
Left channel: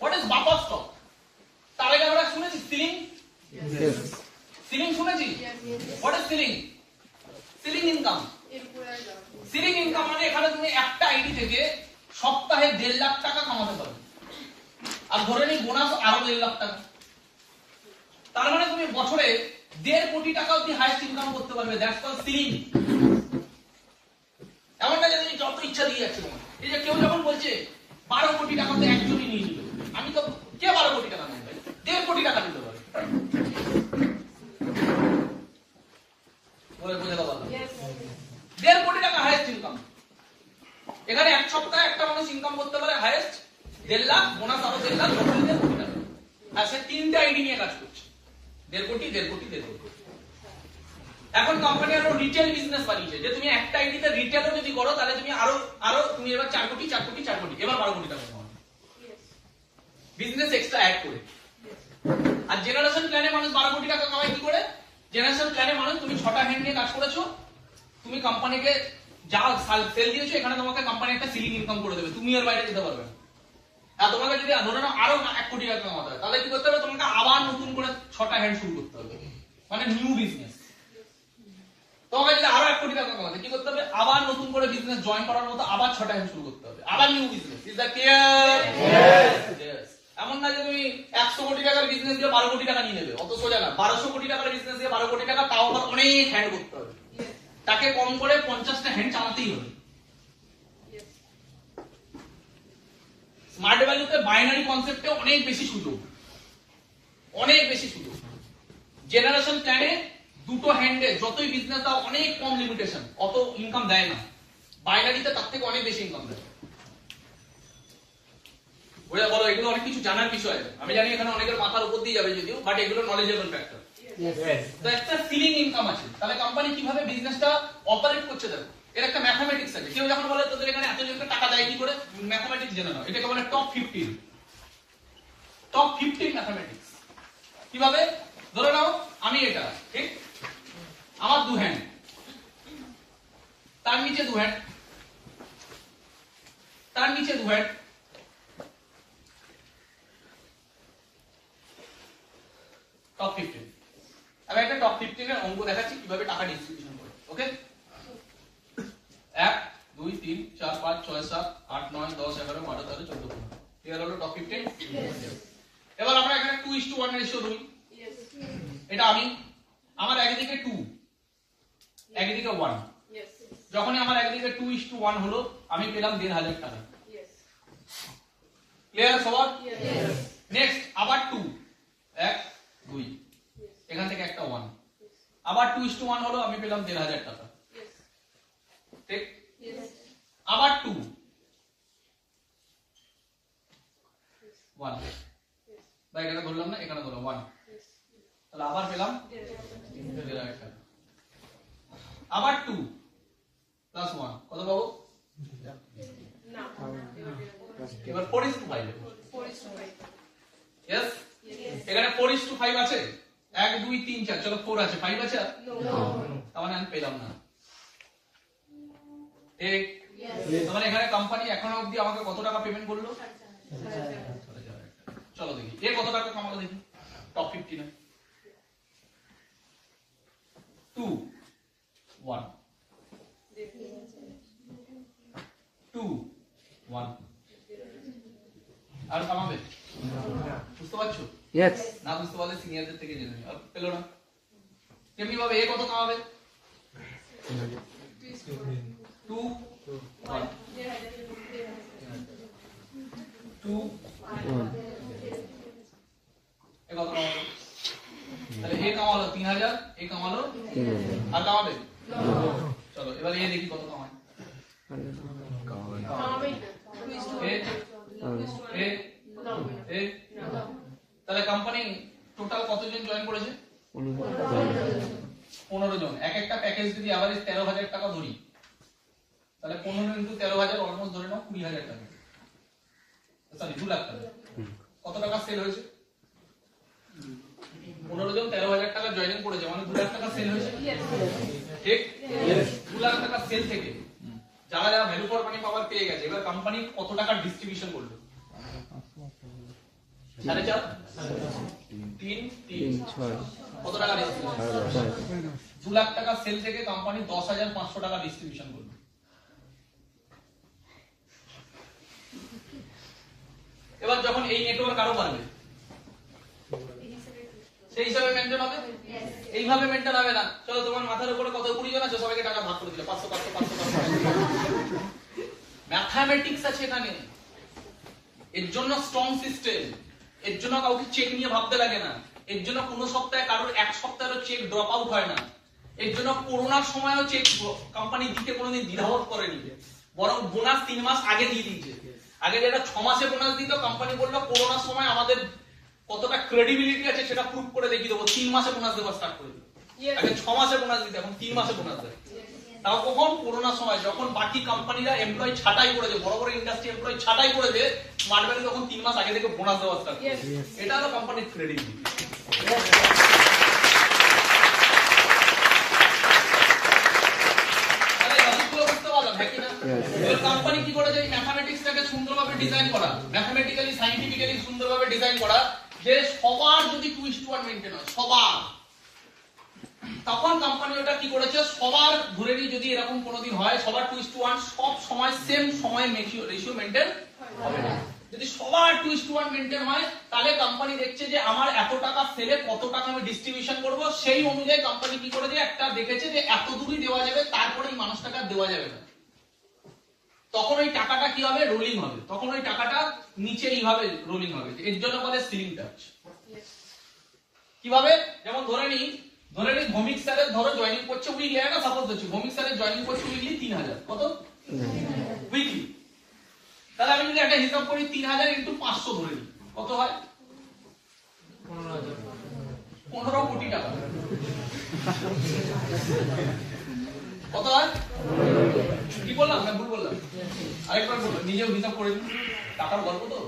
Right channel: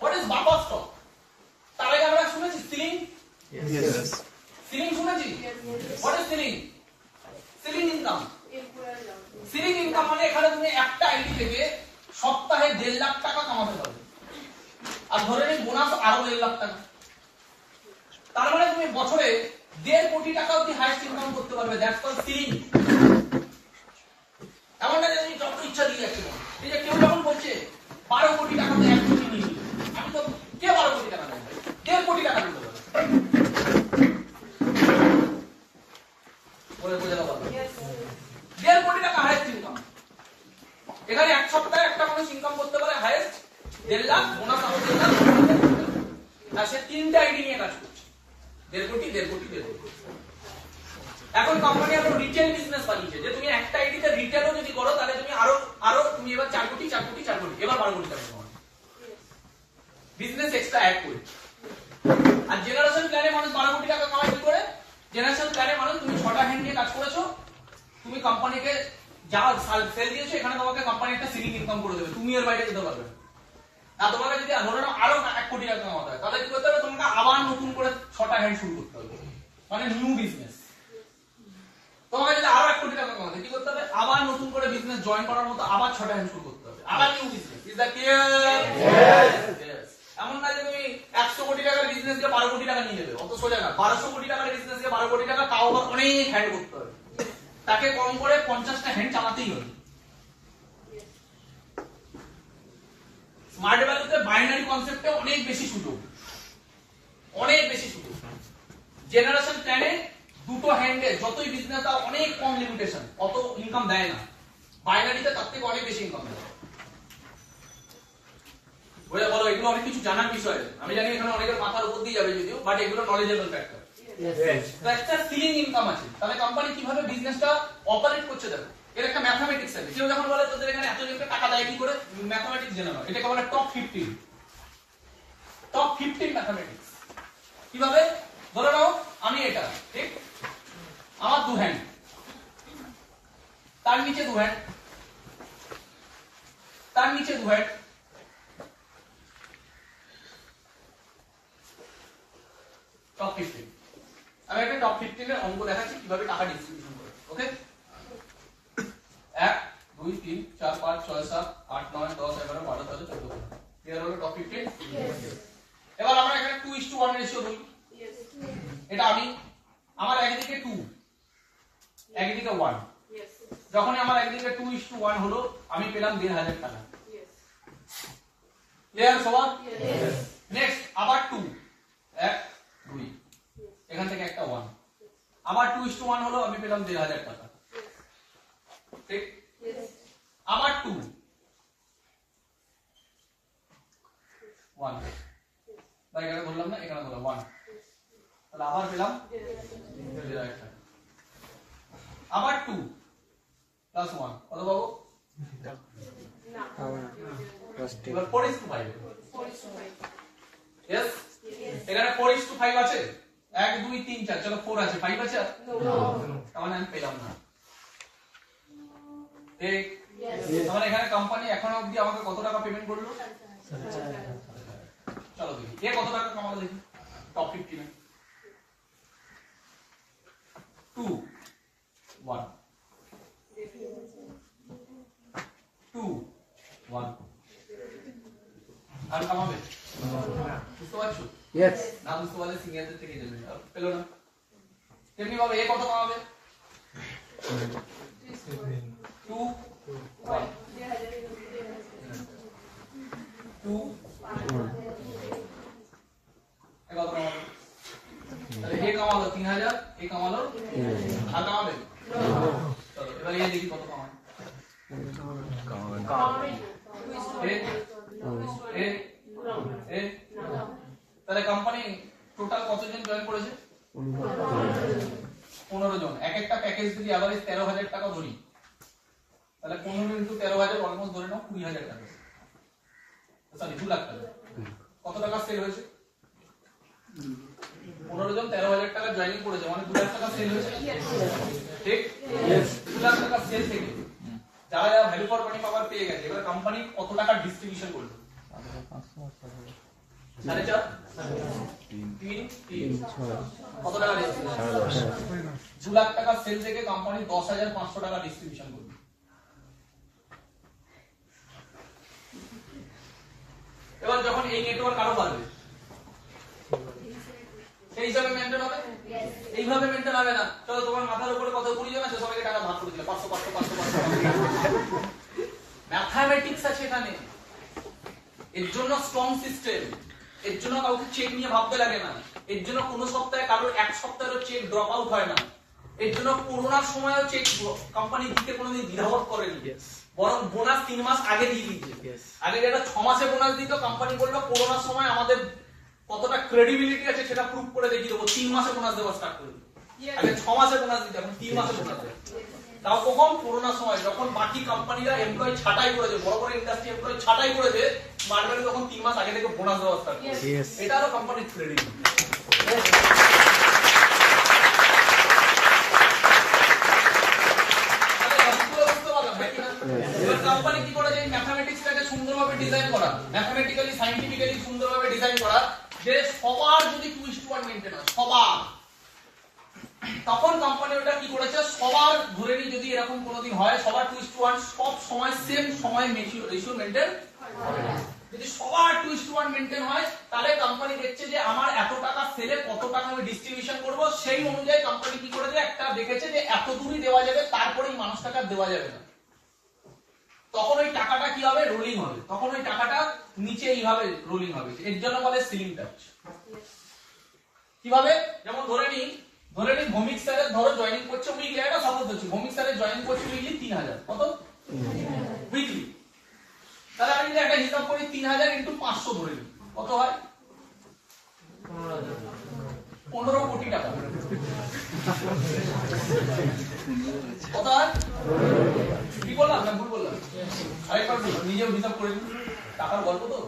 What is buffer stock? তার আগে আমরা শুনেছি সিলিং, সিলিং শুনেছি? What is ceiling? Ceiling income. Ceiling income মানে এখানে তুমি একটা আইডি থেকে সপ্তাহে 1.5 লাখ টাকা কামাতে পারবে, আর ধরে নিই বোনাস আরো 1.5 লাখ টাকা, তার মানে তুমি বছরে 1.5 কোটি টাকা অবধি হাইয়েস্ট ইনকাম করতে পারবে। That's called ceiling. এমন না যে তুমি যত ইচ্ছা দিয়ে যাচ্ছে। এই যে কেউ যখন বলছে 12 কোটি টাকাতে 1 কোটি নিয়ে, আমি তো কে 12 কোটি টাকা নেয়? 1.5 কোটি টাকা দিতে পারে বলে বোঝাতে পারবে। 1.5 কোটি টাকা হাইয়েস্ট ইনকাম। এখানে এক সপ্তাহে একটা মানুষ ইনকাম করতে পারে হাইয়েস্ট 1.5 লাখ, বোনাস আরো 1.5 লাখ, আর সে 3টে আইডি নিয়ে কাজ করছে। 1.5 কোটি, 1.5 কোটি, 1.5 কোটি। এখন কোম্পানি আরো রিটেল বিজনেস বানিয়েছে, যে তুমি একটা আইডিতে রিটেলও যদি করো তাহলে তুমি আরো তুমি এবার 4 কোটি, 4 কোটি, 4 কোটি, এবার 12 কোটি টাকা কামাবে বিজনেস এক্সট্রা অ্যাড করে। আর জেনারেশন প্ল্যানে মানুষ 12 কোটি টাকা কামায় কি করে? জেনারেশন প্ল্যানে মানুষ তুমি 6টা হ্যান্ড নিয়ে কাজ করেছো, তুমি কোম্পানিকে যা সেল দিয়েছো, এখানে তোমাকে কোম্পানি একটা সিলিং ইনকাম করে দেবে, তুমি এর বাইরে যেতে পারবে না। আর তোমাকে যদি ধরে নাও আরো 1 কোটি টাকা কামাতে হয়, তাহলে কি করতে হবে? তোমাকে আবার নতুন করে 6টা হ্যান্ড শুরু করতে হবে, মানে নিউ বিজনেস। তোমাকে যদি আরো 1 কোটি টাকা কামাতে কি করতে হবে? আবার নতুন করে বিজনেস জয়েন করার মতো আবার 6টা হ্যান্ড শুরু করতে হবে, আবার new business. Is that clear? Yes. এমন না যে তুমি 100 কোটি টাকার বিজনেস দিয়ে 12 কোটি টাকা নিয়ে নেবে, অত সোজা না। 1200 কোটি টাকার বিজনেস দিয়ে 12 কোটি টাকা, তাও আবার অনেক হ্যান্ড করতে হবে, তাকে কম করে 50টা হ্যান্ড চালাতেই হবে। স্মার্ট ভ্যালুতে বাইনারি কনসেপ্টে অনেক বেশি সুযোগ, অনেক বেশি সুযোগ। জেনারেশন প্ল্যানে দুটো হ্যান্ডে যতই বিজনেস দাও অনেক কম লিমিটেশন, অত ইনকাম দেয় না। বাইনারিতে তার থেকে অনেক বেশি ইনকাম দেয়। বুঝা বলো, এগুলো অনেক কিছু জানার বিষয়। আমি জানি এখানে অনেকের মাথার উপর দিয়ে যাবে যদিও, বাট এগুলো নলেজেবল ফ্যাক্টর। তো একটা সিলিং ইনকাম আছে, তাহলে কোম্পানি কিভাবে বিজনেসটা অপারেট করছে দেখো, এর একটা ম্যাথমেটিক্স আছে। কেউ যখন বলে তোদের এখানে এতজনকে টাকা দেয় কি করে, ম্যাথমেটিক্স জেনে নাও, এটাকে বলে টপ 15। Top 15 mathematics. কিভাবে? ধরে নাও আমি এটা, ঠিক, আমার 2 হ্যান্ড, তার নিচে 2 হ্যান্ড, তার নিচে 2 হ্যান্ড, টপ 15। আমি একটা টপ 15 এর অঙ্ক দেখাচ্ছি কিভাবে টাকা ডিস্ট্রিবিউশন করে। ওকে, 1 2 3 4 5 6 7 8 9 10 11 12 13 14 15। ক্লিয়ার হলো টপ 15? এবার আমরা এখানে 2:1 রেশিও ধরি। এটা আমি, আমার একদিকে 2 একদিকে 1, যখনই আমার একদিকে 2:1 হলো আমি পেলাম 1,500 টাকা। ক্লিয়ার সবার? নেক্সট আবার 2 1 2, এখান থেকে একটা 1, আবার 2:1 হলো আমি পেলাম 1,500 টাকা। ঠিক, আবার 2 1, ভাই এখানে ধরলাম না, এখানে ধরলাম 1, তাহলে আবার পেলাম 1,500 টাকা। আবার 2 প্লাস 1 কত পাবো? এবার 4:5। यस, এখানে 4:5 আছে, 1 2 3 4, চলো 4 আছে, 5 আছে, তার মানে আমি পেলাম না। ঠিক, তার মানে এখানে কোম্পানি এখন অবধি আমাকে কত টাকা পেমেন্ট করলো? চলো দেখি এ কত টাকা কামালো দেখি টপ 15 এ। 2 1 2 1, আর কামাবে? বুঝতে পারছো? Yes. না বুঝতে পারলে সিনিয়রদের থেকে জেনে নিও। পেলো না? কেমনি ভাবে এ কত কামাবে? 2 1 2 এ কত কামাবে? তাহলে এ কামালো 3,000, এ কামালো আর কামাবে? চলো এবার এ দেখি কত কামায়। তাহলে কোম্পানি টোটাল কতজন জয়েন করেছে? 15 জন। এক একটা প্যাকেজ যদি এভারেজ 13,000 টাকা ধরি, তাহলে 15 ইনটু 13,000 অলমোস্ট ধরে নাও 20,000 টাকা, সরি 2 লাখ টাকা। কত টাকা সেল হয়েছে? 15 জন 13,000 টাকা জয়েনিং করেছে, মানে 2 লাখ টাকা সেল হয়েছে। ঠিক, 2 লাখ টাকা সেল থেকে যারা যারা ভ্যালু ফর মানি পাওয়ার পেয়ে গেছে, এবার কোম্পানি কত টাকা ডিস্ট্রিবিউশন করলো? 4.5 3 3 কত টাকা ডিস্ট্রিবিউশন? 2 লাখ টাকা সেল থেকে কোম্পানি 10,500 টাকা ডিস্ট্রিবিউশন করলো। এবার যখন এই নেটওয়ার্ক আরো বাড়বে, সেই হিসাবে মেনটেন হবে। এইভাবে মেনটেন হবে না। চলো তোমার মাথার উপরে কত 20 জন আছে, সবাইকে টাকা ভাগ করে দিলে 500 500 500 500। ম্যাথমেটিক্স আছে এখানে, এর জন্য স্ট্রং সিস্টেম, এর জন্য কাউকে চেক নিয়ে ভাবতে লাগে না, এর জন্য কোনো সপ্তাহে কারোর এক সপ্তাহেরও চেক ড্রপ আউট হয় না, এর জন্য করোনার সময়ও চেক কোম্পানি দিতে কোনোদিন দ্বিধাবোধ করেনি, বরং বোনাস 3 মাস আগে দিয়ে দিয়েছে। আগে যেটা 6 মাসে বোনাস দিত, কোম্পানি বললো করোনার সময় আমাদের কতটা ক্রেডিবিলিটি আছে সেটা প্রুভ করে দেখিয়ে দেবো, 3 মাসে বোনাস দেওয়া স্টার্ট করে দিল। আগে 6 মাসে বোনাস দিত, এখন 3 মাসে বোনাস দেয়। তাও কখন? করোনার সময়, যখন বাকি কোম্পানিরা এমপ্লয়ি ছাঁটাই করেছে, বড় বড় ইন্ডাস্ট্রি এমপ্লয়ি ছাঁটাই করেছে, স্মার্ট ভ্যালু তখন 3 মাস আগে থেকে বোনাস দেওয়া স্টার্ট করেছে। এটা হলো কোম্পানির ক্রেডিবিলিটি। এবার কোম্পানি কি করেছে? ম্যাথমেটিক্সটাকে সুন্দরভাবে ডিজাইন করা, ম্যাথমেটিক্যালি সায়েন্টিফিক্যালি সুন্দরভাবে ডিজাইন করা, যে সবার যদি 2:1 মেইনটেইন হয়, সবার, তখন কোম্পানি ওটা কি করেছে? সবার ধরে নিয়ে যদি এরকম কোনোদিন হয়, সবার 2:1 সব সময় সেম সময় রেশিও মেইনটেইন হবে না। যদি সবার 2:1 মেইনটেইন হয় তাহলে কোম্পানি দেখছে যে আমার এত টাকা সেলে কত টাকা আমি ডিস্ট্রিবিউশন করব, সেই অনুযায়ী কোম্পানি কি করে যে একটা দেখেছে যে এত দূরই দেওয়া যাবে, তারপরে এই মানুষটাকে আর দেওয়া যাবে না। তখন ওই টাকাটা কি হবে, রোলিং হবে, তখন ওই টাকাটা নিচে এইভাবে রোলিং হবে, এর জন্য বলে সিলিং টাচ। কিভাবে, যেমন ধরে নি ভৌমিক স্যারের ধরো জয়েনিং করছে উইকলি, একটা সাপোজ দিচ্ছি, ভৌমিক স্যারের জয়েনিং করছে উইকলি 3000, কত উইকলি, তাহলে আমি যদি একটা হিসাব করি 3000 ইনটু 500 ধরে নিই, কত হয় 15 কোটি টাকা, কত হয়, কি বললাম না ভুল বললাম, আরেকবার বললাম, নিজেও হিসাব করে দিন, টাকার গল্প তো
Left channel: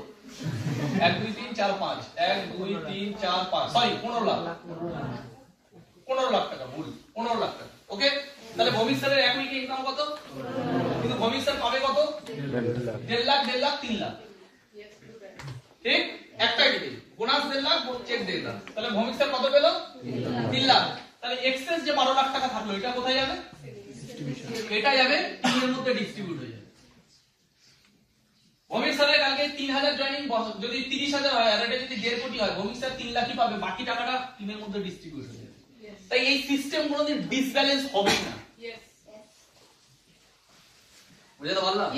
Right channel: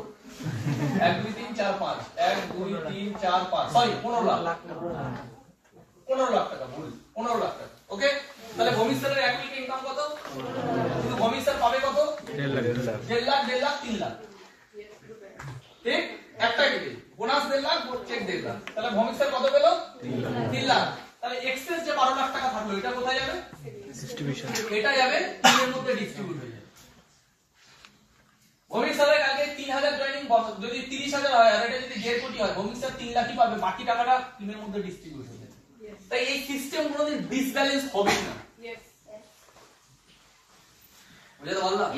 1 2 3 4 5 1 2 3 4 5 সরি 15 লাখ, 15 লাখ টাকা, ভুল 15 লাখ টাকা। ওকে, তাহলে ভৌমিক স্যারের এক উইকে ইনকাম কত, কিন্তু ভৌমিক স্যার পাবে কত 1.5 লাখ 3 লাখ, ঠিক, একটাই দিতে বোনাস 1.5 লাখ, চেক 1.5 লাখ, তাহলে ভৌমিক স্যার কত পেল 3 লাখ। তাহলে এক্সেস যে 12 লাখ টাকা থাকলো এটা কোথায় যাবে, ডিস্ট্রিবিউশন, এটা যাবে টিমের মধ্যে ডিস্ট্রিবিউট হয়ে যাবে। ভৌমিক স্যারের আগে 3000 জয়েনিং যদি 30000 হয় আর এটা যদি 1.5 কোটি হয়, ভৌমিক স্যার 3 লাখই পাবে, বাকি টাকাটা টিমের মধ্যে ডিস্ট্রিবিউট হয়ে যাবে। তাই এই সিস্টেম কোনোদিন ডিসব্যালেন্স হবে না, বুঝতে পারলাম?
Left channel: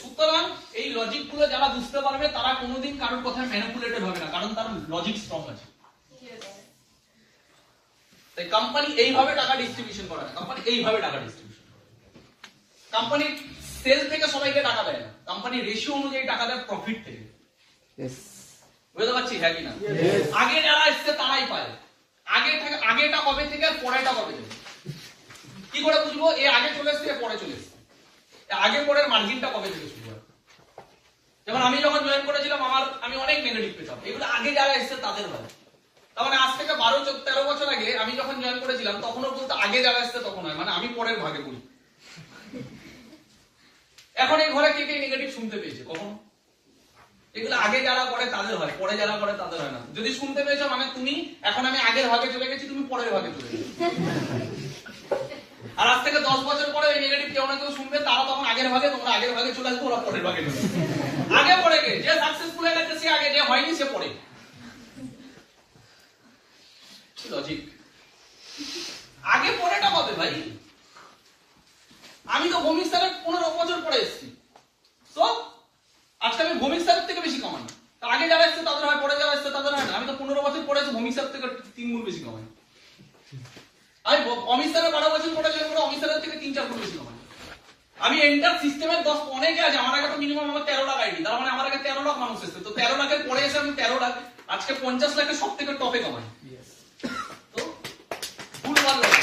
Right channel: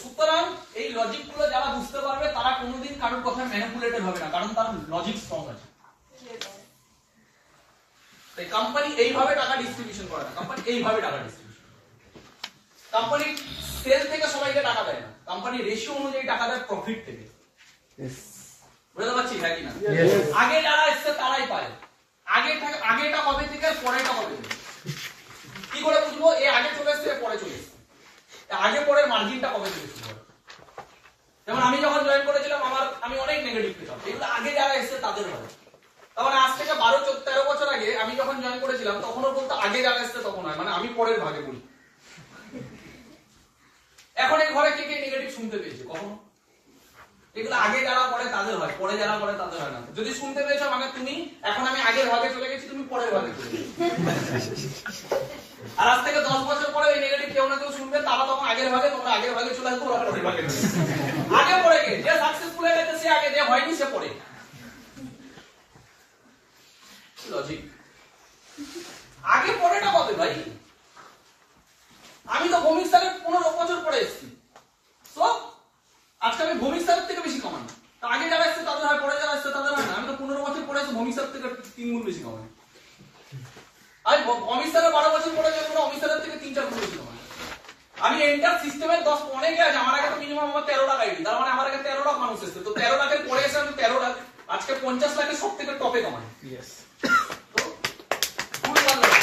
সুতরাং এই লজিক গুলো যারা বুঝতে পারবে তারা কোনোদিন কারোর কথায় ম্যানিপুলেটেড হবে না, কারণ তার লজিক স্ট্রং আছে। তাই কোম্পানি এইভাবে টাকা ডিস্ট্রিবিউশন করে না, কোম্পানি এইভাবে টাকা ডিস্ট্রিবিউশন, কোম্পানি সেল থেকে সবাইকে টাকা দেয় না, কোম্পানি রেশিও অনুযায়ী টাকা দেয় প্রফিট থেকে। বুঝতে পারছি হ্যাঁ কি না? আগে যারা এসছে তারাই পায়, আগেটা কবে থেকে আর পরেটা কবে থেকে কি করে বুঝবো, এ আগে চলে এসছে পরে চলে এসছে, আগে পরের মার্জিনটা কবে থেকে শুরু হয়। যেমন আমি যখন জয়েন করেছিলাম আমি অনেক নেগেটিভ পেতাম, এগুলো আগে যারা এসছে তাদের হয়। তখন আজ থেকে 12-13 বছর আগে আমি যখন জয়েন করেছিলাম তখনও বলতো আগে যারা এসছে তখন হয়, মানে আমি পরের ভাগে বলি। এখন এই ঘরে কে কে নেগেটিভ শুনতে পেয়েছে কখনো, এগুলো আগে যারা করে তাদের হয়, পরে যারা করে তাদের হয় না। যদি শুনতে পেয়েছো মানে তুমি এখন আমি আগের ভাগে চলে গেছি, তুমি পরের ভাগে চলে গেছো। আর আজ থেকে 10 বছর পরে এই নেগেটিভ কেউ না কেউ শুনবে, তারা তখন আগের ভাগে, তোমরা আগের ভাগে চলে আসবে, ওরা পরের ভাগে চলে আসবে। আগে পরে কে, যে সাকসেসফুল হয়ে গেছে সে আগে, যে হয়নি সে পরে। লজিক আগে পরেটা পাবে ভাই। আমি তো ভৌমিক স্যারের 15 বছর পরে এসেছি, তো আজকে আমি ভৌমিক স্যারের থেকে বেশি কামাই। আগে যারা এসছে তাদের হয়, পরে যারা এসছে তাদের হয় না। আমি তো 15 বছর পরে এসে ভৌমিক স্যার থেকে 3 গুণ বেশি কামাই। আমি অমিত স্যারের 12 বছর পরে গেলে পুরো অমিত স্যারের থেকে 3-4 গুণ বেশি কামাই। আমি এন্টার সিস্টেমের 10 অনেকে আছে, আমার আগে তো মিনিমাম আমার 13 লাখ আইডি, তার মানে আমার আগে 13 লাখ মানুষ এসছে, তো 13 লাখের পরে এসে আমি 13 লাখ, আজকে 50 লাখের সব থেকে টপে কামাই। তো ফুল ওয়ান লাখ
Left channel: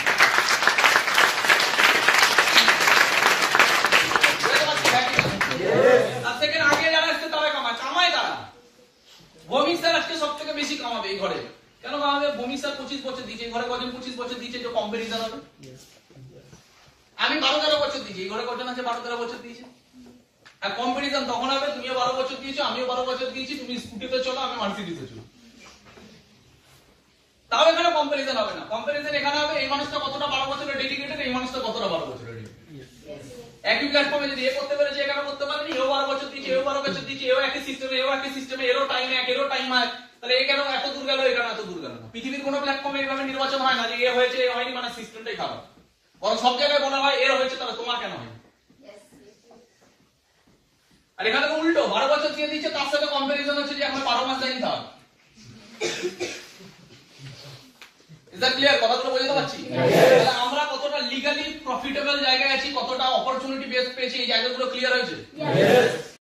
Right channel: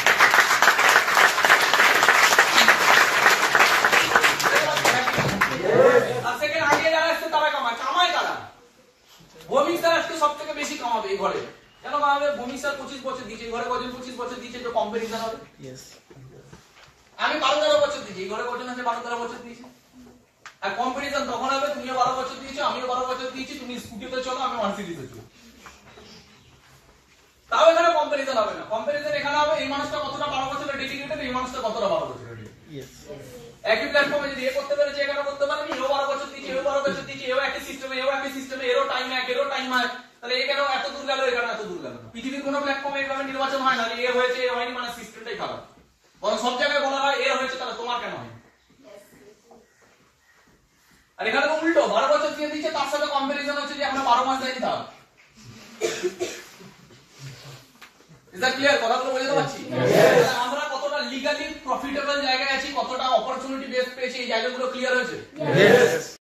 ভৌমিক স্যার আজকে সব থেকে বেশি কামাবে এই ঘরে। কেন কামাবে? ভৌমিক স্যার 25 বছর দিয়েছে, এই ঘরে কজন 25 বছর দিয়েছে, যে কম্পারিজন হবে। আমি 12-13 বছর দিয়েছি, এই ঘরে কজন আছে 12-13 বছর দিয়েছে। আর কম্পারিজন তখন হবে, তুমিও 12 বছর দিয়েছো, আমিও 12 বছর দিয়েছি, তুমি স্কুটিতে চলো, আমি মার্সিডিজে চলো, তাও এখানে কম্পারিজন হবে না। কম্পারিজন এখানে হবে এই মানুষটা কতটা 12 বছরের ডেডিকেটেড, এই মানুষটা কতটা 12 বছরের ডেডিকেটেড। একই প্ল্যাটফর্মে যদি এ করতে পেরেছে, এখানে করতে পারেনি, এও 12 বছর দিয়েছে, এও 12 বছর দিয়েছে, এও একই সিস্টেমে, এরও টাইম এক, এরও টাইম হয়, তাহলে এই কেন এত দূর গেল, এখানে এত দূর গেল না। পৃথিবীর কোনো প্ল্যাটফর্মে এভাবে নির্বাচন হয় না যে এ হয়েছে এ হয়নি, মানে সিস্টেমটাই খারাপ। বরং সব জায়গায় বলা হয় এর হয়েছে, তাহলে তোমার কেন হয়নি। আর এখানে তো উল্টো, 12 বছর দিয়ে দিচ্ছে, তার সাথে কম্পারিজন হচ্ছে যে আমরা 12 মাস যাই থাক। Is that clear? কথাগুলো বুঝতে পারছি? আমরা কতটা লিগালি প্রফিটেবল জায়গায় আছি, কতটা অপরচুনিটি বেস পেয়েছি, এই জায়গাগুলো ক্লিয়ার হয়েছে?